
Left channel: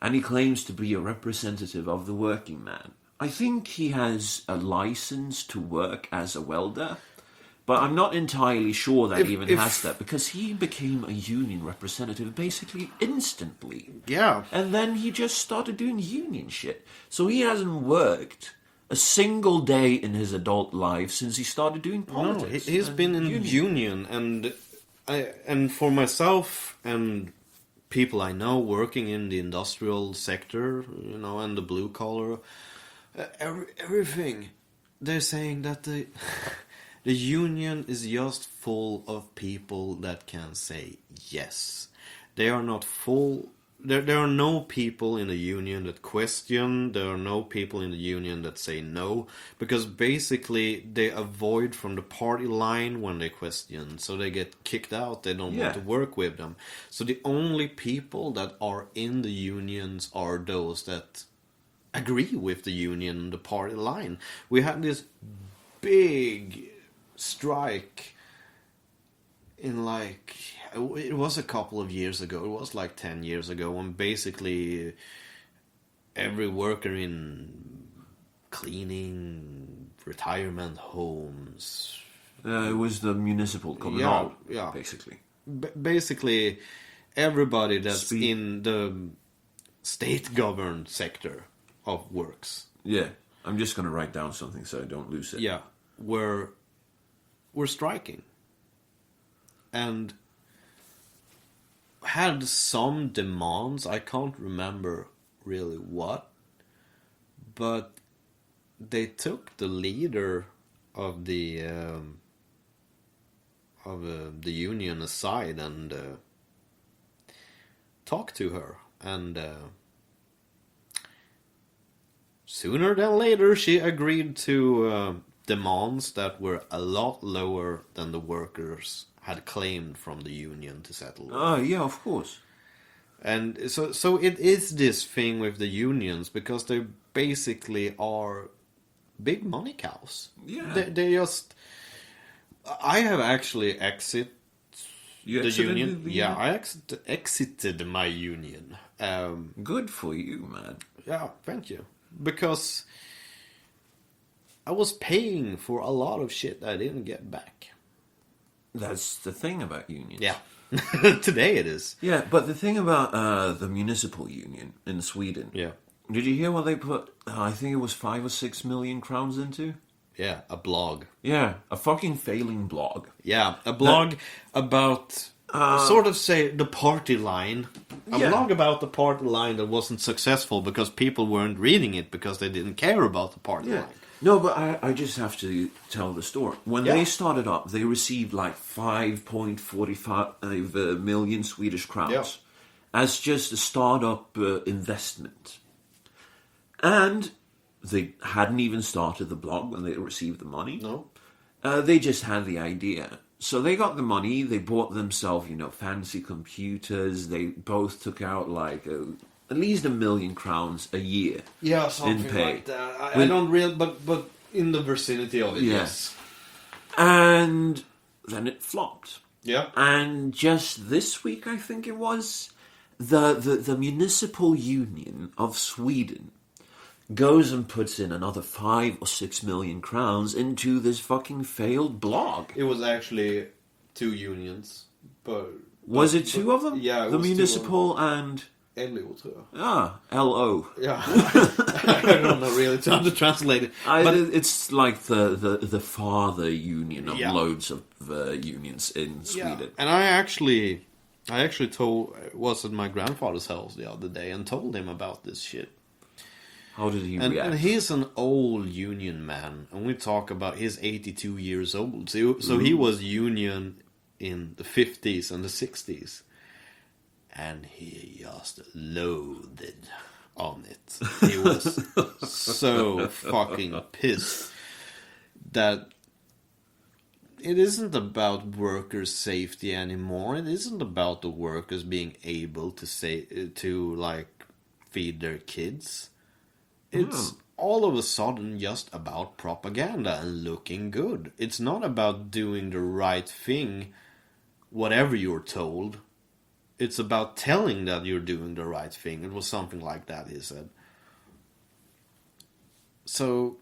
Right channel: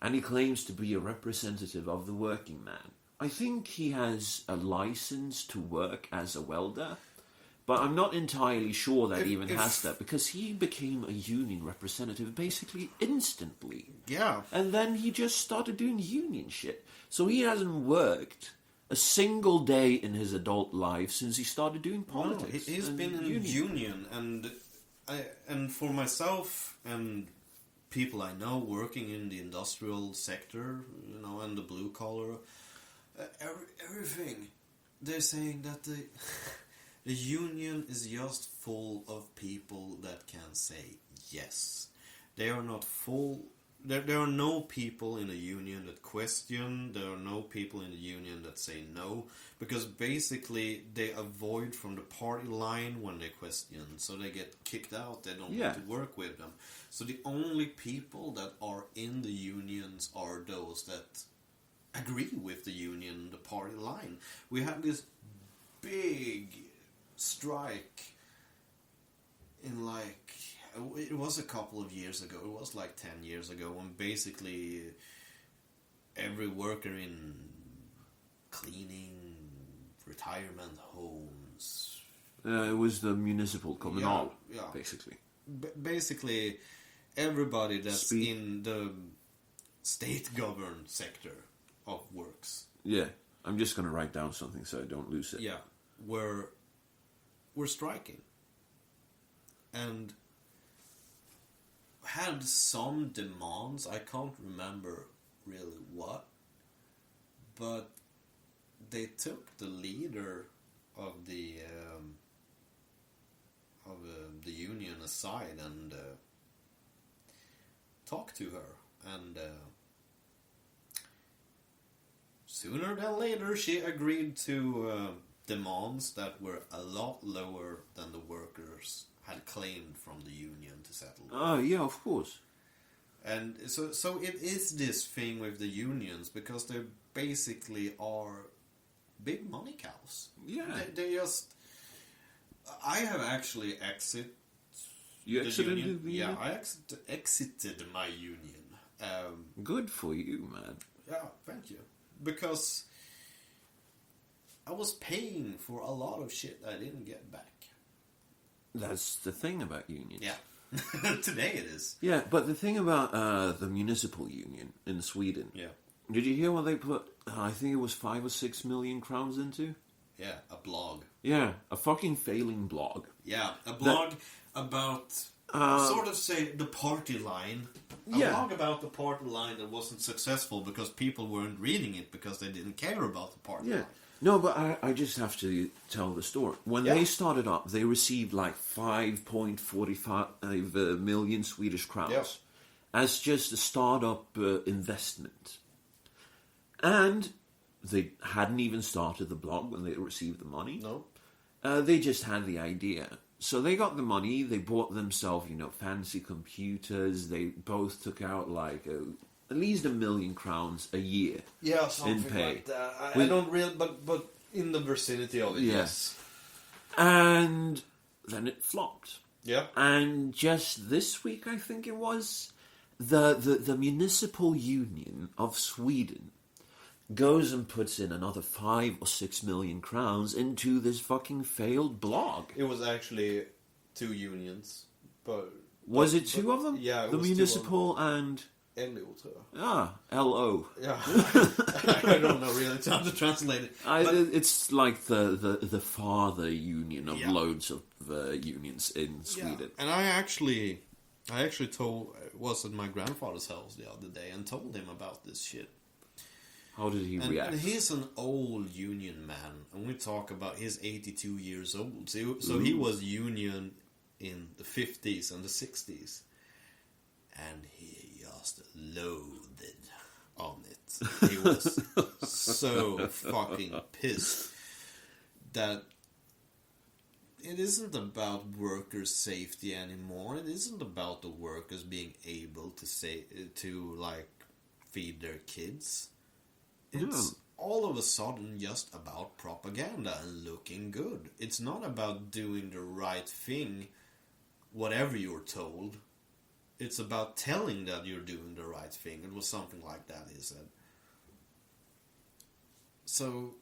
And he claims to be a representative of the working man. I think he has a license to work as a welder, but I'm not entirely sure that he even has that, because he became a union representative basically instantly. Yeah. And then he just started doing union shit. So he hasn't worked a single day in his adult life since he started doing politics. No, he's been in union, and for myself and people I know working in the industrial sector, and the blue collar, everything, they're saying that the union is just full of people that can say yes. They are not full. There are no people in the union that question. There are no people in the union that say no, because basically they avoid from the party line when they question, so they get kicked out. They don't want to work with them. So the only people that are in the unions are those that agree with the union, the party line. We had this big strike in it was a couple of years ago. It was like 10 years ago, when basically every worker in cleaning, retirement homes, It was the municipal communal, yeah. basically. Basically, everybody that's Speak- in the state-governed sector of works, Yeah, I'm just going to write down something so I don't lose it. yeah, were striking, and had some demands. I can't remember really what, but they took the leader of the union aside and talked to her, and sooner than later she agreed to demands that were a lot lower than the workers had claimed from the union to settle. Oh, yeah, of course. And so it is this thing with the unions, because they basically are big money cows. Yeah. They just... I have actually You the exited union. the Yeah, union? I exited my union. Good for you, man. Yeah, thank you. Because I was paying for a lot of shit I didn't get back. That's the thing about unions. Yeah. Today it is. Yeah, but the thing about the municipal union in Sweden. Yeah. Did you hear what they put? I think it was 5 or 6 million crowns into. Yeah, a blog. Yeah, a fucking failing blog. Yeah, a blog about sort of say the party line. A Yeah. blog about the party line that wasn't successful because people weren't reading it because they didn't care about the party Yeah. line. No, but I just have to tell the story. When Yeah. they started up, they received like 5.45 million Swedish crowns as just a startup investment. And they hadn't even started the blog when they received the money. No. They just had the idea. So they got the money, they bought themselves, fancy computers. They both took out like at least 1 million crowns a year Yeah, something in pay. like that. I With- don't really, but in the vicinity of it, Yeah. yes. And then it flopped. Yeah. And just this week, I think it was, the municipal union of Sweden goes and puts in another 5 or 6 million crowns into this fucking failed blog. It was actually 2 unions, but Was it 2 of them? Yeah, it The was 2 municipal and... LO, tror jag. LO. Yeah. I don't know really how to translate it. But It's like the father union of Yeah. loads of unions in Sweden. And I actually was at my grandfather's house the other day and told him about this shit. How did he react? And he's an old union man, and we talk about he's 82 years old. So he was union in the 50s and the 60s, and he just loathed on it. He was so fucking pissed that it isn't about workers' safety anymore. It isn't about the workers being able to like feed their kids. It's all of a sudden just about propaganda and looking good. It's not about doing the right thing, whatever you're told. It's about telling that you're doing the right thing. It was something like that, he said. So,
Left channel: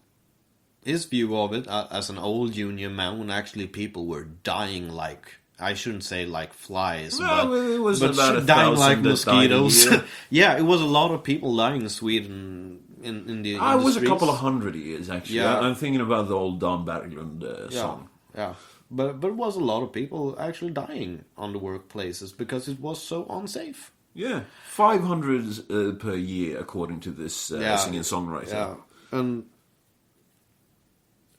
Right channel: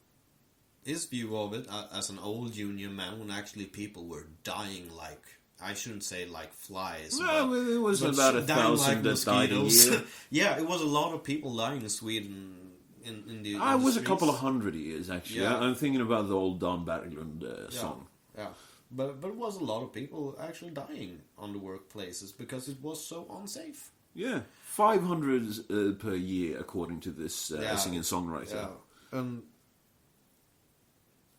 his view of it, as an old union man, when actually people were dying like, I shouldn't say like flies. No, it was but about dying 1,000 that died a mosquitoes. year. Yeah, it was a lot of people dying in Sweden in the I was a streets. couple of 100 years, actually. Yeah. I'm thinking about the old Don Berglund song. Yeah, but it was a lot of people actually dying on the workplaces because it was so unsafe. Yeah, 500 per year, according to this singer-songwriter. Yeah,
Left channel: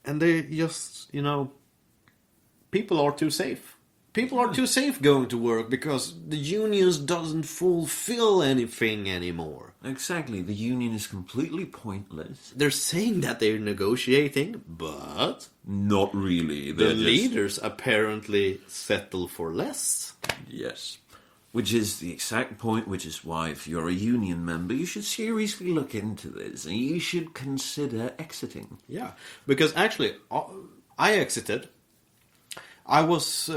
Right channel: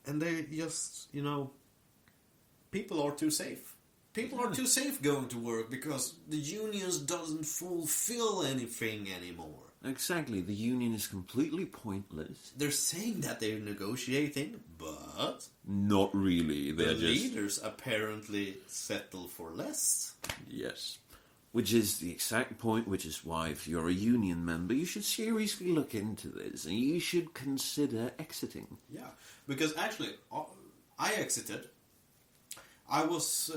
and they just, people are too safe. People are too safe going to work because the unions doesn't fulfill anything anymore. Exactly, the union is completely pointless. They're saying that they're negotiating, but Not really, the they're just... leaders apparently settle for less. Yes. Which is the exact point, which is why if you're a union member, you should seriously look into this, and you should consider exiting. Yeah, because actually, I exited. I was...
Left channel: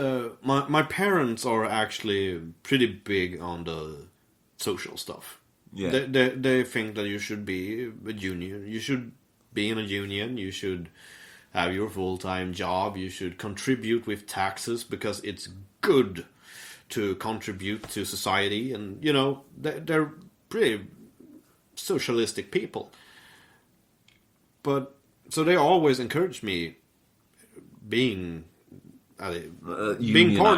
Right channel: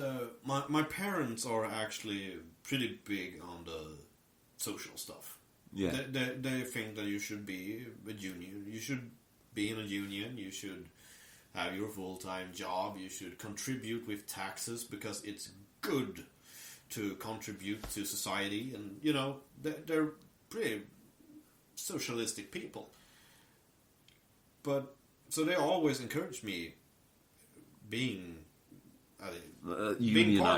my parents are actually pretty big on the social stuff. Yeah. They think that you should be a union. You should be in a union. You should have your full-time job. You should contribute with taxes because it's good to contribute to society. And, you know, they're pretty socialistic people. But, so they always encouraged me being part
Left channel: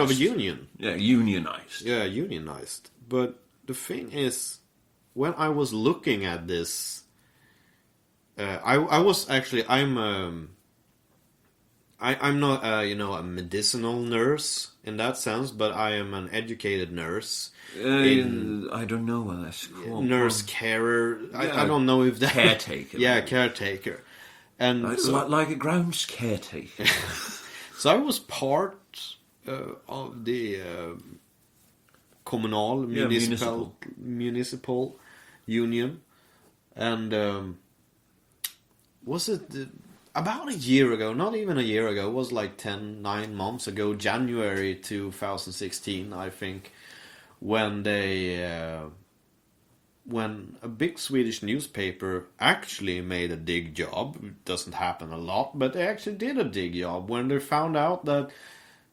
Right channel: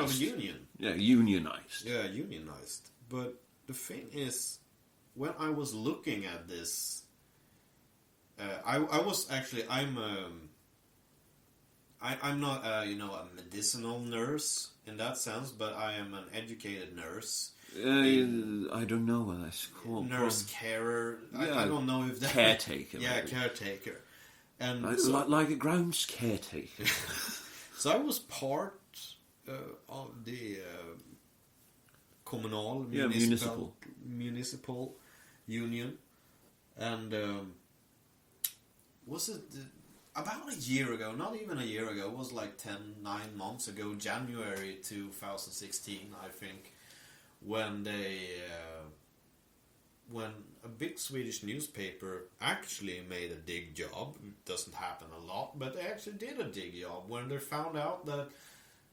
of a union. Yeah, unionized. Yeah, unionized. But the thing is, when I was looking at this, I'm not a medicinal nurse in that sense, but I am an educated nurse. I don't know what that's called. Nurse carer. Yeah, I don't know if that caretaker. Yeah, maybe. caretaker. And Like a grounds caretaker. so I was part of the municipal union, and was it about a year ago? Not even a year ago. It was like 9 months ago, January 2016, I think, when when a big Swedish newspaper actually made a dig job. It doesn't happen a lot, but they actually did a dig job when they found out that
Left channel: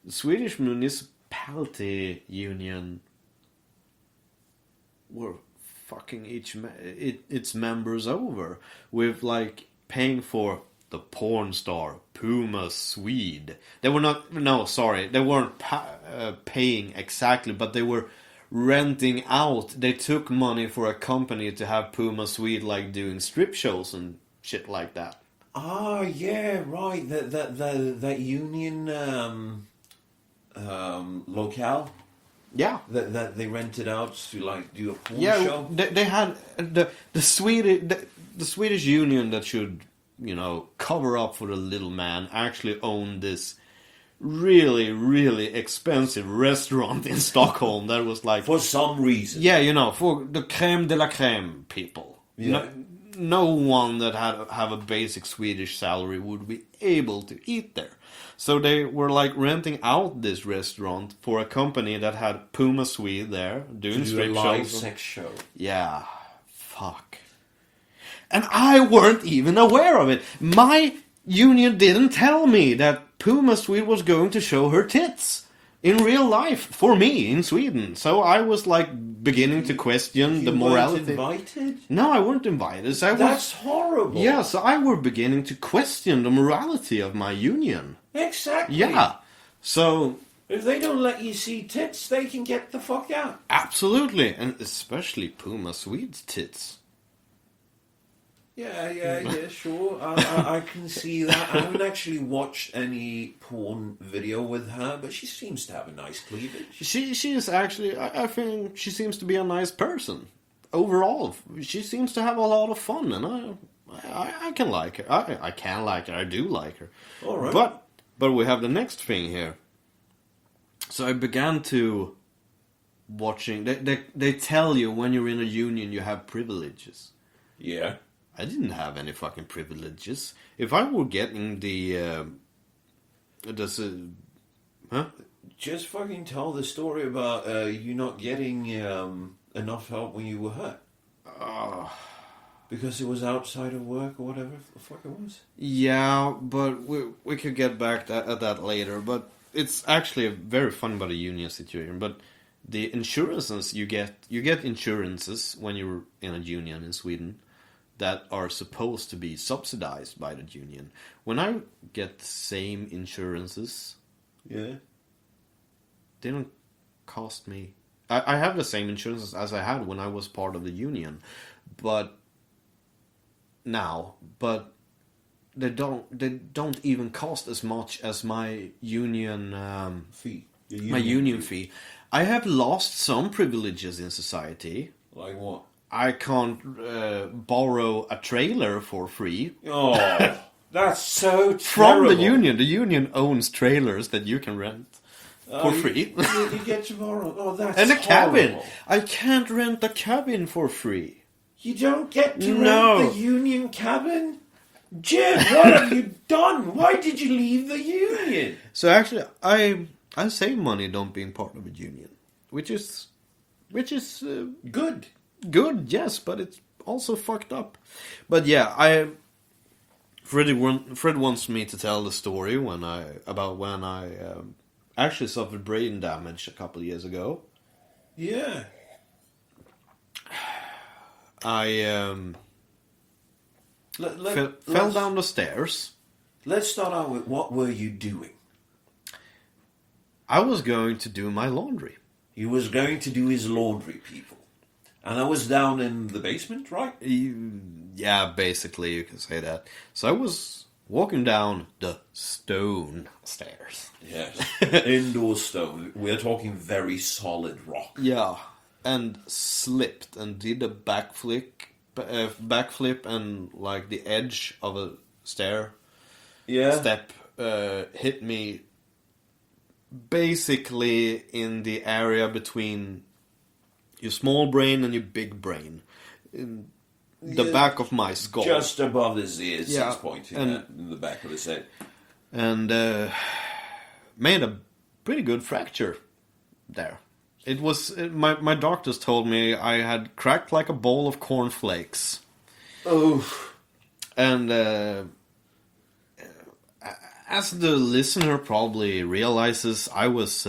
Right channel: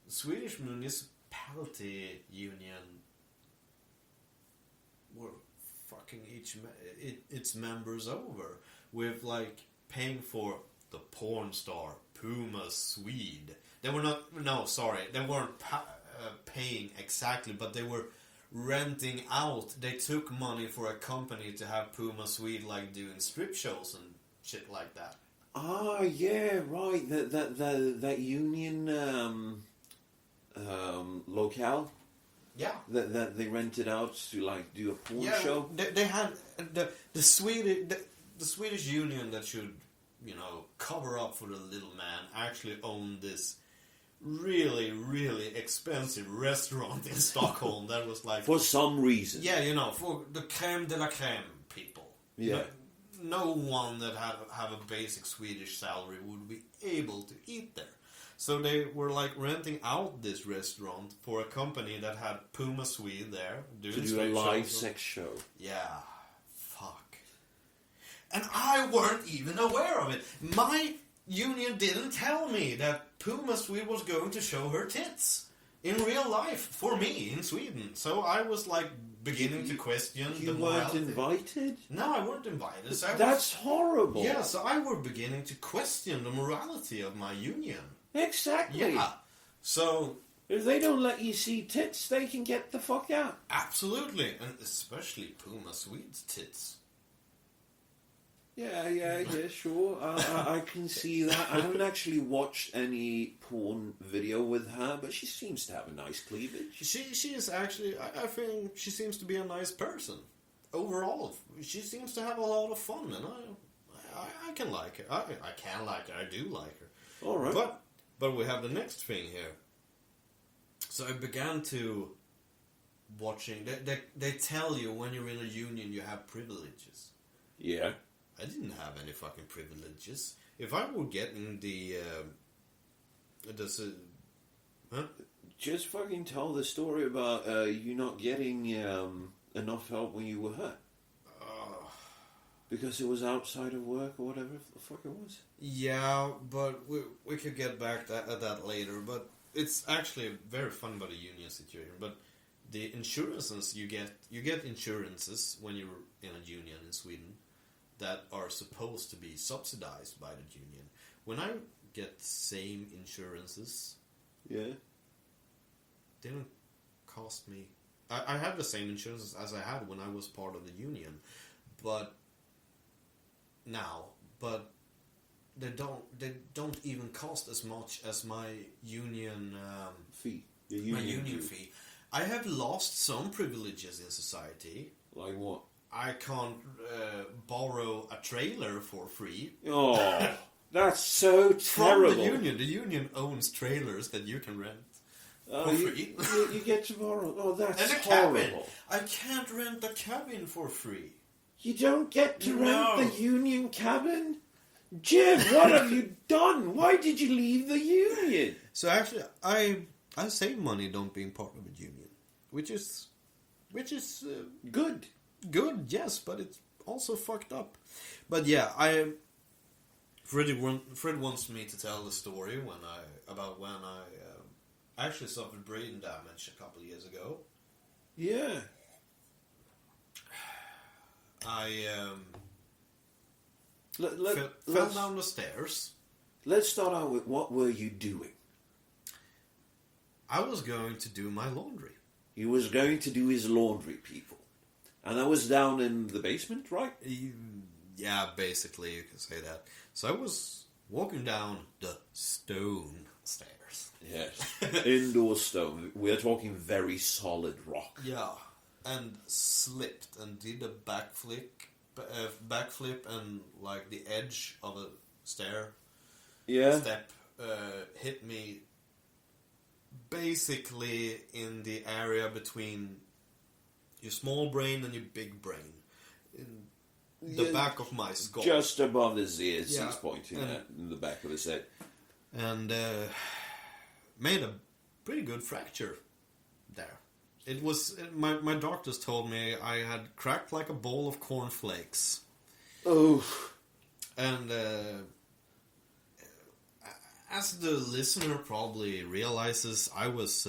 the Swedish municipality union were fucking its members over with like paying for the porn star Puma Swede. They were not. No, sorry, they weren't paying exactly, but they were renting out. They took money for a company to have Puma Swede like doing strip shows and shit like that. Ah, yeah, right. That union locale. Yeah, That they rented out to like do a porn show. They had the Swedish union that should, you know, cover up for the little man actually owned this really, really expensive restaurant in Stockholm that was like... For some reason. Yeah, you know, for the creme de la creme people. Yeah. No one that have a basic Swedish salary would be able to eat there. So they were like renting out this restaurant for a company that had Puma Swede there doing to do a live sex show. Yeah, fuck. And I weren't even aware of it. My union didn't tell me that Puma Swede was going to show her tits in real life for me in Sweden. So I was like beginning to question the morality. You weren't invited? No, I weren't invited. So That's horrible. Yeah, so I were beginning to question the morality of my union. Exactly. Yeah. So if they don't let you see tits, they can get the fuck out. Absolutely, and especially Puma Swede's tits. Yeah, sure. I can see that. I haven't actually watched any porn video with her, but she seems to have a nice cleavage. She is actually, I think she seems to be a nice person. Overall, she seems to have a lot of fun, and I can like her. I can like her. I do like her. All right. But we have the next thing here. So I began to watching. They tell you when you're in a union you have privileges. Yeah. I didn't have any fucking privileges. If I were getting Just fucking tell the story about you not getting enough help when you were hurt. Because it was outside of work or whatever the fuck it was. Yeah, but we could get back at that later. But it's actually very fun about a union situation. But the insurances you get insurances when you're in a union in Sweden that are supposed to be subsidized by the union. When I get the same insurances, yeah, they don't cost me. I have the same insurances as I had when I was part of the union, but they don't even cost as much as my union fee. My union fee. I have lost some privileges in society. Like what? I can't borrow a trailer for free. Oh, that's so terrible. From the union. The union owns trailers that you can rent for free. You get to borrow. Oh, that's and a horrible. cabin. I can't rent a cabin for free. You don't get to rent the union cabin? Jim, what have you done? Why did you leave the union? So actually, I save money don't being part of a union, which is good. Good, yes, but it's also fucked up. But yeah, Fred wants me to tell the story when I actually suffered brain damage a couple of years ago. Yeah. I fell let's, down the stairs. let's start out with what were you doing? I was going to do my laundry. He was going to do his laundry, people. And I was down in the basement, right? Yeah, basically you can say that. So I was walking down the stone stairs. Yes. Indoor stone. We're talking very solid rock. Yeah, and slipped and did a backflip, and like the edge of a step hit me basically in the area between your small brain and your big brain, in the back of my skull, just above his ears. Yeah, He's pointing at in the back of his head, and made a pretty good fracture there. It was my doctors told me I had cracked like a bowl of cornflakes. Oh, and as the listener probably realizes, I was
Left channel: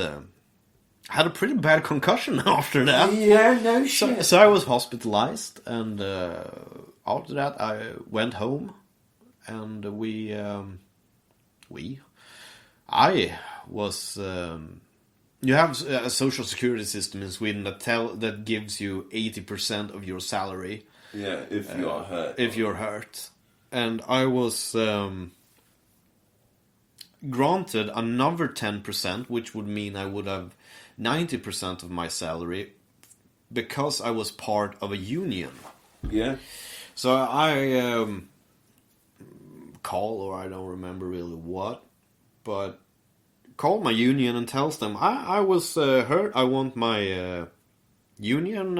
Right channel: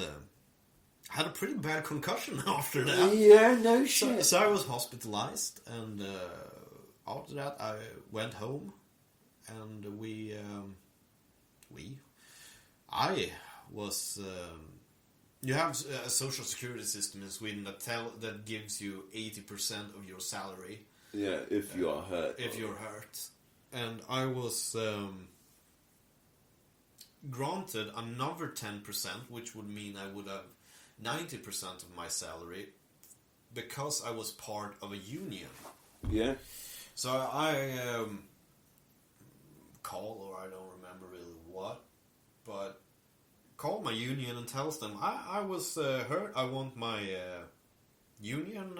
had a pretty bad concussion after that. yeah, no shit. So I was hospitalized, and after that I went home, and I was. You have a social security system in Sweden that gives you 80% of your salary. Yeah, if you are hurt. If you're hurt, and I was granted another 10%, which would mean I would have 90% of my salary because I was part of a union. Yeah. So I call, or I don't remember really what, but called my union and tells them I was hurt. I want my union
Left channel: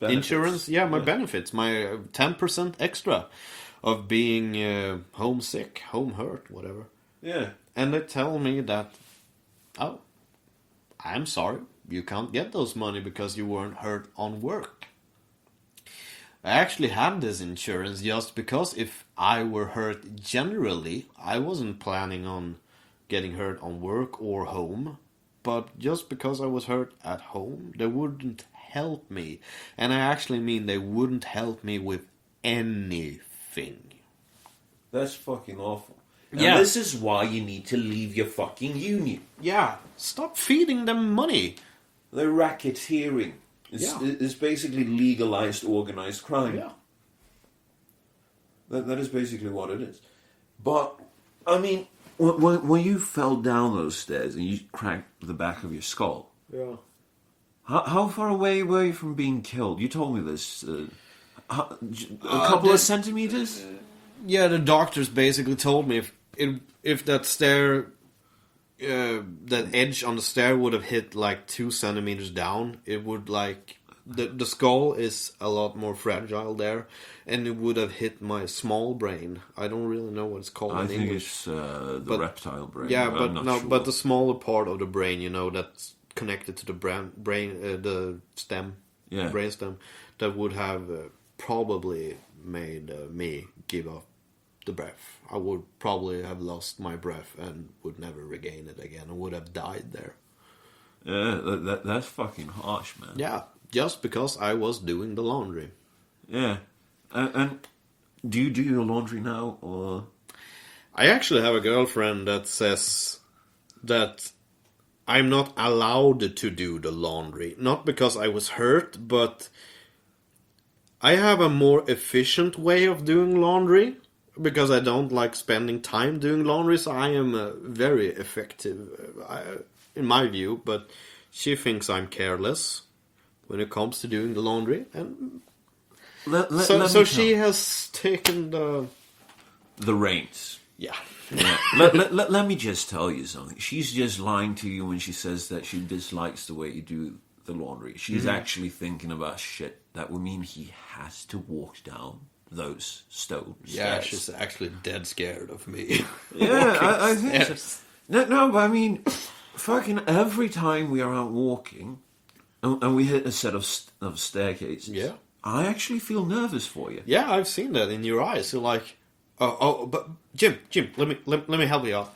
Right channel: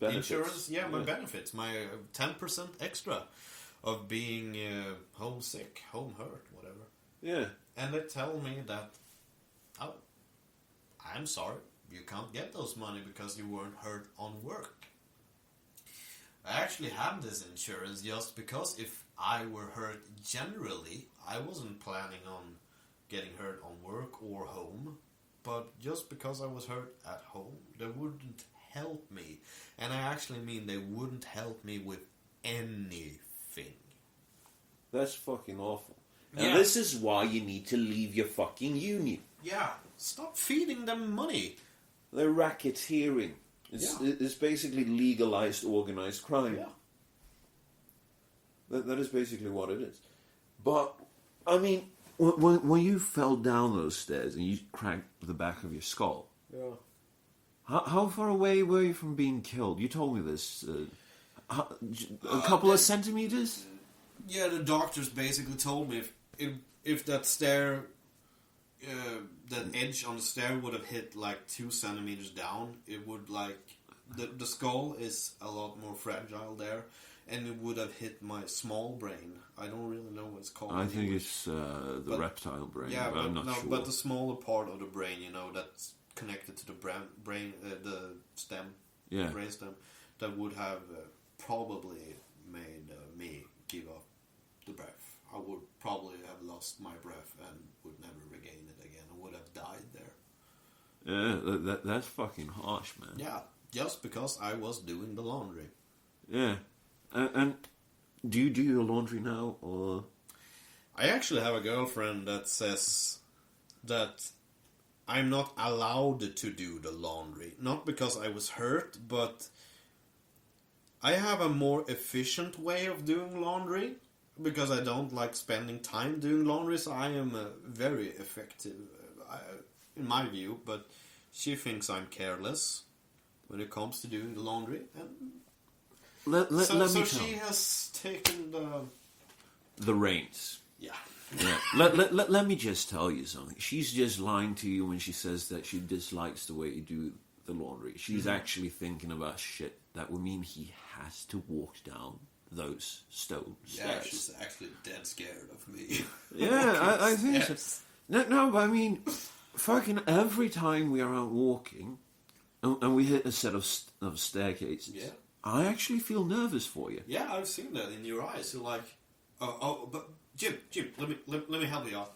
insurance. Yeah, my benefits, my 10% extra of being homesick, home hurt, whatever. Yeah. And they tell me that, oh, I'm sorry, you can't get those money because you weren't hurt on work. I actually had this insurance just because if I were hurt generally, I wasn't planning on getting hurt on work or home. But just because I was hurt at home, they wouldn't help me. And I actually mean they wouldn't help me with anything. That's fucking awful. And Yeah. this is why you need to leave your fucking union. Yeah, stop feeding them money. They're racketeering. It's basically legalized organized crime. Yeah. That is basically what it is. But, I mean, when you fell down those stairs and you cracked the back of your skull, Yeah. how far away were you from being killed? You told me this. A couple of centimeters? Yeah, the doctors basically told me if that stair, that edge on the stair would have hit like 2 centimeters down, it would like the skull is a lot more fragile there, and it would have hit my small brain. I don't really know what it's called. I in think English. it's the reptile brain. Yeah, I'm not sure. but the smaller part of the brain, that's connected to the brain, the stem, Yeah. brain stem, that would have probably made me give up the breath. I would probably have lost my breath and would never regain it again. I would have died there. Yeah, that's fucking harsh, man. Yeah, just because I was doing the laundry. Yeah. And do you do your laundry now, or? I actually have a girlfriend that says that I'm not allowed to do the laundry. Not because I was hurt, but I have a more efficient way of doing laundry. Because I don't like spending time doing laundry, so I am very effective, in my view. But she thinks I'm careless when it comes to doing the laundry, and so she has taken the reins. Yeah. Yeah. let me just tell you something. She's just lying to you when she says that she dislikes the way you do the laundry. She's actually thinking about shit that would mean he has to walk down those stone stairs. Yeah, she's actually dead scared of me. Yeah, I think so. No, but I mean, fucking every time we are out walking and we hit a set of staircases, Yeah. I actually feel nervous for you. Yeah, I've seen that in your eyes. You're like, But Jim, let me help you out.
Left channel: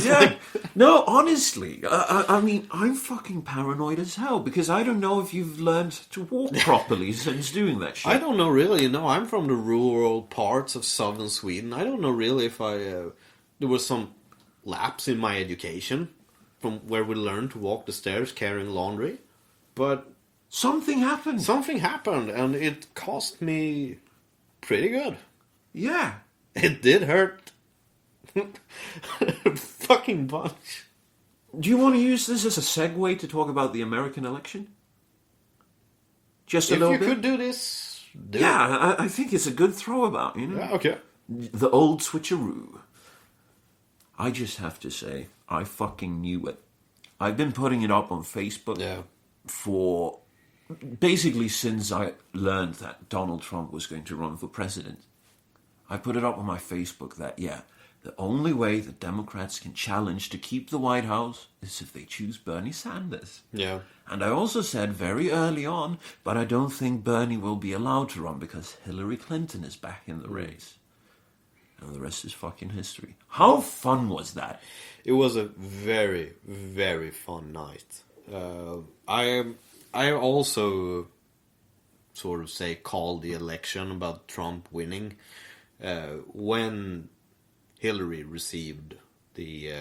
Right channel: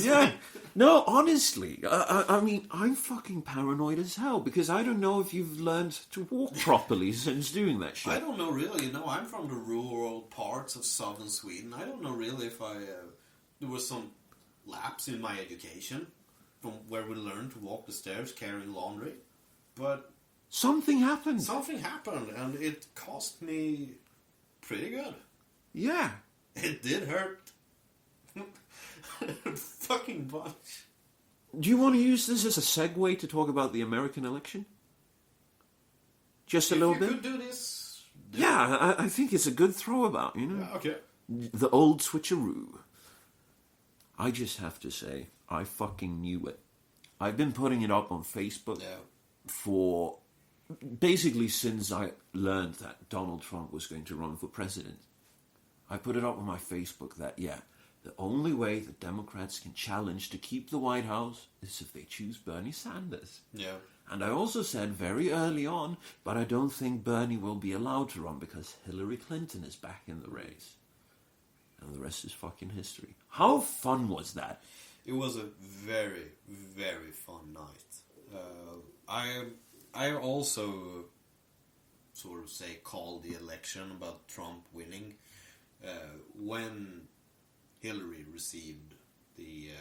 Yeah. No, honestly, I mean, I'm fucking paranoid as hell because I don't know if you've learned to walk properly since doing that shit. I don't know really. I'm from the rural parts of southern Sweden. I don't know really if there was some lapse in my education from where we learned to walk the stairs carrying laundry, but Something happened. something happened and it cost me pretty good. Yeah. It did hurt. Fucking bunch. Do you want to use this as a segue to talk about the American election? Just a little If you bit? could do this, do it. Yeah, I think it's a good throwabout, you know? Yeah, okay. The old switcheroo. I just have to say, I fucking knew it. I've been putting it up on Facebook Yeah. for basically since I learned that Donald Trump was going to run for president. I put it up on my Facebook that, yeah, the only way the Democrats can challenge to keep the White House is if they choose Bernie Sanders. Yeah. And I also said very early on, but I don't think Bernie will be allowed to run because Hillary Clinton is back in the race. And the rest is fucking history. How fun was that? It was a very, very fun night. I also sort of say called the election about Trump winning when Hillary received the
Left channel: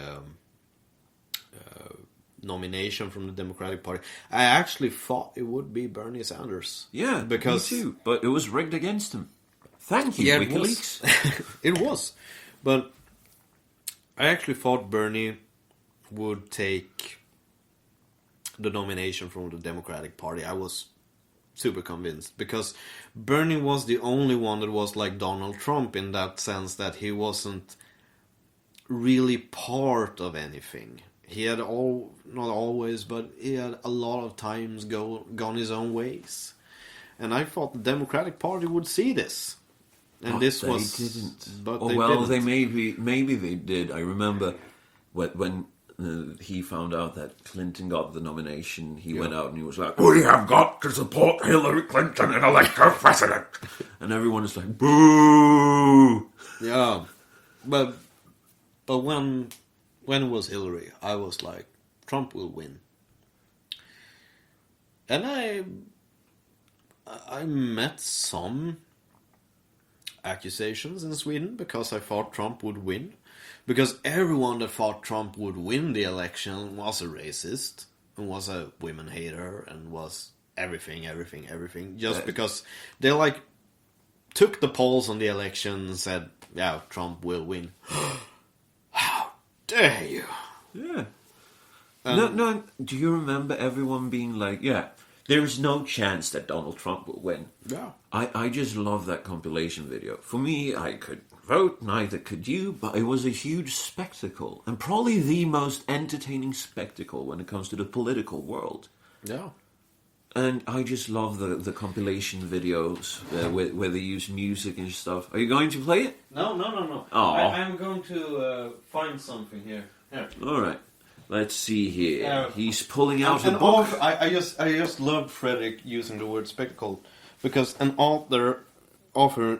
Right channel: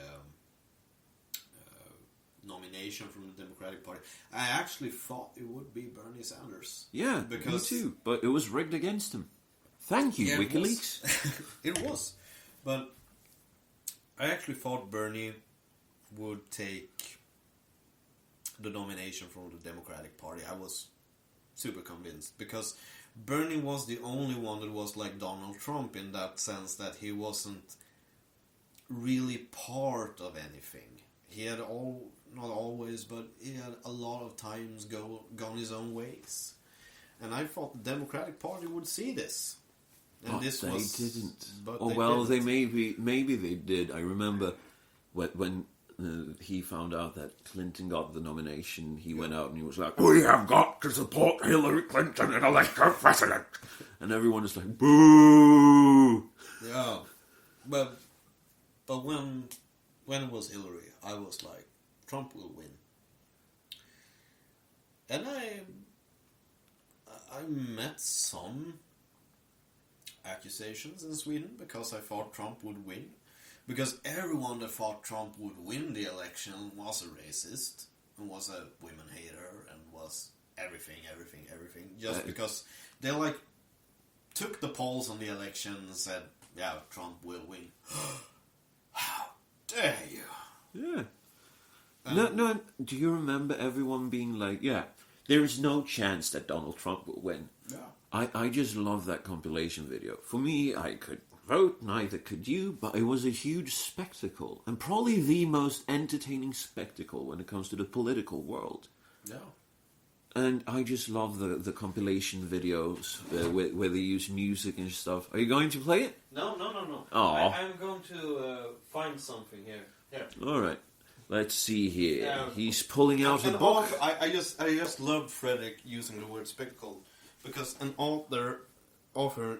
nomination from the Democratic Party. I actually thought it would be Bernie Sanders. Yeah, because me too. But it was rigged against him. Thank you, Yeah, WikiLeaks. It was. But I actually thought Bernie would take the nomination from the Democratic Party. I was super convinced because Bernie was the only one that was like Donald Trump in that sense that he wasn't really part of anything. He had not always, but he had a lot of times gone his own ways. And I thought the Democratic Party would see this. And But this they was didn't. But Oh they well, didn't. maybe they did. I remember when he found out that Clinton got the nomination, he went out and he was like, "We have got to support Hillary Clinton and elect her president," and everyone is like, "Boo!" Yeah, but when it was Hillary, I was like, Trump will win, and I met some accusations in Sweden because I thought Trump would win, because everyone that thought Trump would win the election was a racist and was a women hater and was everything, just because they like took the polls on the election and said, yeah, Trump will win. How dare you? Yeah. No. Do you remember everyone being like, "Yeah, there is no chance that Donald Trump will win"? Yeah. I just love that compilation video. For me, I could vote, neither could you, but it was a huge spectacle, and probably the most entertaining spectacle when it comes to the political world. Yeah. And I just love the compilation videos where they use music and stuff. Are you going to play it? No. Aw. I'm going to find something here. All right. Let's see here. Yeah. He's pulling out a And book. I just love Frederick using the word spectacle because an author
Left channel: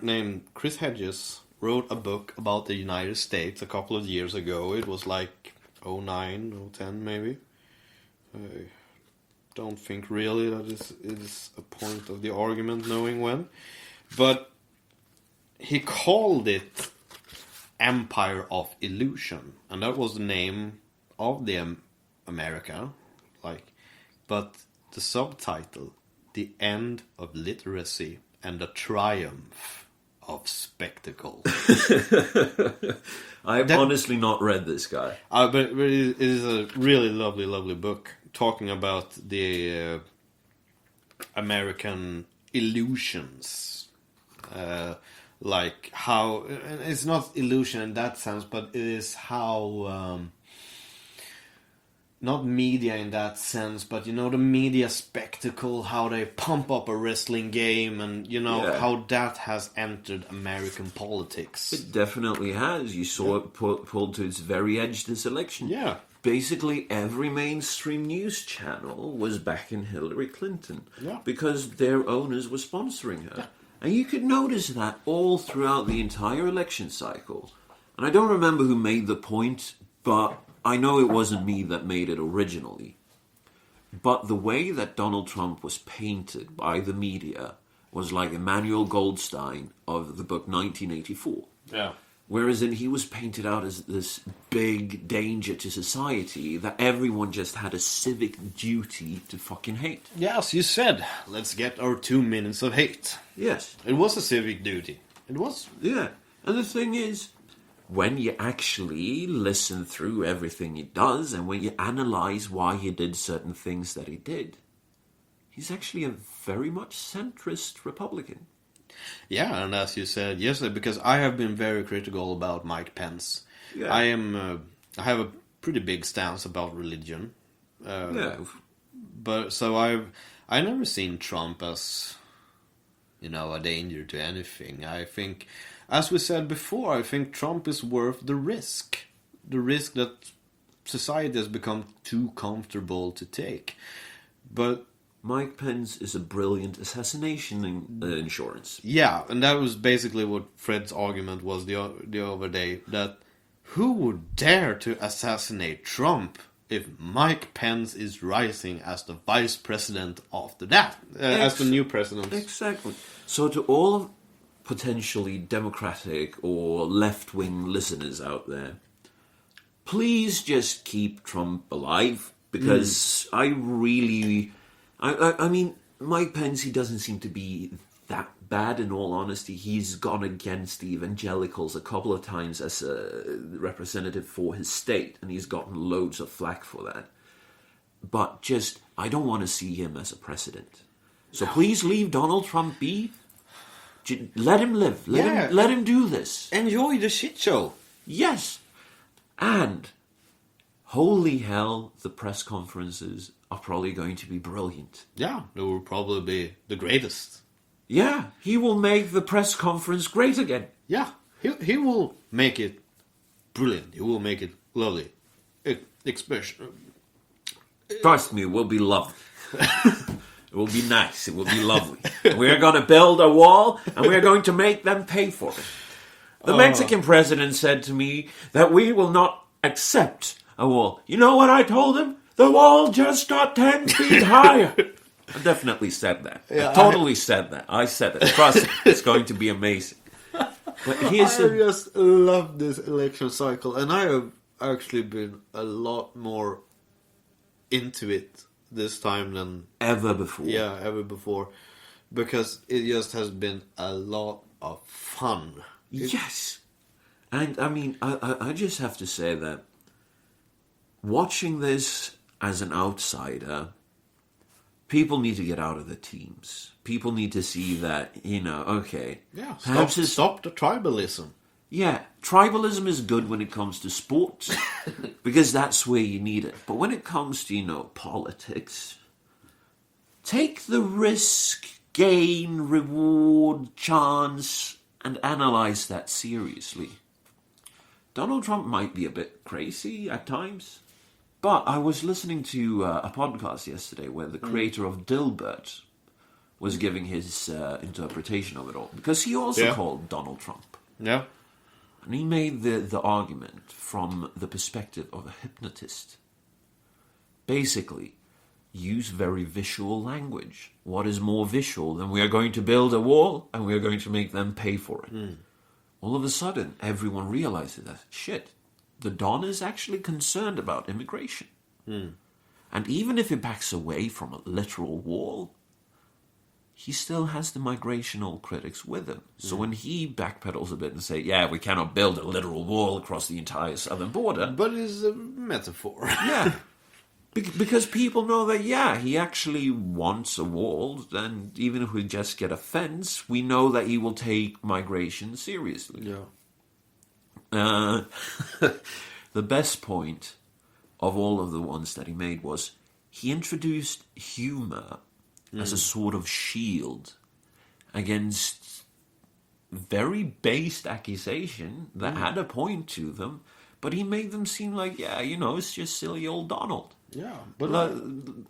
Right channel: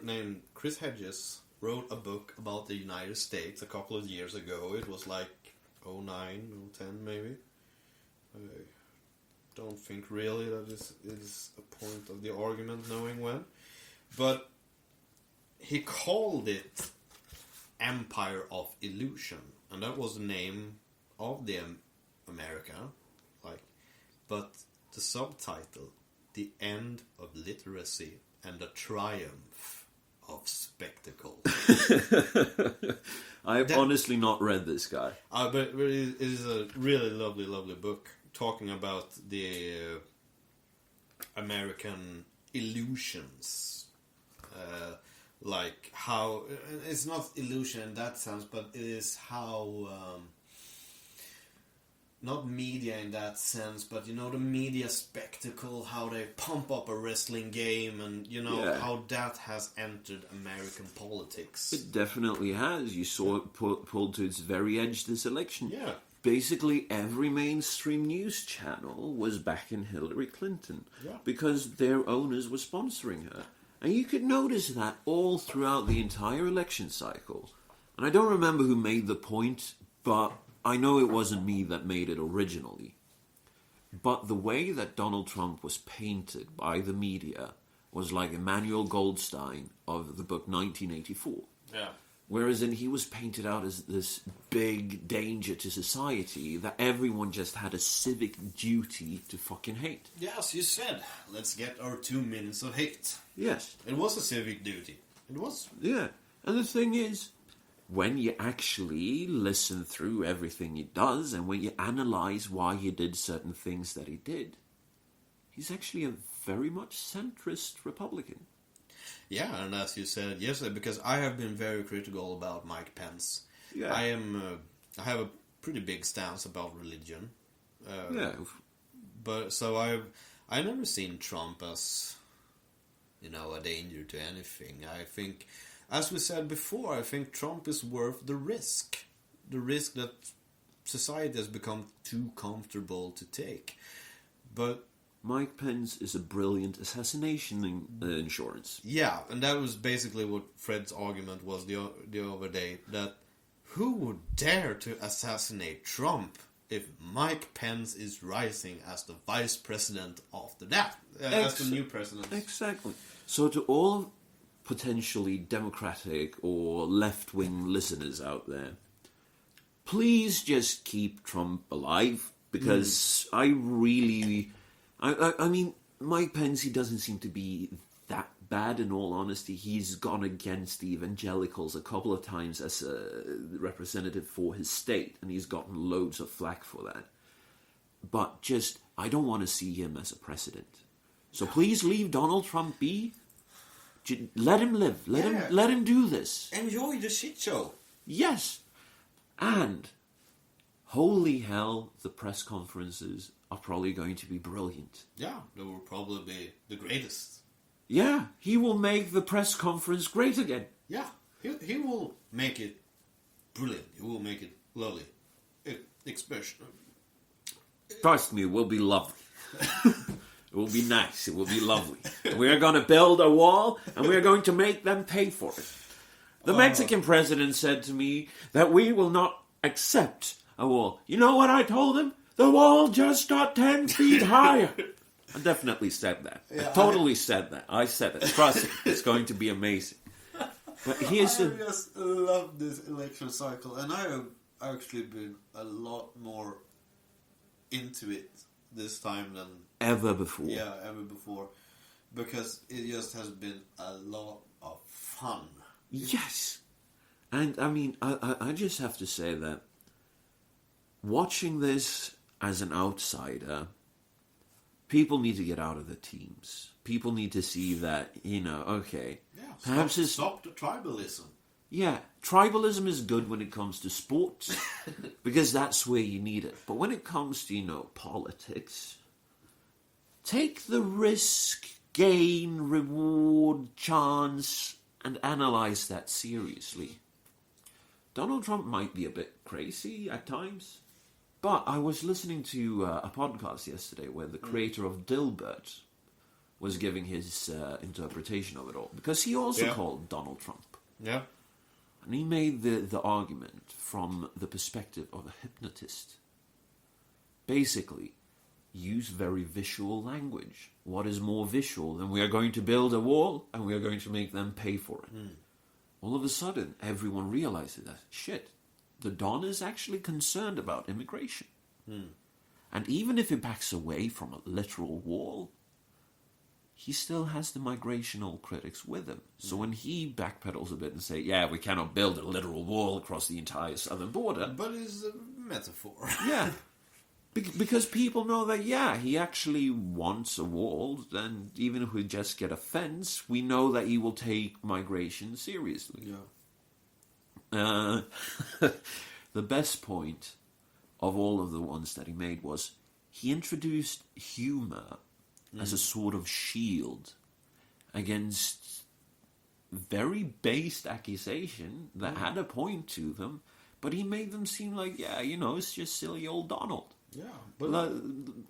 named Chris Hedges wrote a book about the United States a couple of years ago. It was like 09, 010 maybe. I don't think really that is a point of the argument knowing when. But he called it Empire of Illusion. And that was the name of the America. But the subtitle, The End of Literacy and the Triumph of Spectacle. I've honestly not read this guy. But it is a really lovely book talking about the American illusions. Like how... It's not illusion in that sense, but it is how... not media in that sense, but the media spectacle, how they pump up a wrestling game, and how that has entered American politics. It definitely has. You saw it pulled to its very edge this election. Yeah. Basically, every mainstream news channel was backing Hillary Clinton Yeah. because their owners were sponsoring her. And you could notice that all throughout the entire election cycle. And I don't remember who made the point, but I know it wasn't me that made it originally. But the way that Donald Trump was painted by the media was like Emmanuel Goldstein of the book 1984. Yeah. Whereas he was painted out as this big danger to society that everyone just had a civic duty to fucking hate. Yes, you said, let's get our 2 minutes of hate. Yes. It was a civic duty. It was. Yeah. And the thing is, when you actually listen through everything he does and when you analyze why he did certain things that he did, he's actually a very much centrist Republican. Yeah, and as you said yesterday, because I have been very critical about Mike Pence. Yeah. I have a pretty big stance about religion. Yeah. But so I never seen Trump as, a danger to anything. I think, as we said before, I think Trump is worth the risk. The risk that society has become too comfortable to take. But Mike Pence is a brilliant assassination insurance. yeah, and that was basically what Fred's argument was the other day, that who would dare to assassinate Trump if Mike Pence is rising as the vice president after that, as the new president. Exactly. So to all potentially Democratic or left-wing listeners out there, please just keep Trump alive, because I mean, Mike Pence, he doesn't seem to be that bad, in all honesty. He's gone against the evangelicals a couple of times as a representative for his state, and he's gotten loads of flack for that. But just, I don't want to see him as a president. So please leave Donald Trump be. Let him live. Let him do this. Enjoy the shit show. Yes. And holy hell, the press conferences are probably going to be brilliant. Yeah, they will probably be the greatest. Yeah, he will make the press conference great again. Yeah, he will make it brilliant. He will make it lovely. Expression. Trust me, it will be lovely. It will be nice. It will be lovely. We're going to build a wall, and we're going to make them pay for it. The Mexican president said to me that we will not accept a wall. You know what I told him? The wall just got 10 feet higher. I definitely said that. Yeah, I totally said that. I said it. Trust me, it's going to be amazing. But here's I just love this election cycle, and I have actually been a lot more into it this time than ever before. Yeah, ever before, because it just has been a lot of fun. Yes, and I mean, I just have to say that watching this as an outsider, people need to get out of the teams. People need to see that, okay. Yeah, perhaps stop the tribalism. Yeah, tribalism is good when it comes to sports, because that's where you need it. But when it comes to, politics, take the risk, gain, reward, chance, and analyze that seriously. Donald Trump might be a bit crazy at times, but I was listening to a podcast yesterday where the creator of Dilbert was giving his interpretation of it all, because he also called Donald Trump. Yeah. And he made the argument from the perspective of a hypnotist. Basically, use very visual language. What is more visual than we are going to build a wall and we are going to make them pay for it? All of a sudden, everyone realizes that, shit, the Don is actually concerned about immigration. And even if he backs away from a literal wall, he still has the migrational critics with him. So when he backpedals a bit and say, yeah, we cannot build a literal wall across the entire southern border. But it's a metaphor. Yeah. Because people know that, yeah, he actually wants a wall, and even if we just get a fence, we know that he will take migration seriously. Yeah. The best point of all of the ones that he made was he introduced humor as a sort of shield against very based accusation that had a point to them, but he made them seem like, yeah, it's just silly old Donald. Yeah, but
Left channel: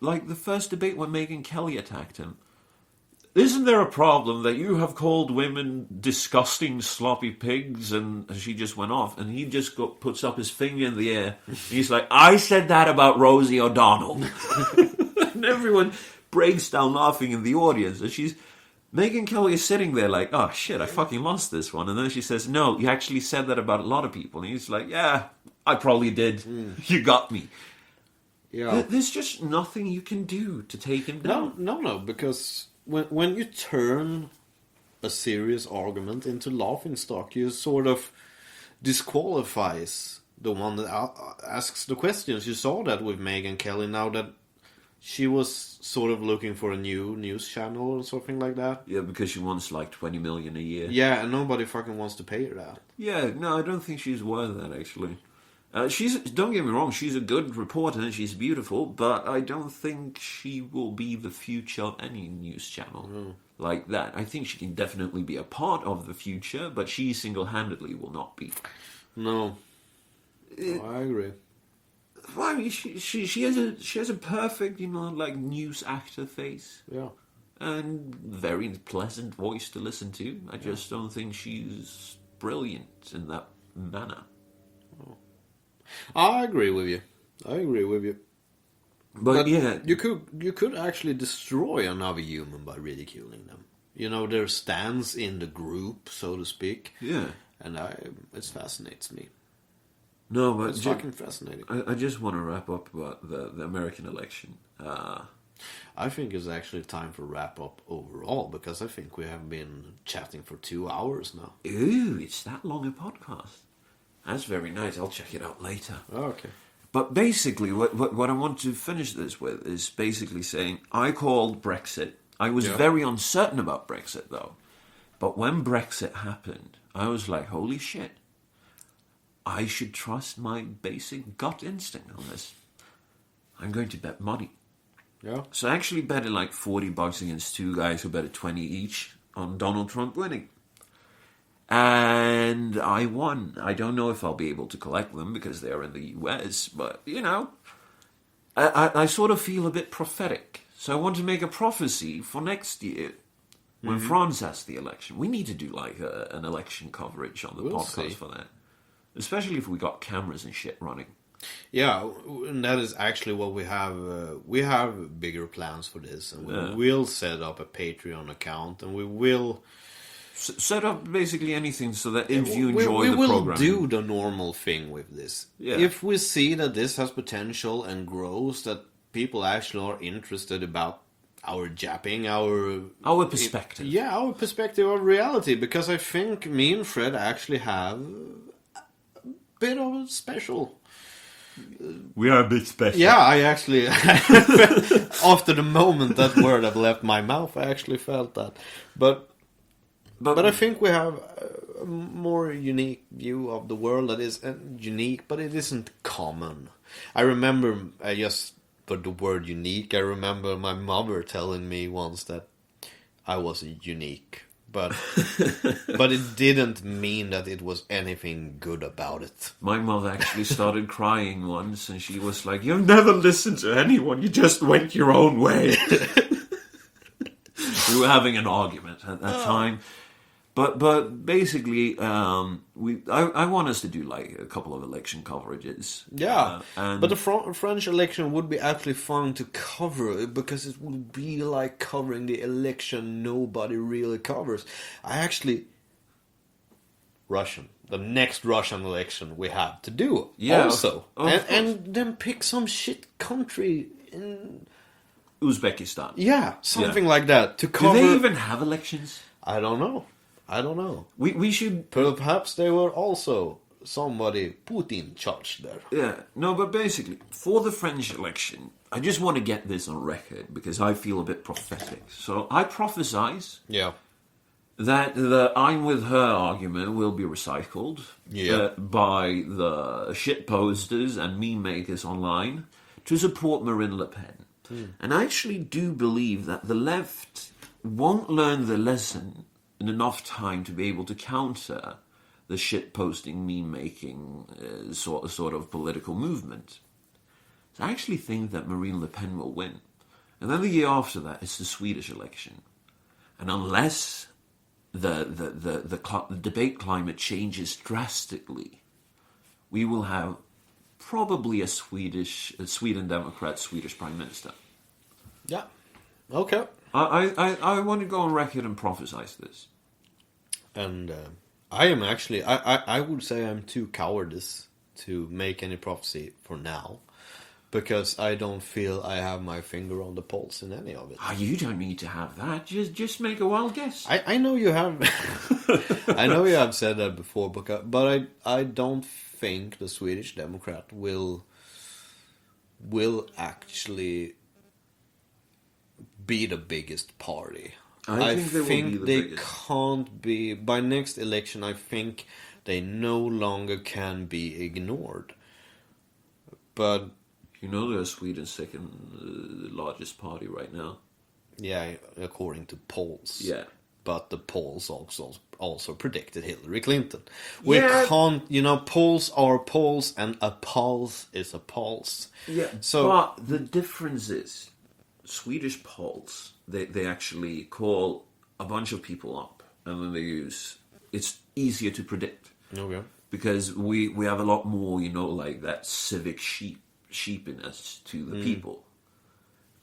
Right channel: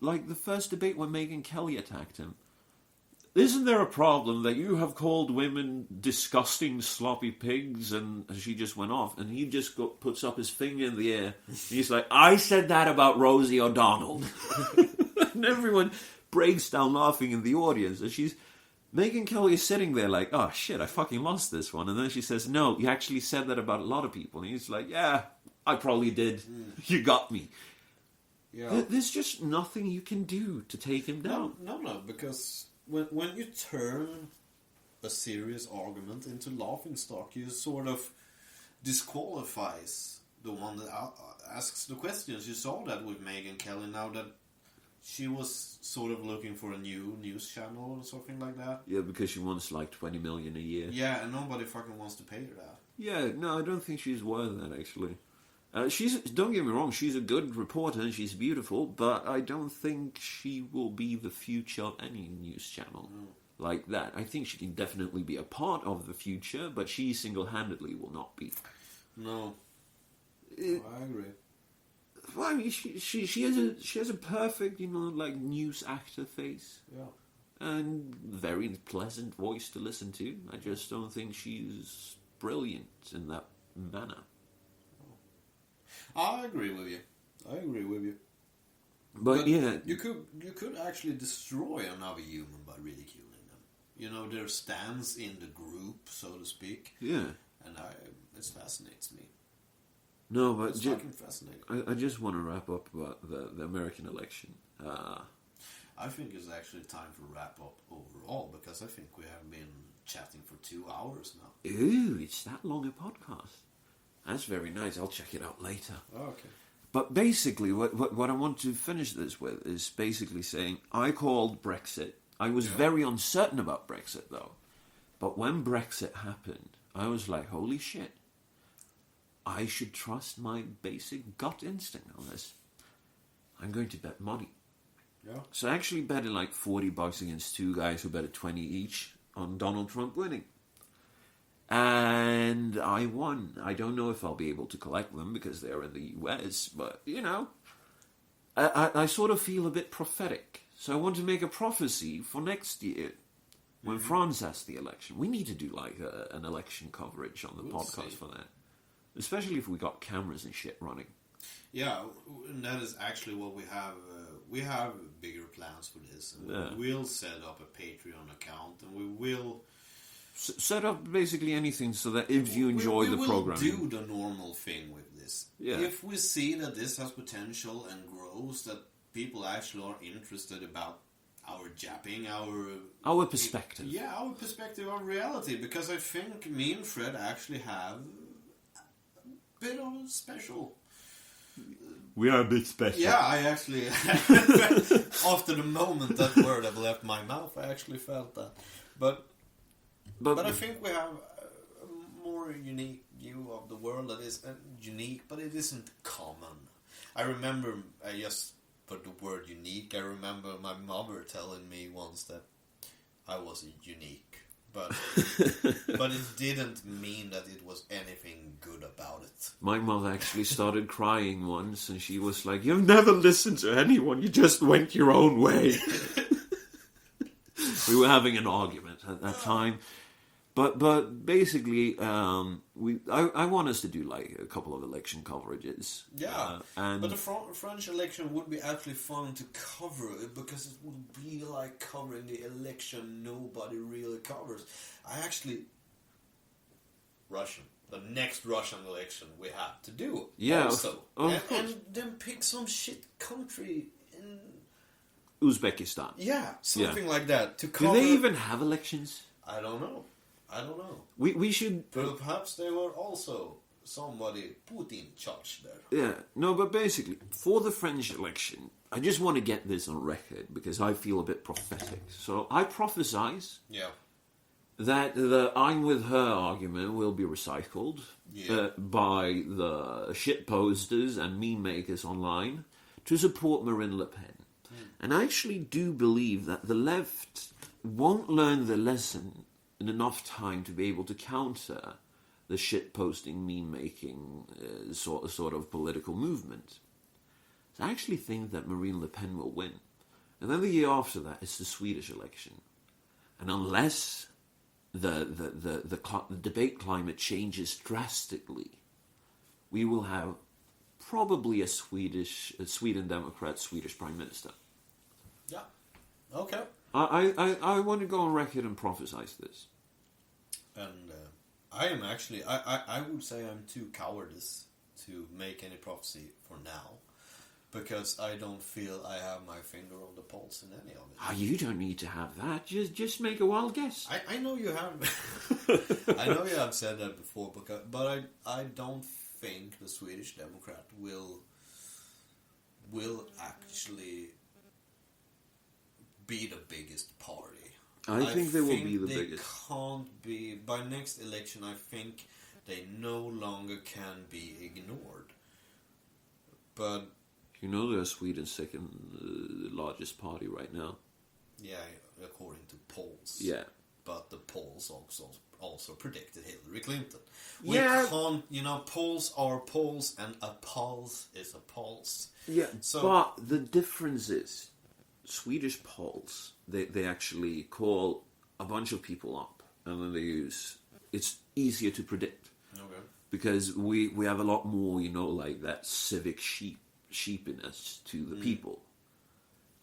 like the first debate when Megyn Kelly attacked him, isn't there a problem that you have called women disgusting, sloppy pigs? And she just went off, and he just puts up his finger in the air. And he's like, I said that about Rosie O'Donnell. And everyone breaks down laughing in the audience. And Megyn Kelly is sitting there like, oh shit, I fucking lost this one. And then she says, no, you actually said that about a lot of people. And he's like, yeah, I probably did. You got me. Yeah. There's just nothing you can do to take him down. No, because when you turn a serious argument into laughing stock, you sort of disqualifies the one that asks the questions. You saw that with Megyn Kelly now that she was sort of looking for a new news channel or something like that. Yeah, because she wants like 20 million a year. Yeah, and nobody fucking wants to pay her that. Yeah, no, I don't think she's worth that, actually. Don't get me wrong, she's a good reporter and she's beautiful, but I don't think she will be the future of any news channel like that. I think she can definitely be a part of the future, but she single-handedly will not be. No. I agree. Well, I mean, she has a perfect, like news actor face. Yeah. And very pleasant voice to listen to. I just don't think she's brilliant in that manner. I agree with you. But yeah, you could actually destroy another human by ridiculing them. Their stance in the group, so to speak. Yeah. And it fascinates me. No, but It's fucking fascinating. I just want to wrap up about the American election. I think it's actually time for wrap up overall, because I think we have been chatting for 2 hours now. Ooh, it's that long a podcast. That's very nice. I'll check it out later. Oh, okay. But basically, what I want to finish this with is basically saying I called Brexit. I was very uncertain about Brexit, though. But when Brexit happened, I was like, holy shit. I should trust my basic gut instinct on this. I'm going to bet money. Yeah. So I actually betted like $40 against two guys who betted 20 each on Donald Trump winning. And I won. I don't know if I'll be able to collect them because they're in the US, but, I sort of feel a bit prophetic. So I want to make a prophecy for next year when France has the election. We need to do like an election coverage on the podcast for that. Especially if we got cameras and shit running. Yeah, and that is actually what we have. We have bigger plans for this. And we will set up a Patreon account, and we will... set up basically anything so that if you enjoy the program, we will do the normal thing with this. Yeah. If we see that this has potential and grows, that people actually are interested about our japping, our perspective. Our perspective of reality. Because I think me and Fred actually have a bit of a special... We are a bit special. Yeah, I actually... after the moment that word had left my mouth, I actually felt that. But I think we have a more unique view of the world that is unique, but it isn't common. I remember, I just put the word unique, I remember my mother telling me once that I was unique. But it didn't mean that it was anything good about it. My mother actually started crying once, and she was like, "You've never listened to anyone, you just went your own way." We were having an argument at that time. But basically, I want us to do like a couple of election coverages. Yeah, but the French election would be actually fun to cover, because it would be like covering the election nobody really covers. The next Russian election we have to do. Yeah, also. And then pick some shit country in Uzbekistan. Yeah, something like that to cover. Do they even have elections? I don't know. We should... Perhaps they were also somebody Putin charged there. Yeah, no, but basically, for the French election, I just want to get this on record because I feel a bit prophetic. So I prophesize that the I'm with her argument will be recycled by the shit posters and meme makers online to support Marine Le Pen. And I actually do believe that the left won't learn the lesson in enough time to be able to counter the shit-posting, meme-making sort of political movement. So I actually think that Marine Le Pen will win. And then the year after that, it's the Swedish election. And unless the debate climate changes drastically, we will have probably a Sweden Democrat, Swedish Prime Minister. Yeah. Okay. I want to go on record and prophesize this. And I am actually, I would say I'm too cowardice to make any prophecy for now. Because I don't feel I have my finger on the pulse in any of it. Oh, you don't need to have that. Just make a wild guess. I know you have. I know you have said that before, but I don't think the Swedish Democrat will actually be the biggest party. I think they will be the they biggest. Can't be by next election. I think they no longer can be ignored. But you know they're Sweden's second largest party right now. yeah, according to polls. Yeah. But the polls also predicted Hillary Clinton. Yeah. We can't, polls are polls, and a pulse is a pulse. Yeah. So, but the difference is, Swedish polls, they actually call a bunch of people up, and then it's easier to predict. okay. Because we have a lot more, like that civic sheepiness to the people.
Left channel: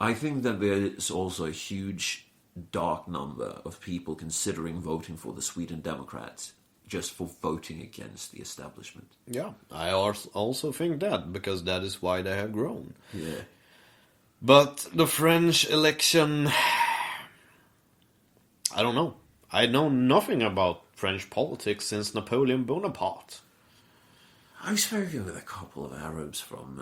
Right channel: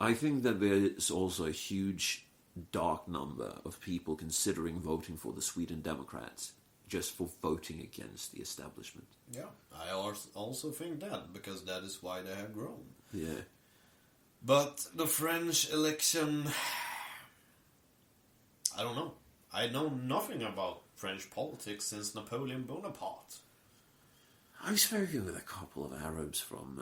I think that there is also a huge dark number of people considering voting for the Sweden Democrats just for voting against the establishment. Yeah, I also think that, because that is why they have grown. Yeah. But the French election, I don't know. I know nothing about French politics since Napoleon Bonaparte. I've spoken with a couple of Arabs from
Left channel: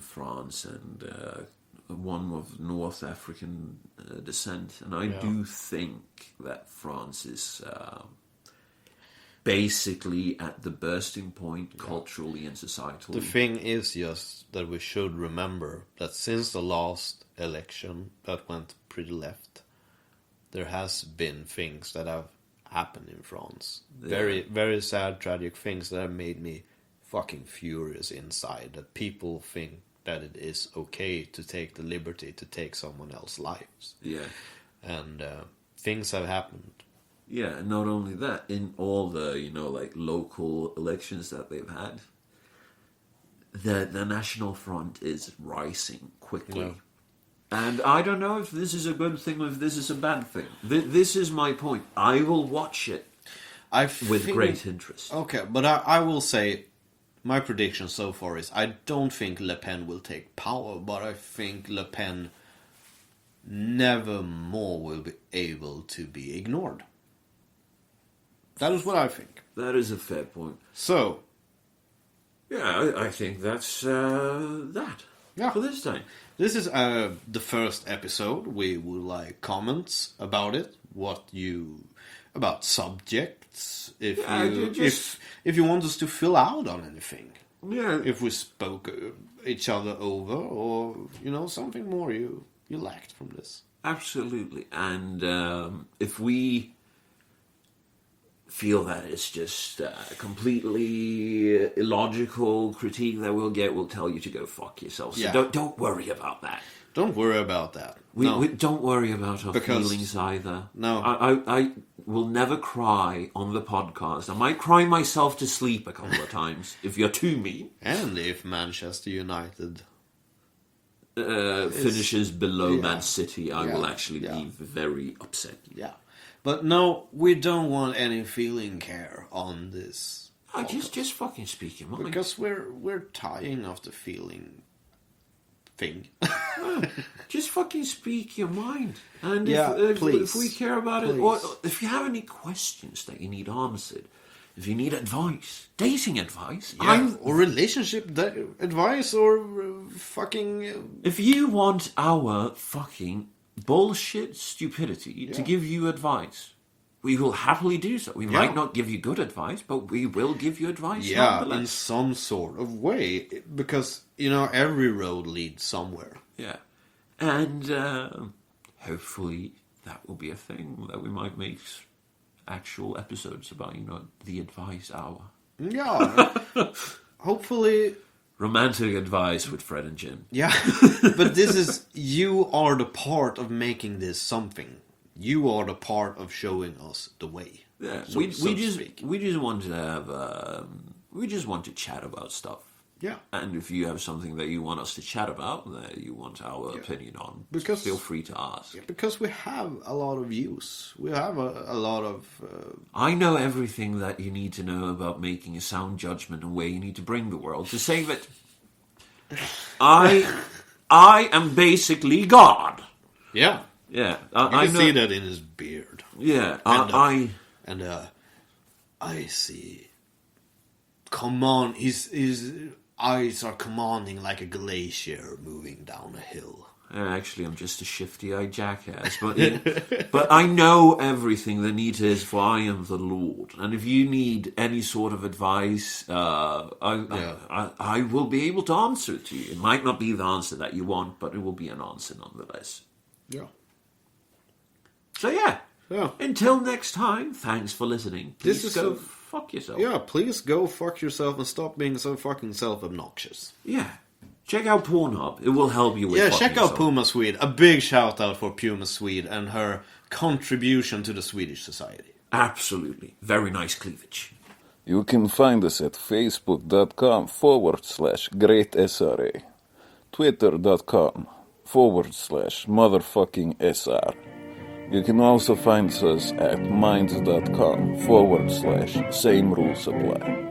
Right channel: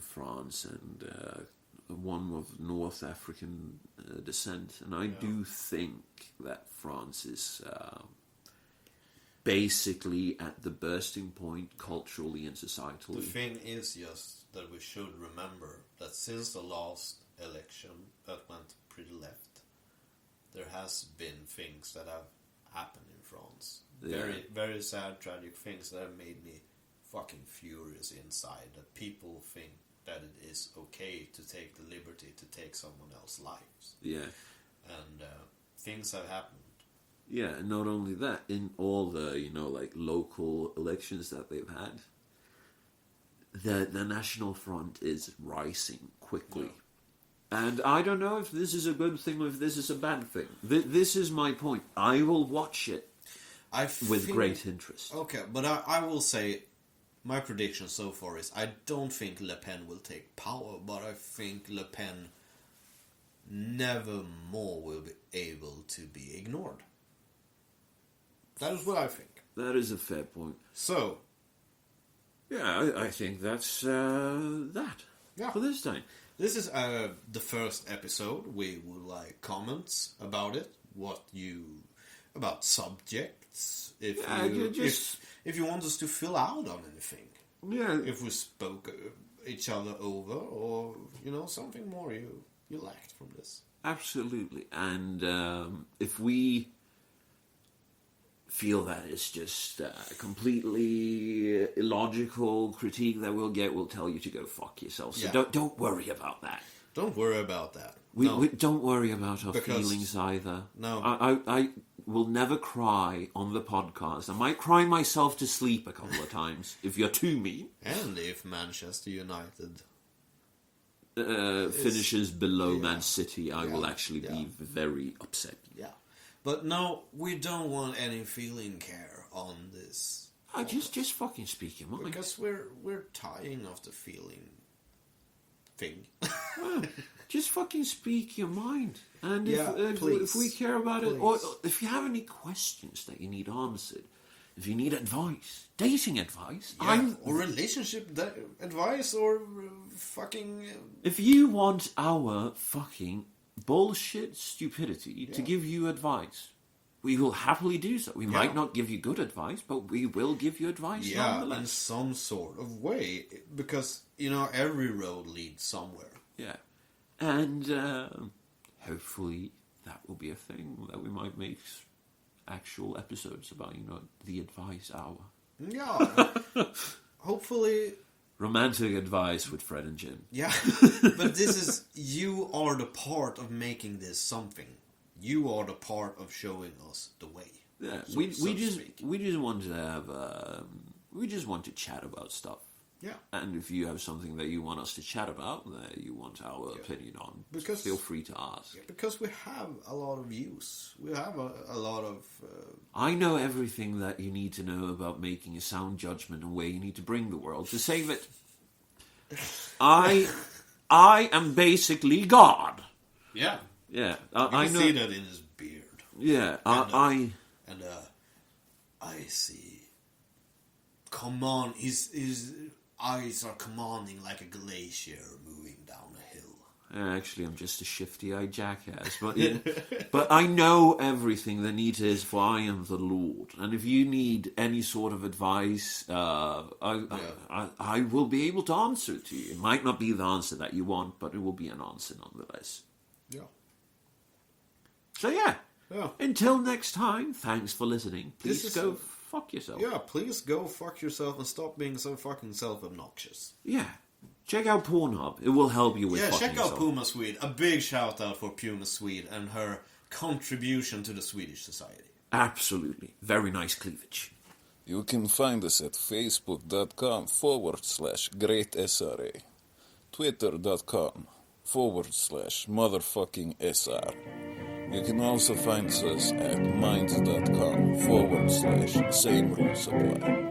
France and one of North African descent, and I do think that France is basically at the bursting point culturally and societally. The thing is just that we should remember that since the last election that went pretty left, there has been things that have happened in France. Yeah. Very, very sad, tragic things that have made me fucking furious inside. That people think that it is okay to take the liberty to take someone else's lives. Yeah. And things have happened. Yeah, and not only that, in all the, like local elections that they've had, the National Front is rising quickly. Yeah. And I don't know if this is a good thing or if this is a bad thing. This is my point. I will watch it with great interest. Okay, but I will say, my prediction so far is I don't think Le Pen will take power, but I think Le Pen never more will be able to be ignored. That is what I think. That is a fair point. So, yeah, I think that's that for this time. This is the first episode. We would like comments about it. About subjects. If you want us to fill out on anything. Yeah. If we spoke each other over, or something more you lacked from this. Absolutely. And if we feel that it's just a completely illogical critique that we'll tell you to go fuck yourself. So don't worry about that. Don't worry about that. We don't worry about our feelings either. No. I will never cry on the podcast. I might cry myself to sleep a couple of times if you're too mean. And if Manchester United finishes below Man City, I will actually be very upset. Yeah. But no, we don't want any feeling care on this. Just fucking speak your mind. Because we're tiring of the feeling thing. Just fucking speak your mind. And if we care about it, or if you have any questions that you need answered, if you need advice, dating advice, or relationship advice, or fucking... If you want our fucking bullshit stupidity to give you advice, we will happily do so. We might not give you good advice, but we will give you advice nonetheless. In some sort of way, because every road leads somewhere. Yeah, and hopefully that will be a thing that we might make actual episodes about. The advice hour. Yeah, hopefully. Romantic advice with Fred and Jim. Yeah, but you are the part of making this something. You are the part of showing us the way. Yeah, So we to just speak. we just want to have we just want to chat about stuff. Yeah. And if you have something that you want us to chat about, that you want our opinion on, Because- feel free to ask. Because we have a lot of views. We have a lot of... I know everything that you need to know about making a sound judgment and where you need to bring the world to save it. I am basically God. yeah. Yeah, You I can know. see that in his beard. Yeah, And I see... Command... His eyes are commanding like a glacier moving down a hill. Actually, I'm just a shifty-eyed jackass, but but I know everything that needs is, for I am the Lord. And if you need any sort of advice, I will be able to answer it to you. It might not be the answer that you want, but it will be an answer nonetheless. Yeah. So yeah. Yeah. Until next time, thanks for listening. Please is go a- fuck yourself. Yeah, please go fuck yourself and stop being so fucking self-obnoxious. Yeah. Check out Pornhub. It will help you with Yeah, fucking check out yourself. Puma Swede. A big shout out for Puma Swede and her contribution to the Swedish society. Absolutely. Very nice cleavage. You can find us at facebook.com/greatsra, twitter.com/motherfucking-SR. You can also find us at minds.com/same rules apply.